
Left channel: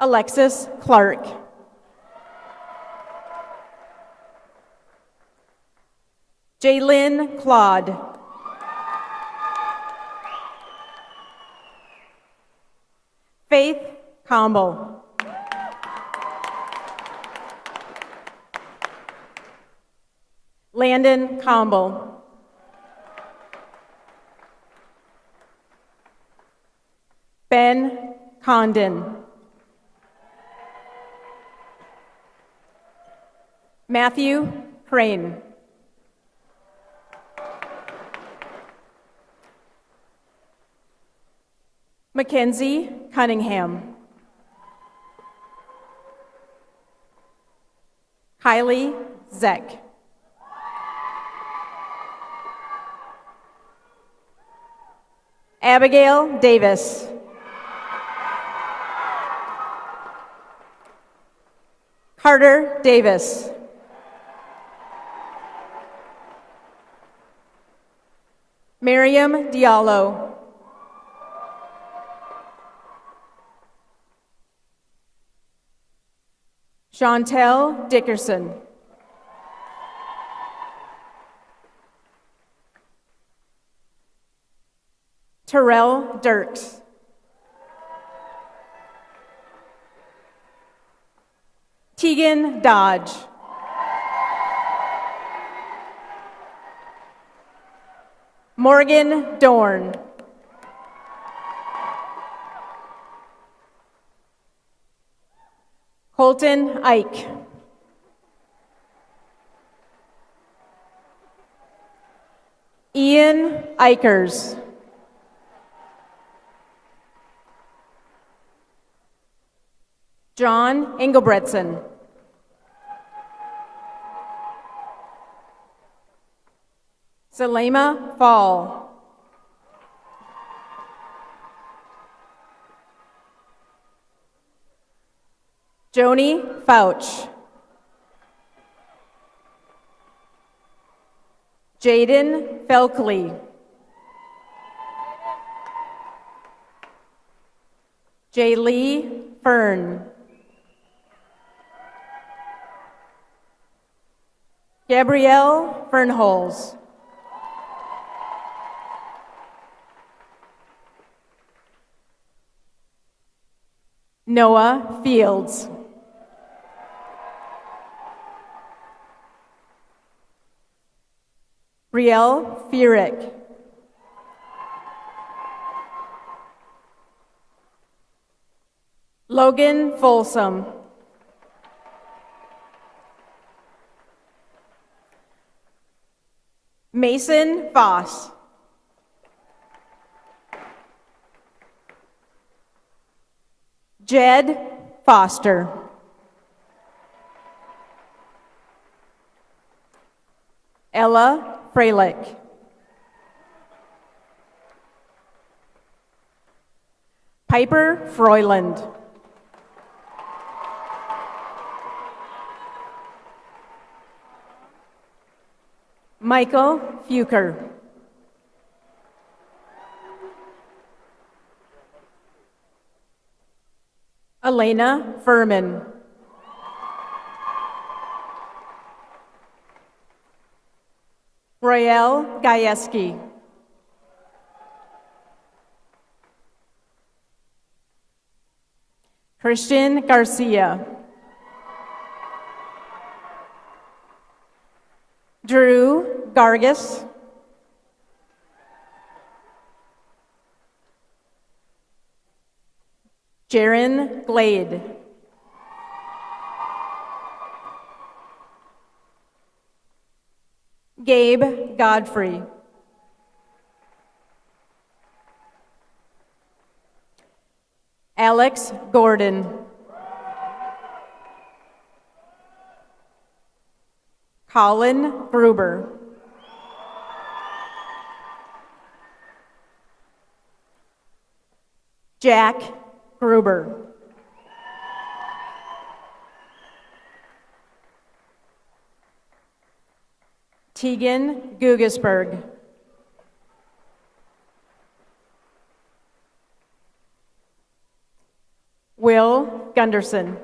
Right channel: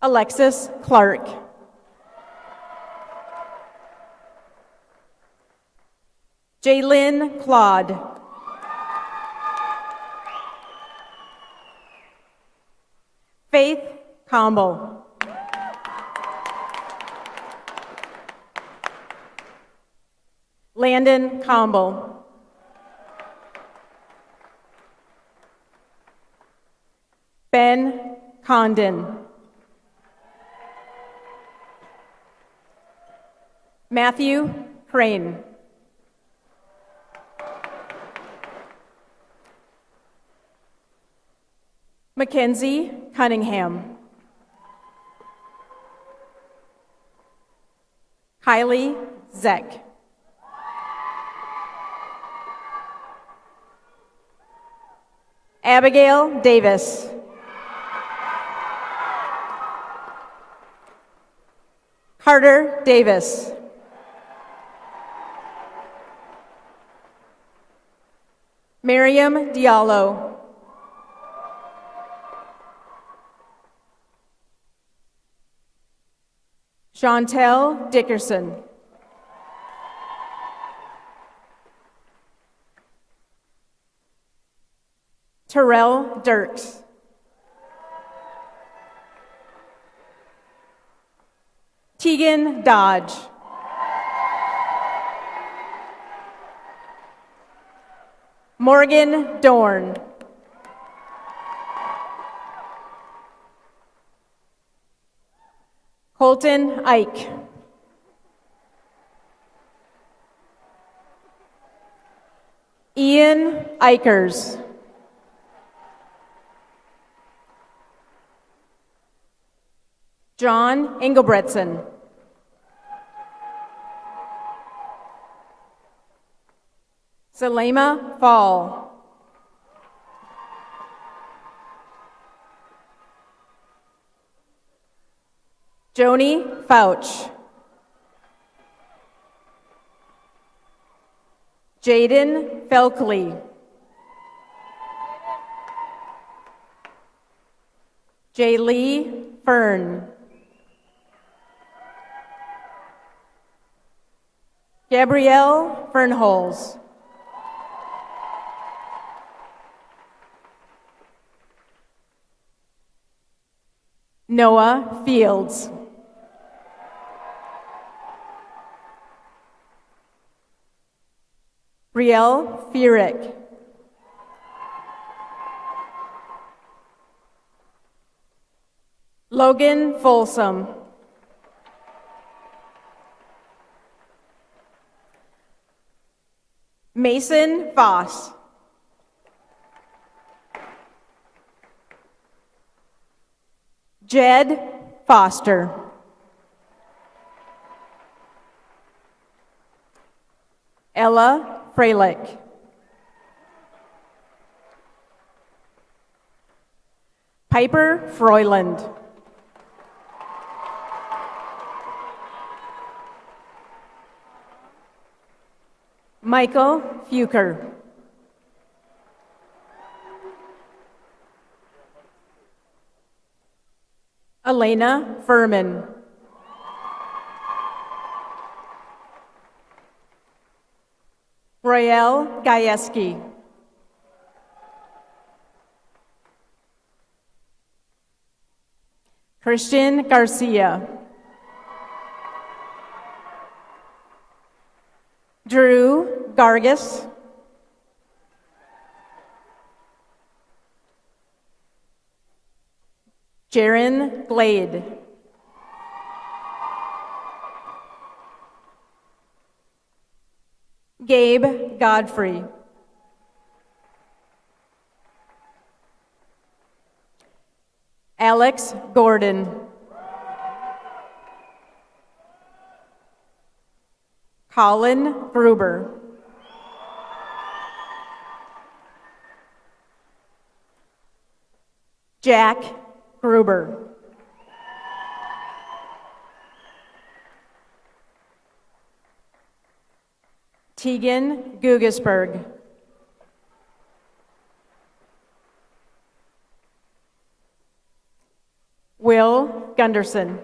Alexis Clark. Jaylyn Claude. Faith Campbell. Landon Campbell. Ben Condon. Matthew Crane. Mackenzie Cunningham. Kylie Zeck. Abigail Davis. Carter Davis. Miriam Diallo. Chantel Dickerson. Terrell Dirks. Tegan Dodge. Morgan Dorn. Colton Ike. Ian Ikers. John Engelbretson. Selema Fall. Joni Fouch. Jaden Felkley. Jaylee Fern. Gabrielle Fernholz. Noah Fields. Riel Fierick. Logan Folsom. Mason Voss. Jed Foster. Ella Freilich. Piper Froyland. Michael Fuker. Elena Furman. Royale Gajewski. Christian Garcia. Drew Gargis. Jaron Glade. Gabe Godfrey. Alex Gordon. Colin Gruber. Jack Gruber. Tegan Gugesberg. Will Gunderson.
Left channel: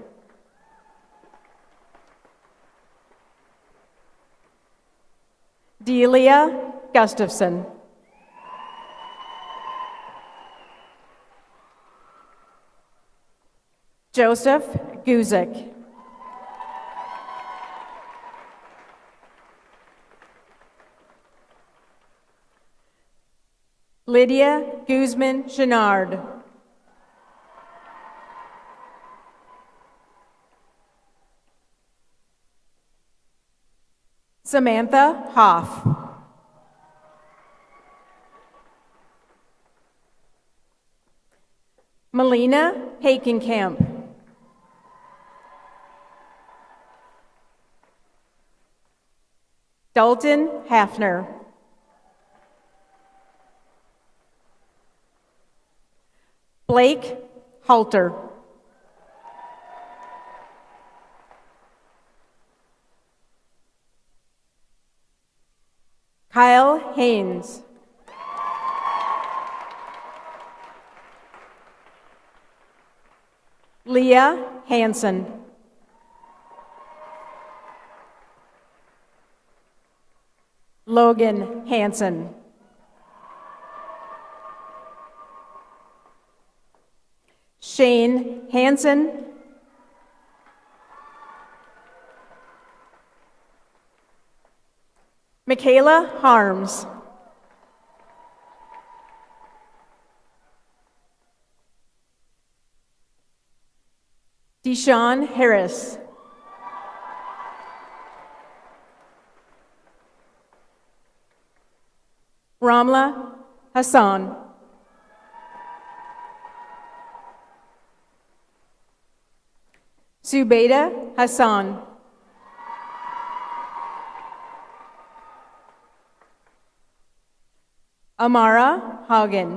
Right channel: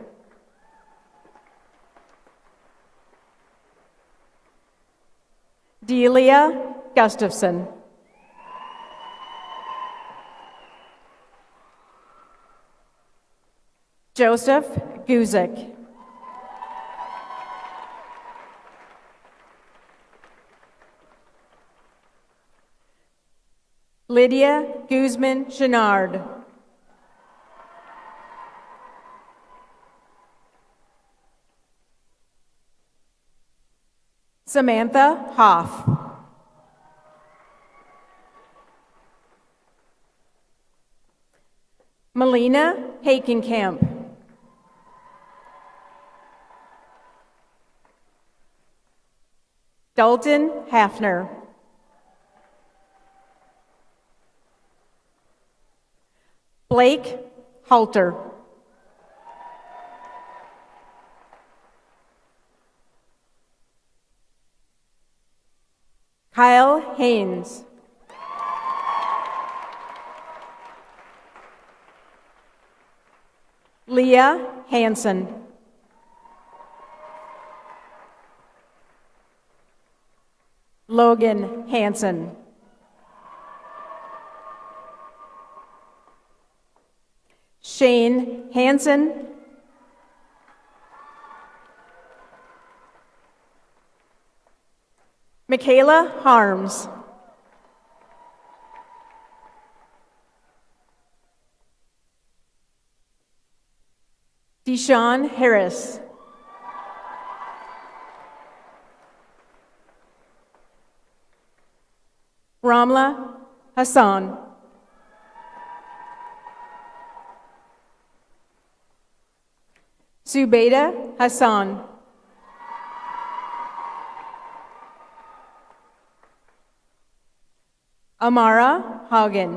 Delia Gustafson. Joseph Guzik. Lydia Guzman Chenard. Samantha Hoff. Melina Hakenkamp. Dalton Hafner. Blake Halter. Kyle Haynes. Leah Hansen. Logan Hansen. Shane Hansen. Michaela Harms. Deshaun Harris. Ramla Hassan. Zubaida Hassan. Amara Hagen.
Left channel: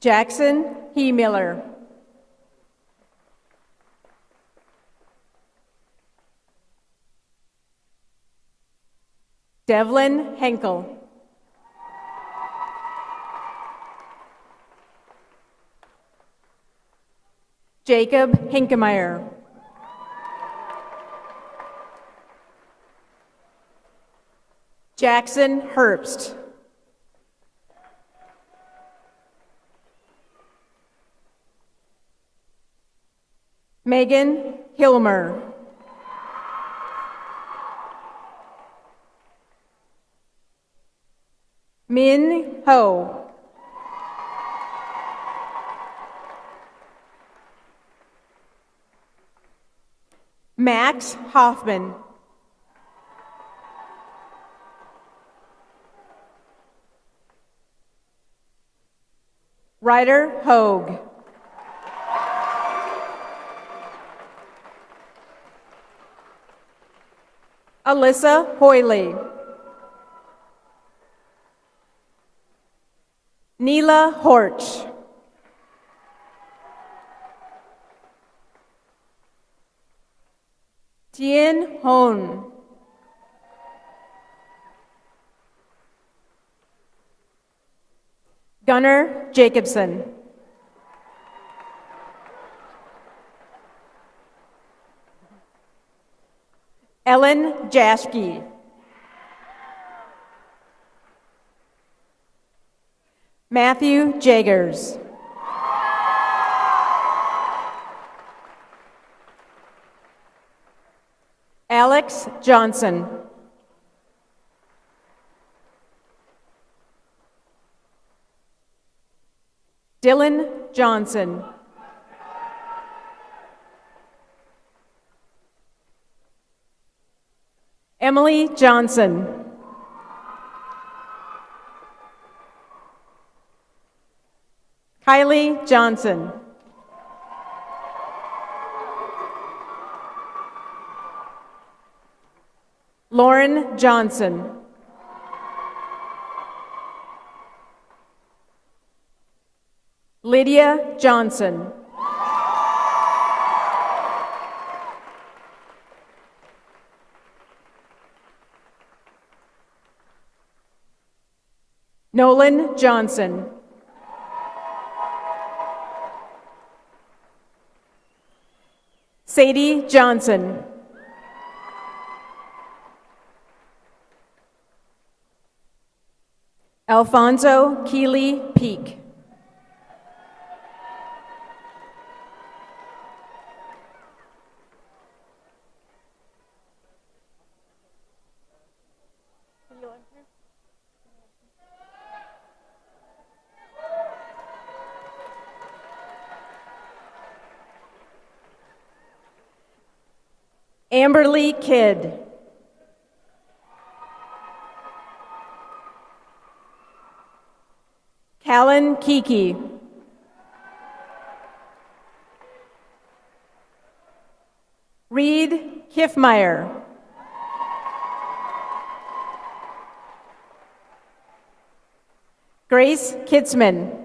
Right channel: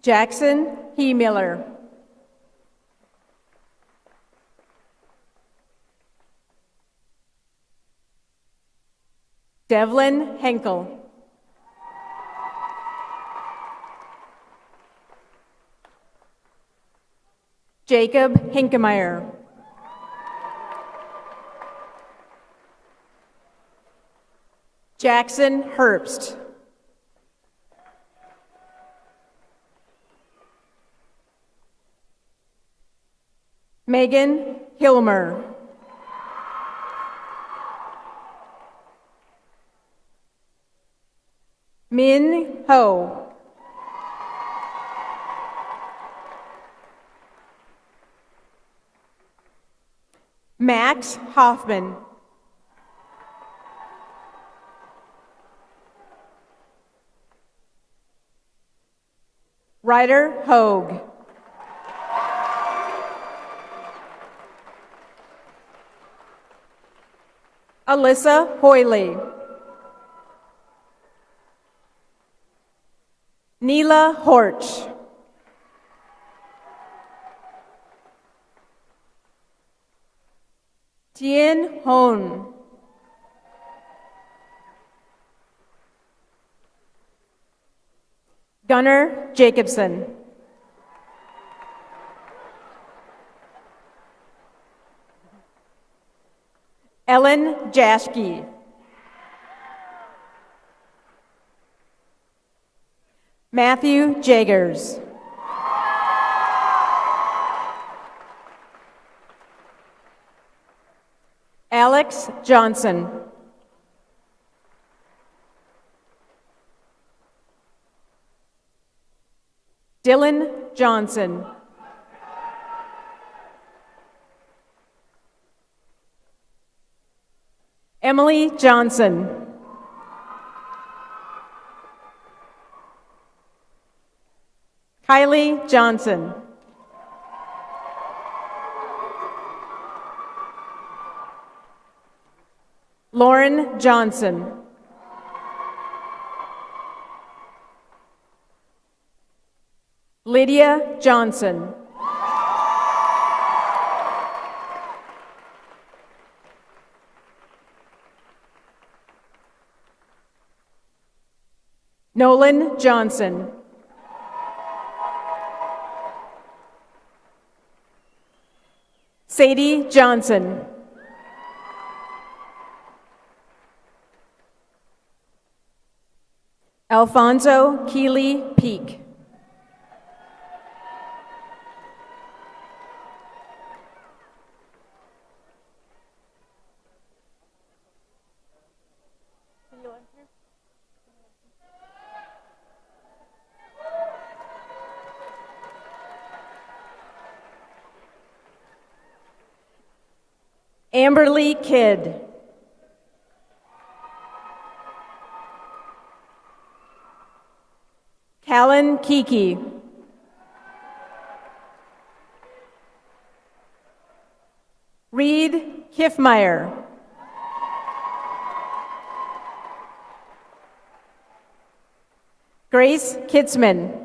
Jackson He Miller. Devlin Henkel. Jacob Hinkemeyer. Jackson Herbst. Megan Hilmer. Min Ho. Max Hoffman. Ryder Hogue. Alyssa Hoyley. Neela Horch. Tien Hon. Gunnar Jacobson. Ellen Jaschke. Matthew Jagers. Alex Johnson. Dylan Johnson. Emily Johnson. Kylie Johnson. Lauren Johnson. Lydia Johnson. Nolan Johnson. Sadie Johnson. Alfonso Keeley Peak. Amberly Kidd. Callan Kiki. Reed Kiffmeyer. Grace Kitzman.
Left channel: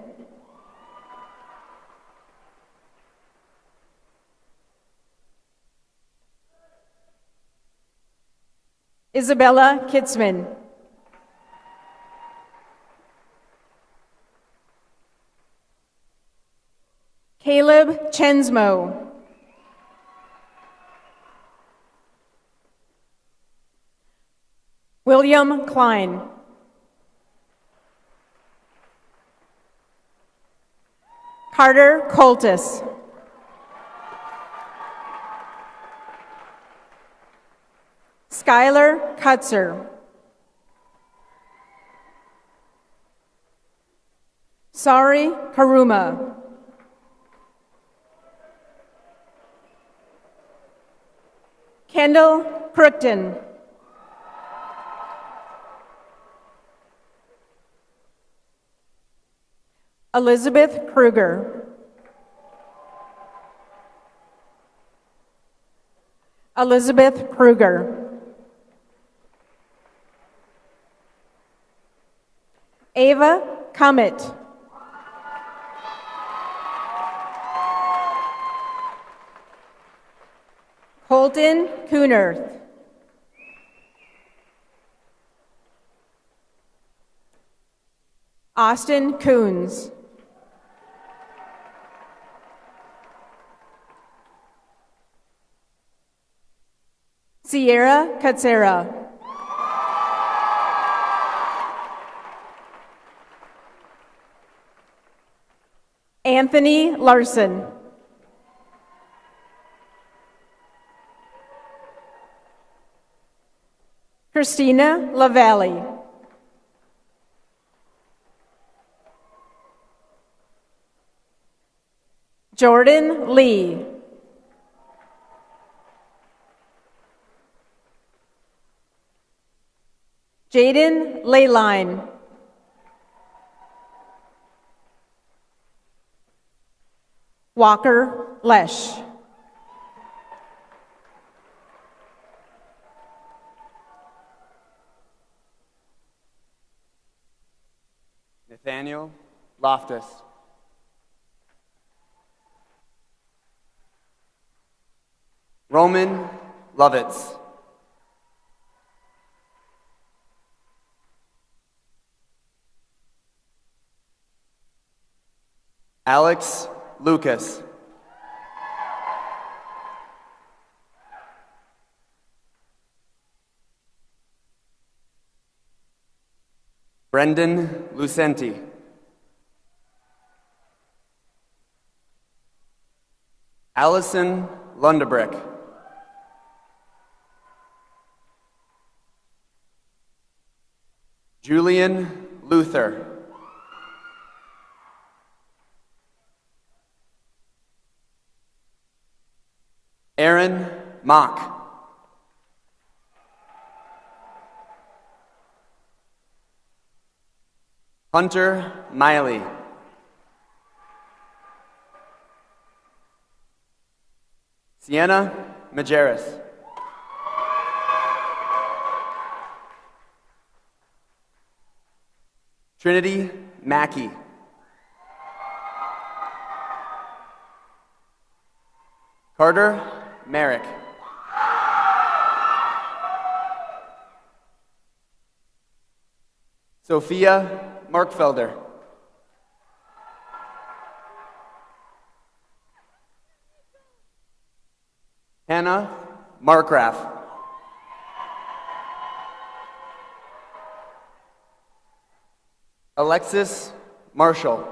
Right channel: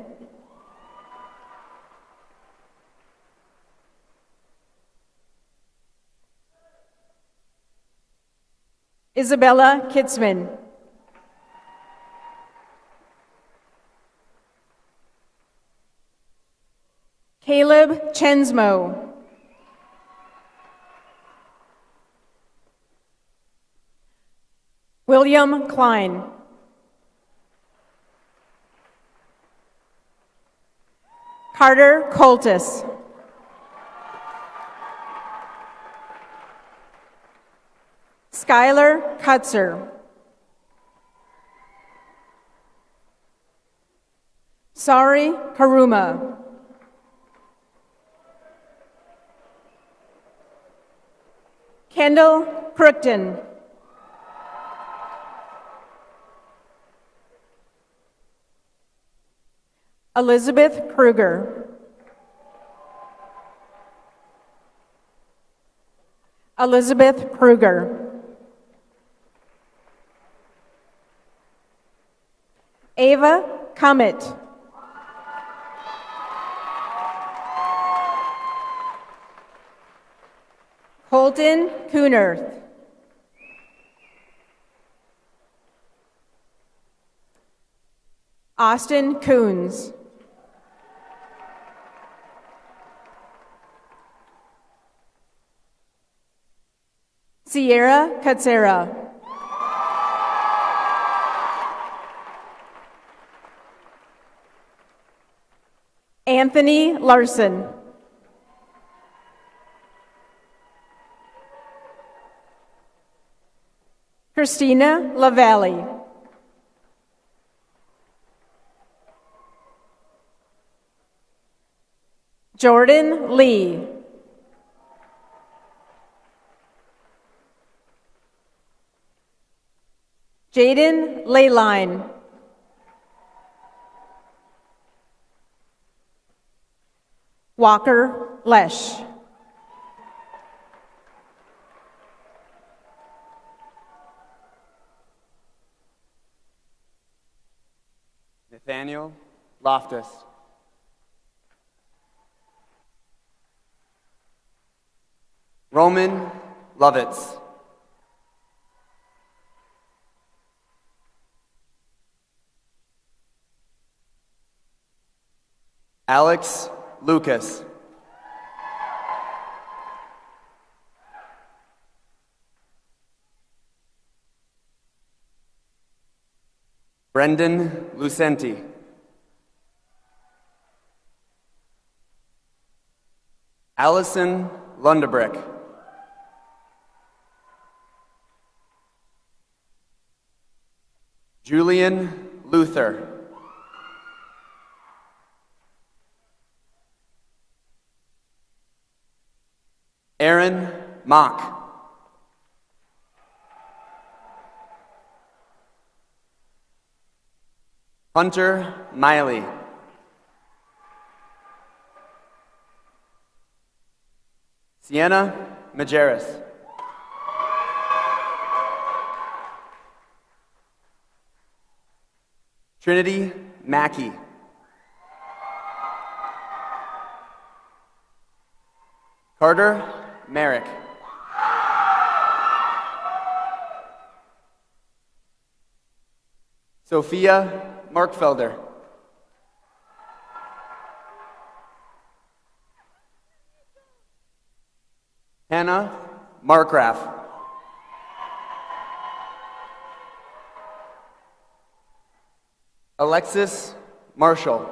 Isabella Kitzman. Caleb Chensmo. William Klein. Carter Coltis. Skylar Kutzer. Sari Karuma. Kendall Crookton. Elizabeth Kruger. Elizabeth Kruger. Ava Comet. Colton Coonerth. Austin Coons. Sierra Katsera. Anthony Larson. Christina LaValle. Jordan Lee. Jaden Leyline. Walker Lesh. Nathaniel Loftus. Roman Lovitz. Alex Lucas. Brendan Lucenti. Allison Lundebrick. Julian Luther. Aaron Mock. Hunter Miley. Sienna Majerus. Trinity Mackey. Carter Merrick. Sophia Markfelder. Hannah Markgraf. Alexis Marshall.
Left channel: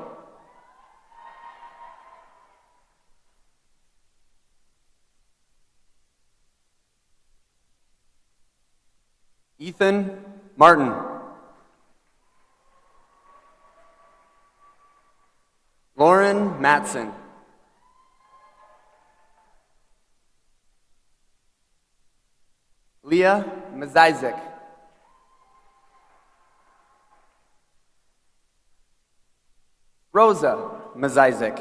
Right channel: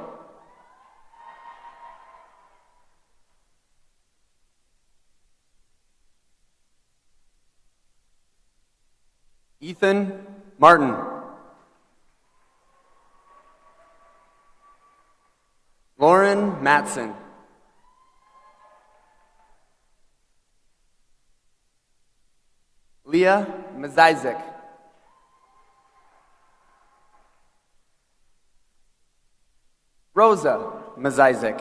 Ethan Martin. Lauren Matson. Leah Mazizik. Rosa Mazizik.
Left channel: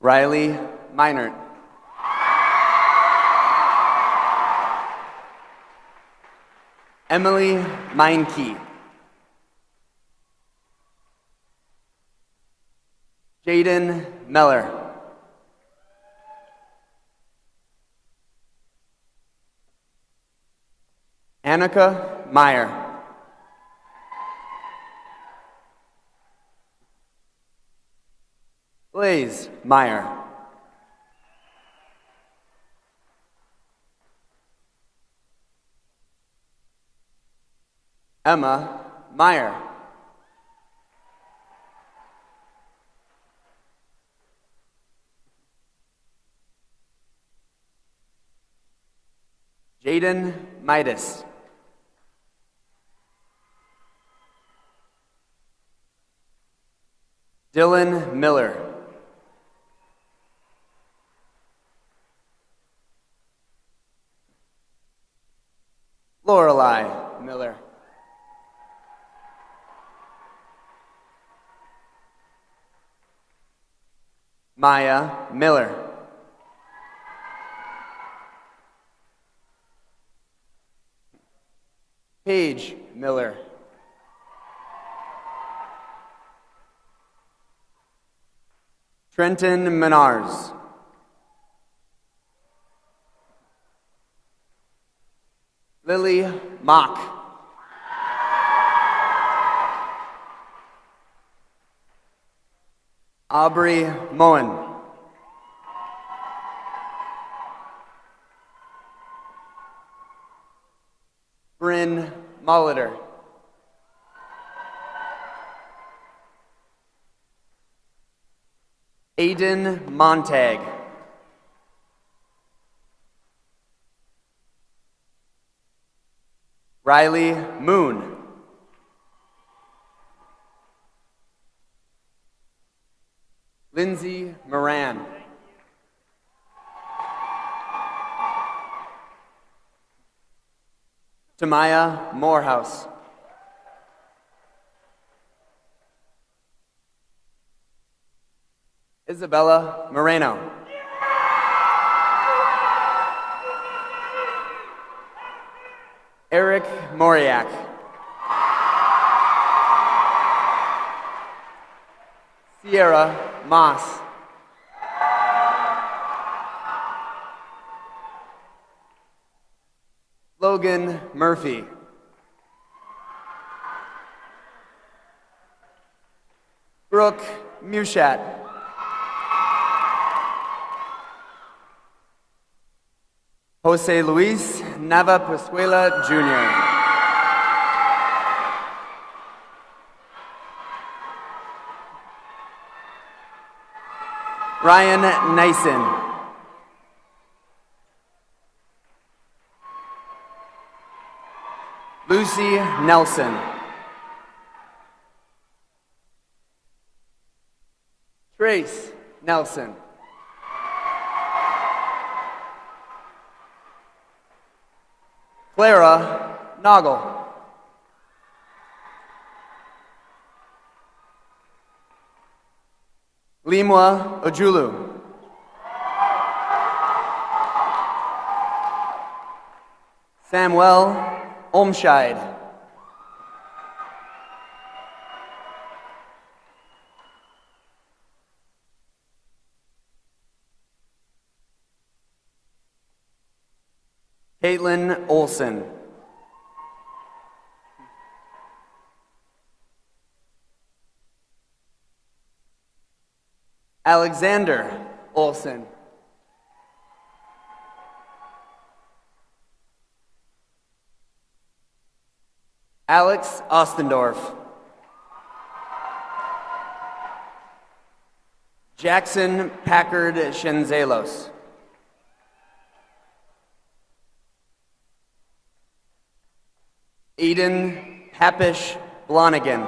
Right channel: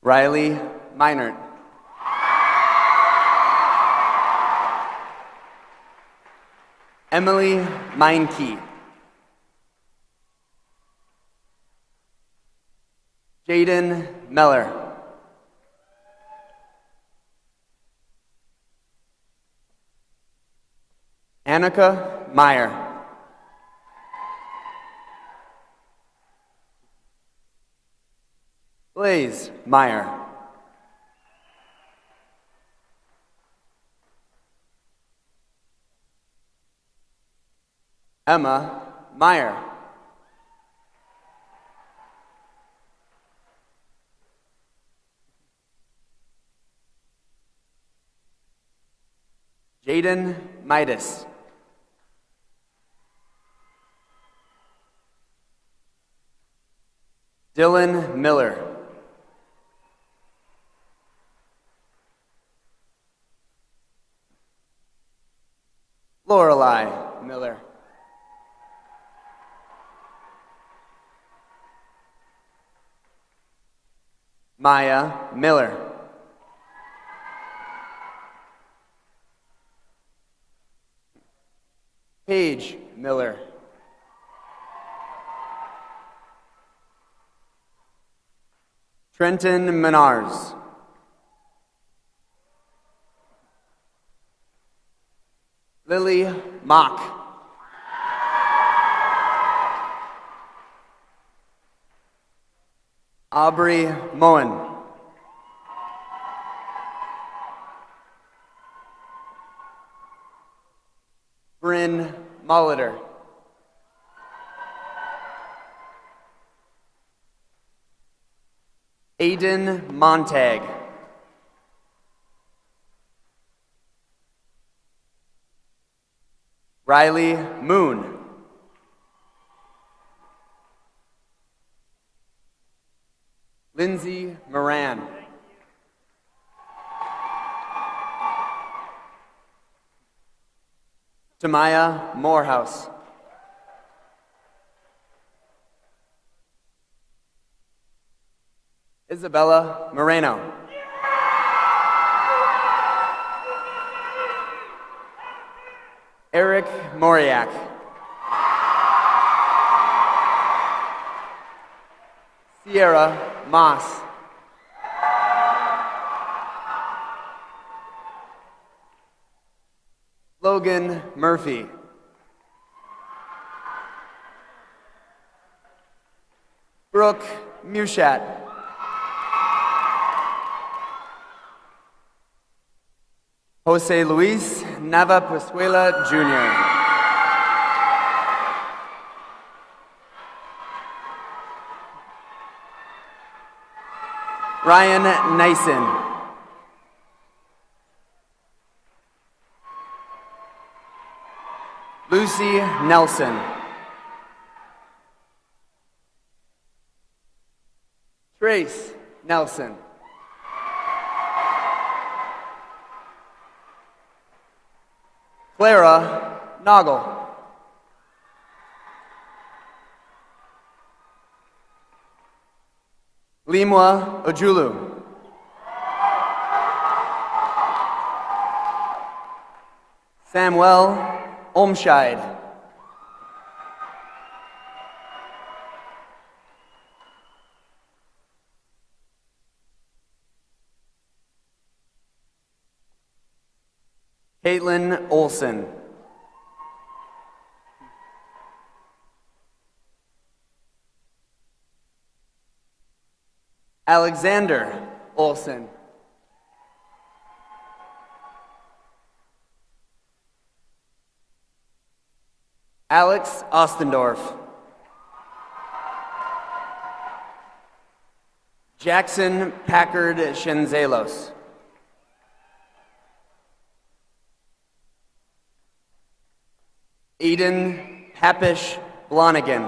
Riley Meinert. Emily Meinke. Jaden Meller. Annika Meyer. Blaze Meyer. Emma Meyer. Jaden Midas. Dylan Miller. Lorelei Miller. Maya Miller. Paige Miller. Trenton Menars. Lily Mock. Aubrey Moen. Bryn Molitor. Aiden Montag. Riley Moon. Lindsay Moran. Tamaya Morehouse. Isabella Moreno. Eric Moriak. Sierra Moss. Logan Murphy. Brooke Mushat. Jose Luis Nava Pascuela Jr. Ryan Nyson. Lucy Nelson. Trace Nelson. Clara Noggle. Limwa Ojulu. Samuel Omscheid. Caitlin Olson. Alexander Olson. Alex Ostendorf. Jackson Packard Shenzelos. Eden Hapish Blonigan.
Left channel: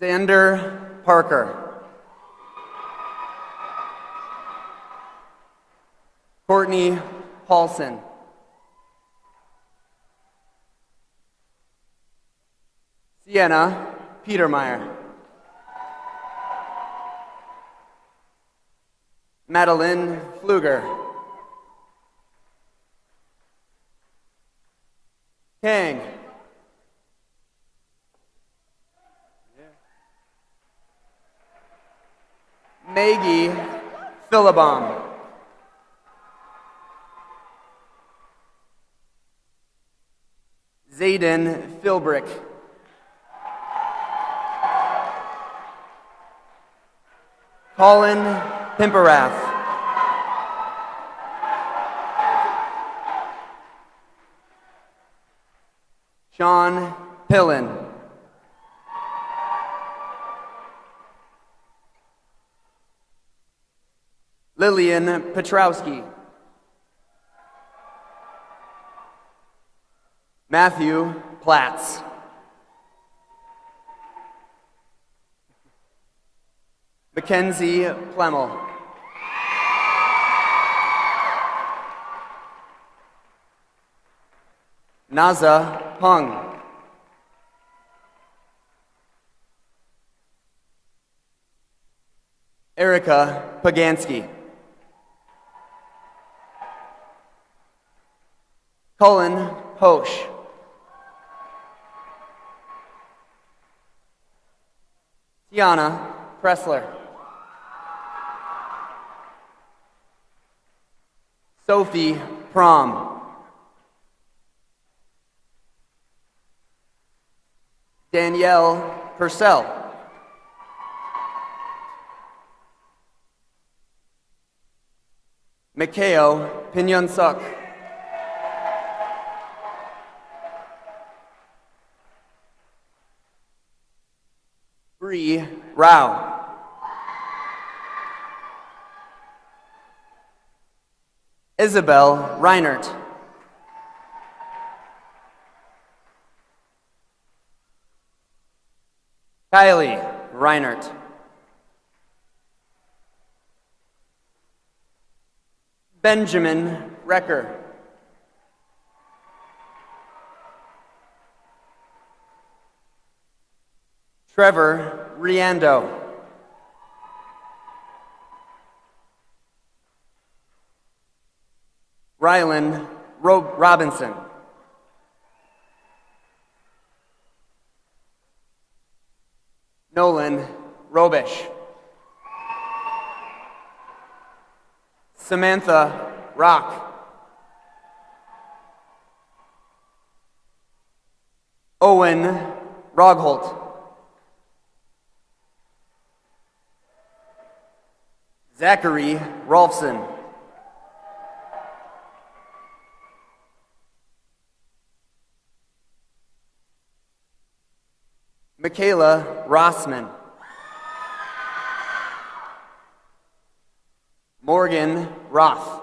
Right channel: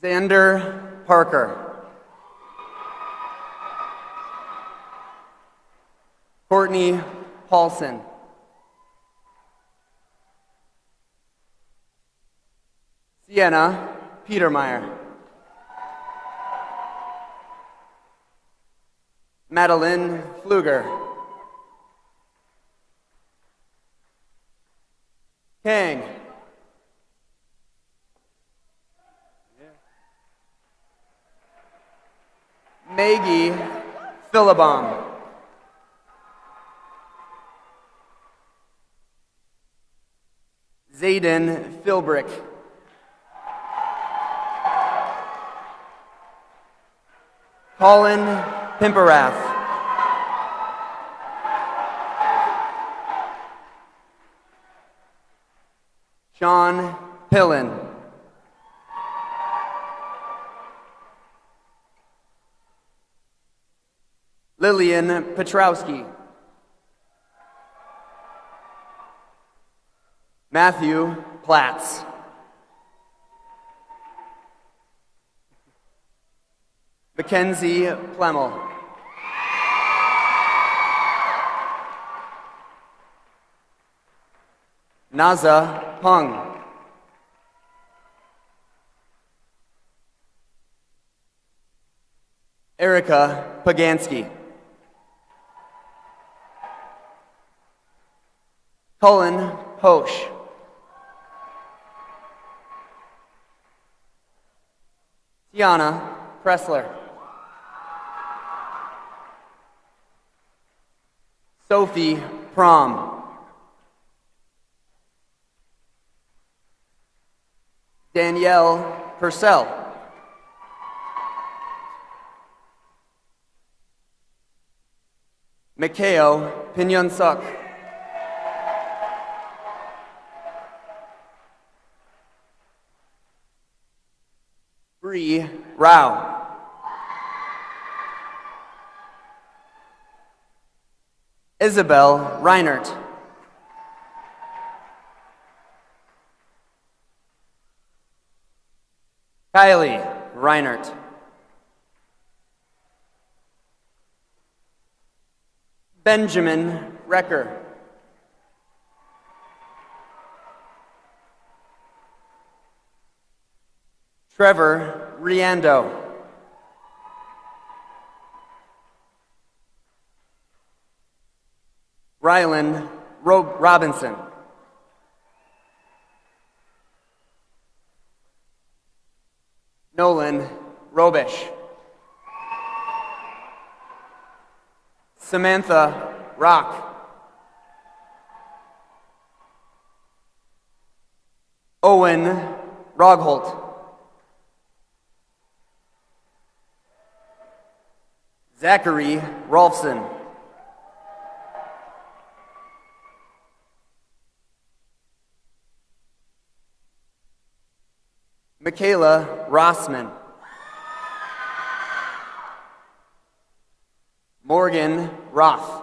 Xander Xander Parker. Courtney Paulson. Sienna Petermeyer. Madeline Pfluger. Kang. Maggie Philibom. Zayden Philbrick. Colin Pimperath. Sean Pillen. Lillian Petrowski. Matthew Platts. Mackenzie Plemmel. Naza Pung. Erica Pagansky. Cullen Hosch. Tiana Pressler. Sophie Prom. Danielle Purcell. Mikhail Pinyon-Suk. Bree Rao. Isabel Reinert. Kylie Reinert. Benjamin Recker. Trevor Riando. Rylan Robinson. Nolan Robish. Samantha Rock. Owen Rogholt. Zachary Rolfson. Michaela Rossman. Morgan Roth.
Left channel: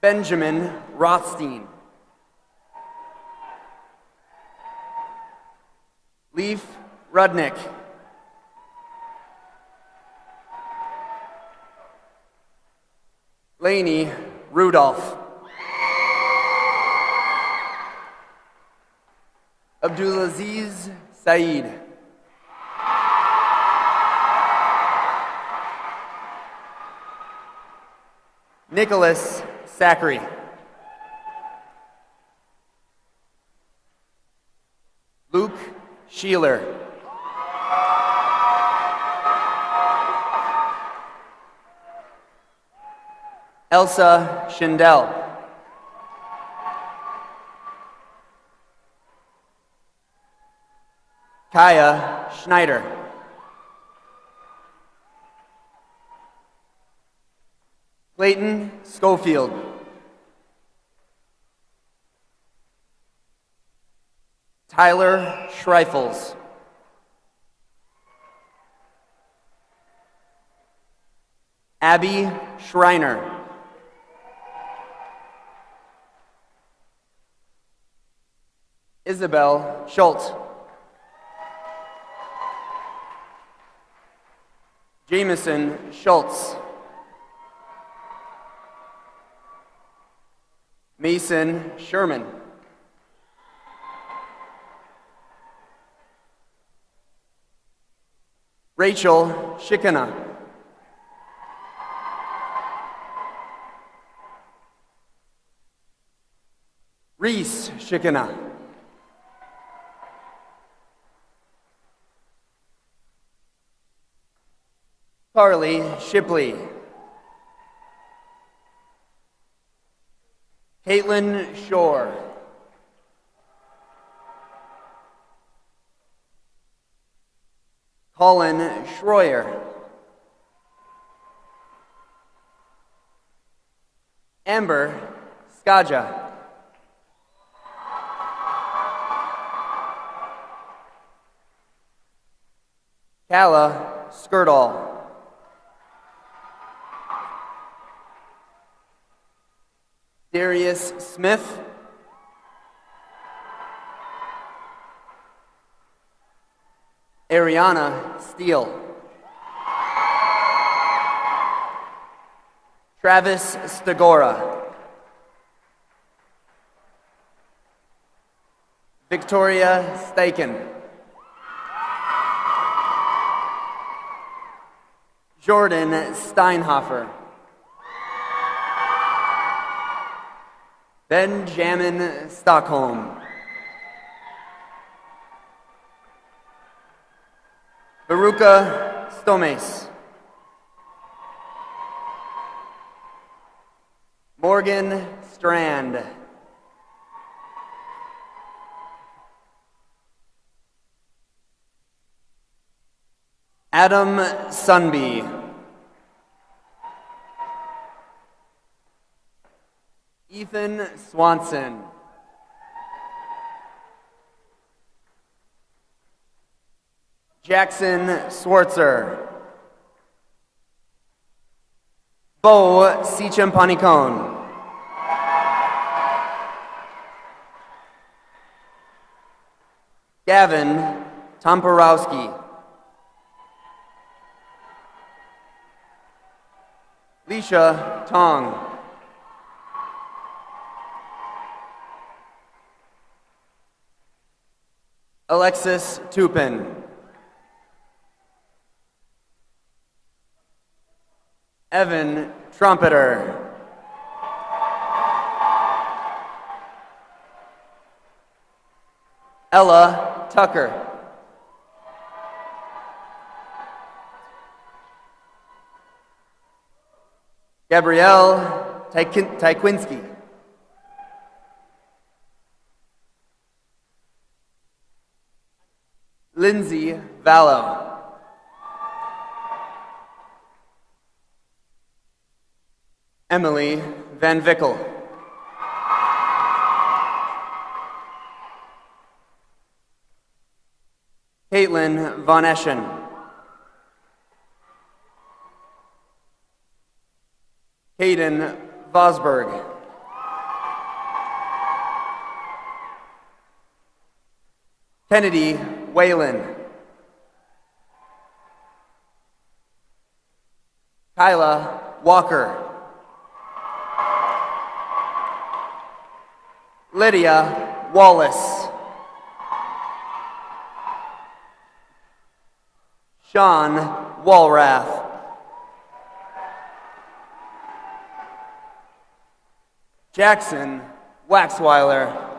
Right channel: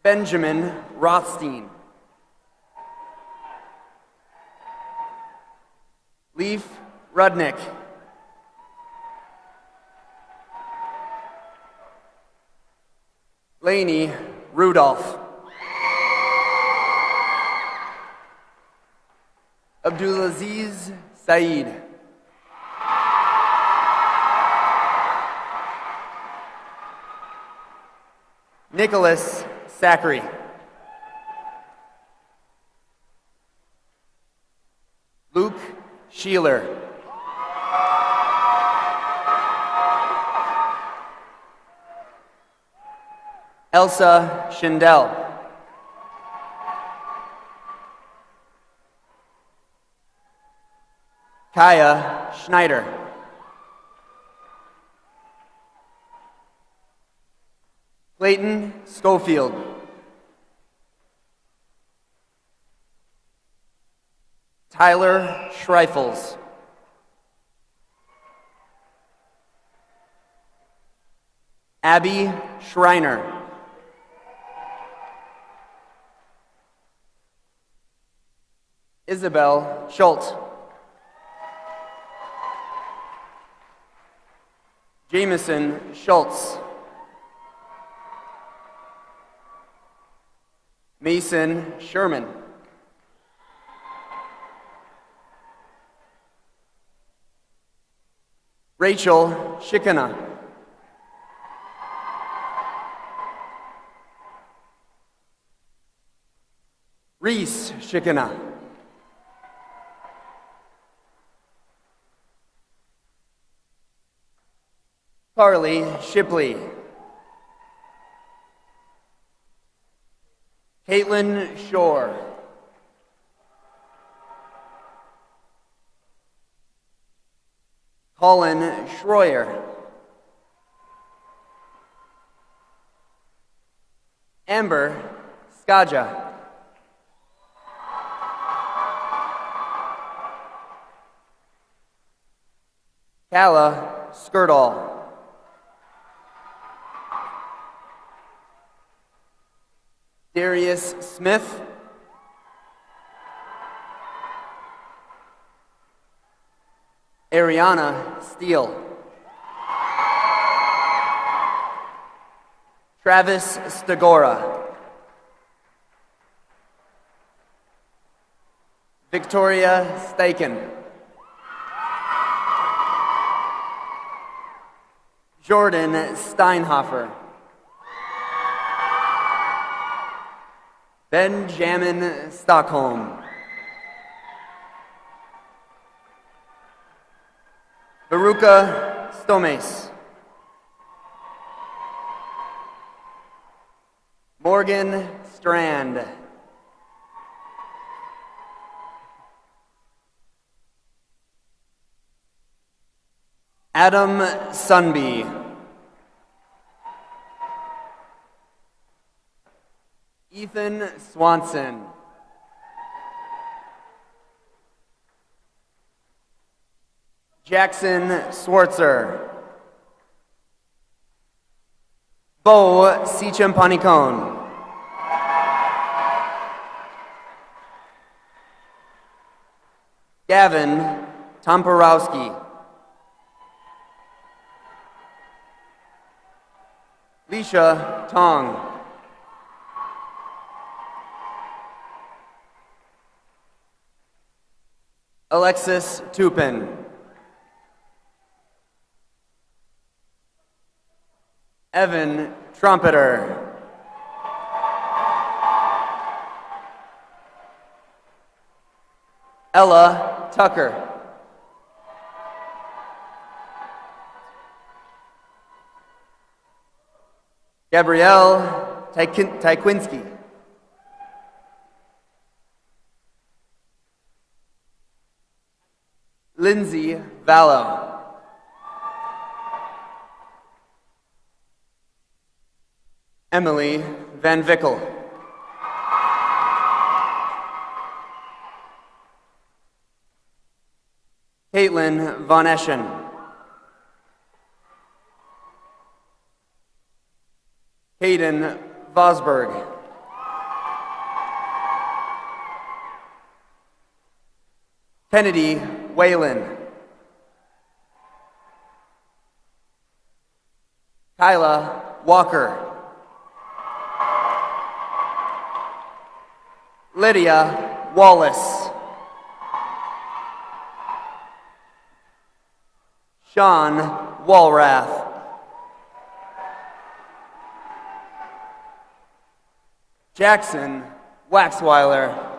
Benjamin Rothstein. Leaf Rudnick. Lainey Rudolph. Abdulaziz Saeed. Nicholas Zachary. Luke Sheeler. Elsa Schindel. Kaya Schneider. Clayton Schofield. Tyler Schreifels. Abby Schreiner. Isabel Schultz. Jameson Schultz. Mason Sherman. Rachel Shikana. Reese Shikana. Carly Shipley. Caitlin Shore. Colin Schroyer. Amber Skaja. Kala Skirtall. Darius Smith. Ariana Steele. Travis Stegora. Victoria Steichen. Jordan Steinhofer. Benjamin Stockholm. Baruka Stomes. Morgan Strand. Adam Sunby. Ethan Swanson. Jackson Swartzer. Bo Sichampanicone. Gavin Tomporowski. Leisha Tong. Alexis Tupin. Evan Trumpeter. Ella Tucker. Gabrielle Tykwinski. Lindsay Vallow. Emily Van Vickel. Caitlin Von Eschen. Hayden Vosberg. Kennedy Whalen. Kyla Walker. Lydia Wallace. Sean Walrath. Jackson Waxweiler.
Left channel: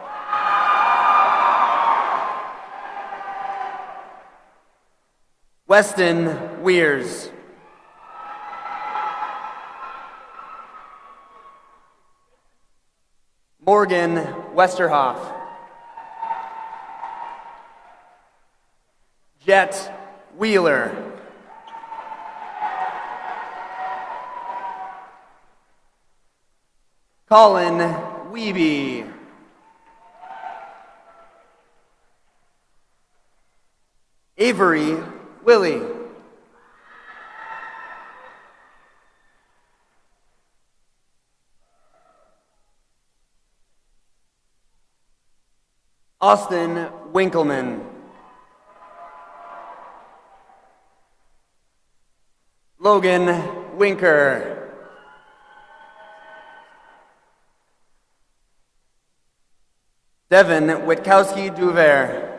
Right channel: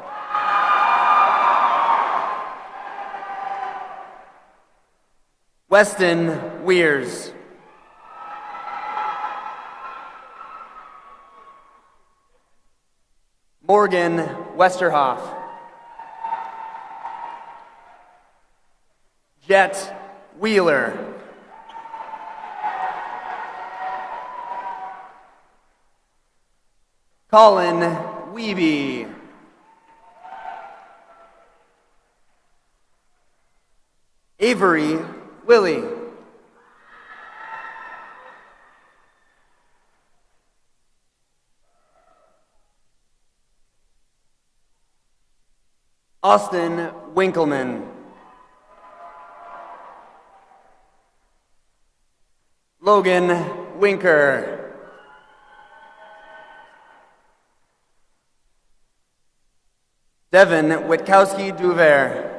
Weston Weirs. Morgan Westerhoff. Jet Wheeler. Colin Wiebe. Avery Willie. Austin Winkleman. Logan Winker. Devin Witkowski-Duvert.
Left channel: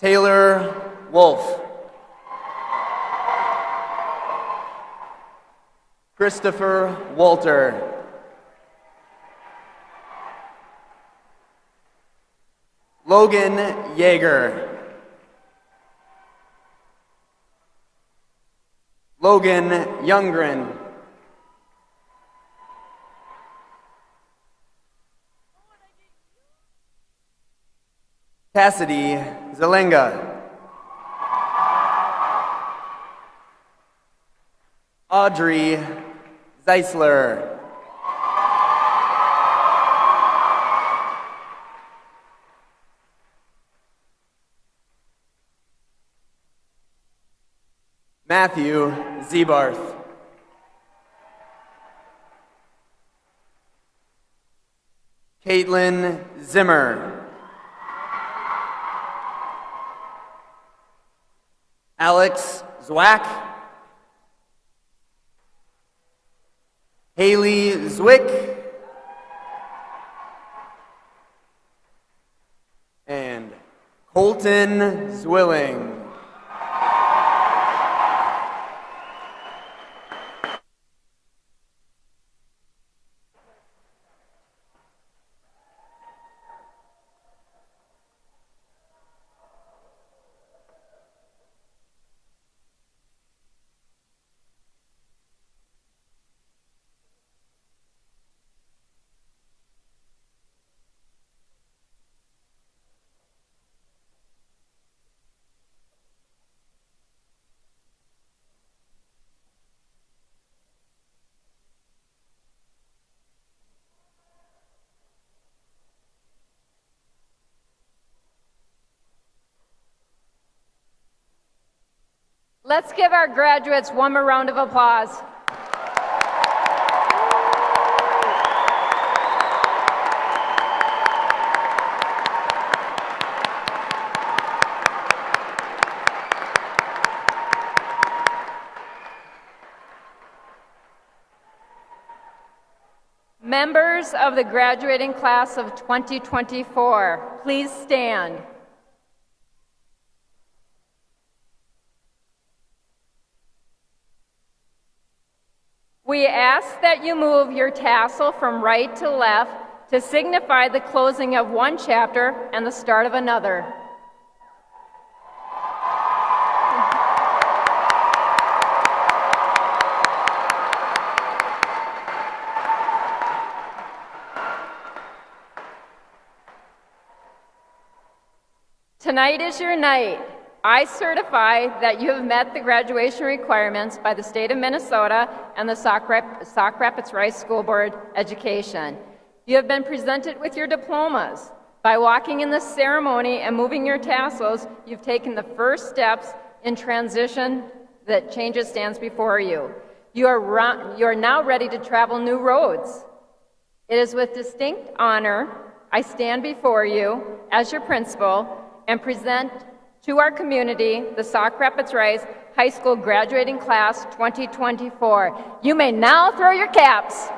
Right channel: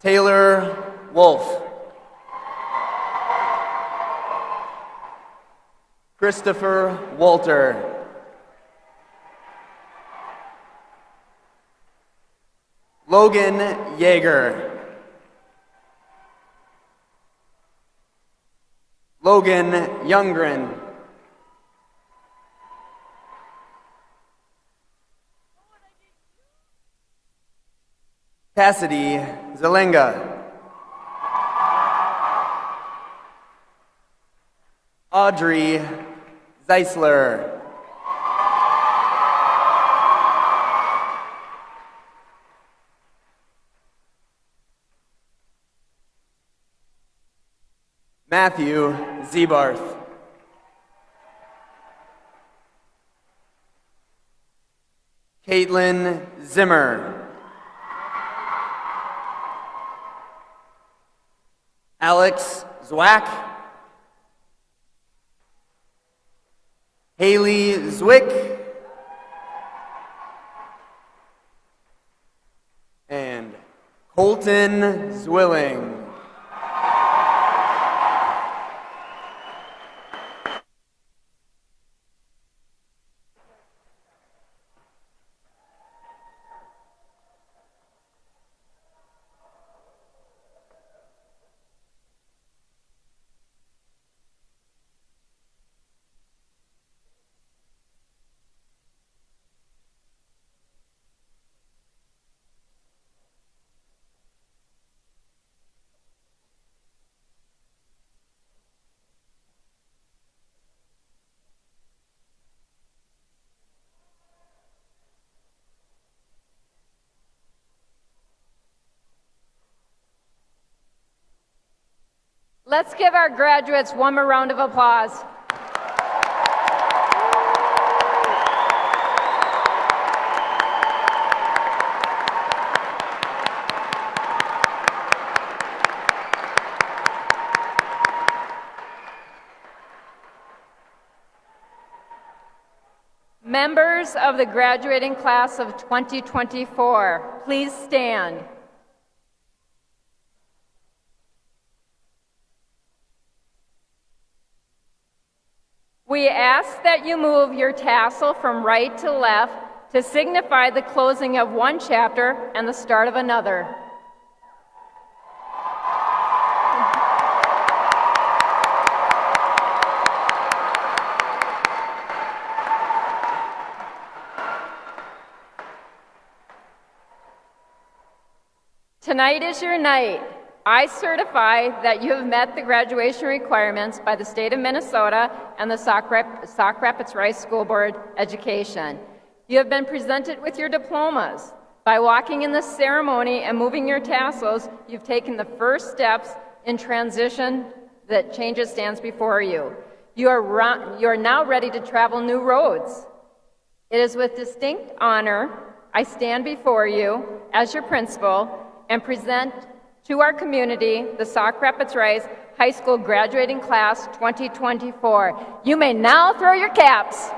Taylor Wolf. Christopher Walter. Logan Yeager. Logan Youngren. Cassidy Zelenga. Audrey Zeisler. Matthew Zebarth. Caitlin Zimmer. Alex Zwack. Haley Zwick. And Colton Zwilling. Let's give our graduates one more round of applause. Members of the graduating class of 2024, please stand. We ask that you move your tassel from right to left to signify the closing of one chapter and the start of another. Tonight is your night. I certify that you have met the graduation requirements by the state of Minnesota and the Sauk Rapids Rice School Board Education. You have been presented with your diplomas. By walking in the ceremony and moving your tassels, you've taken the first steps in transition that changes stands before you. You are now ready to travel new roads. It is with distinct honor I stand before you as your principal and present to our community the Sauk Rapids Rice High School graduating class 2024. You may now throw your caps.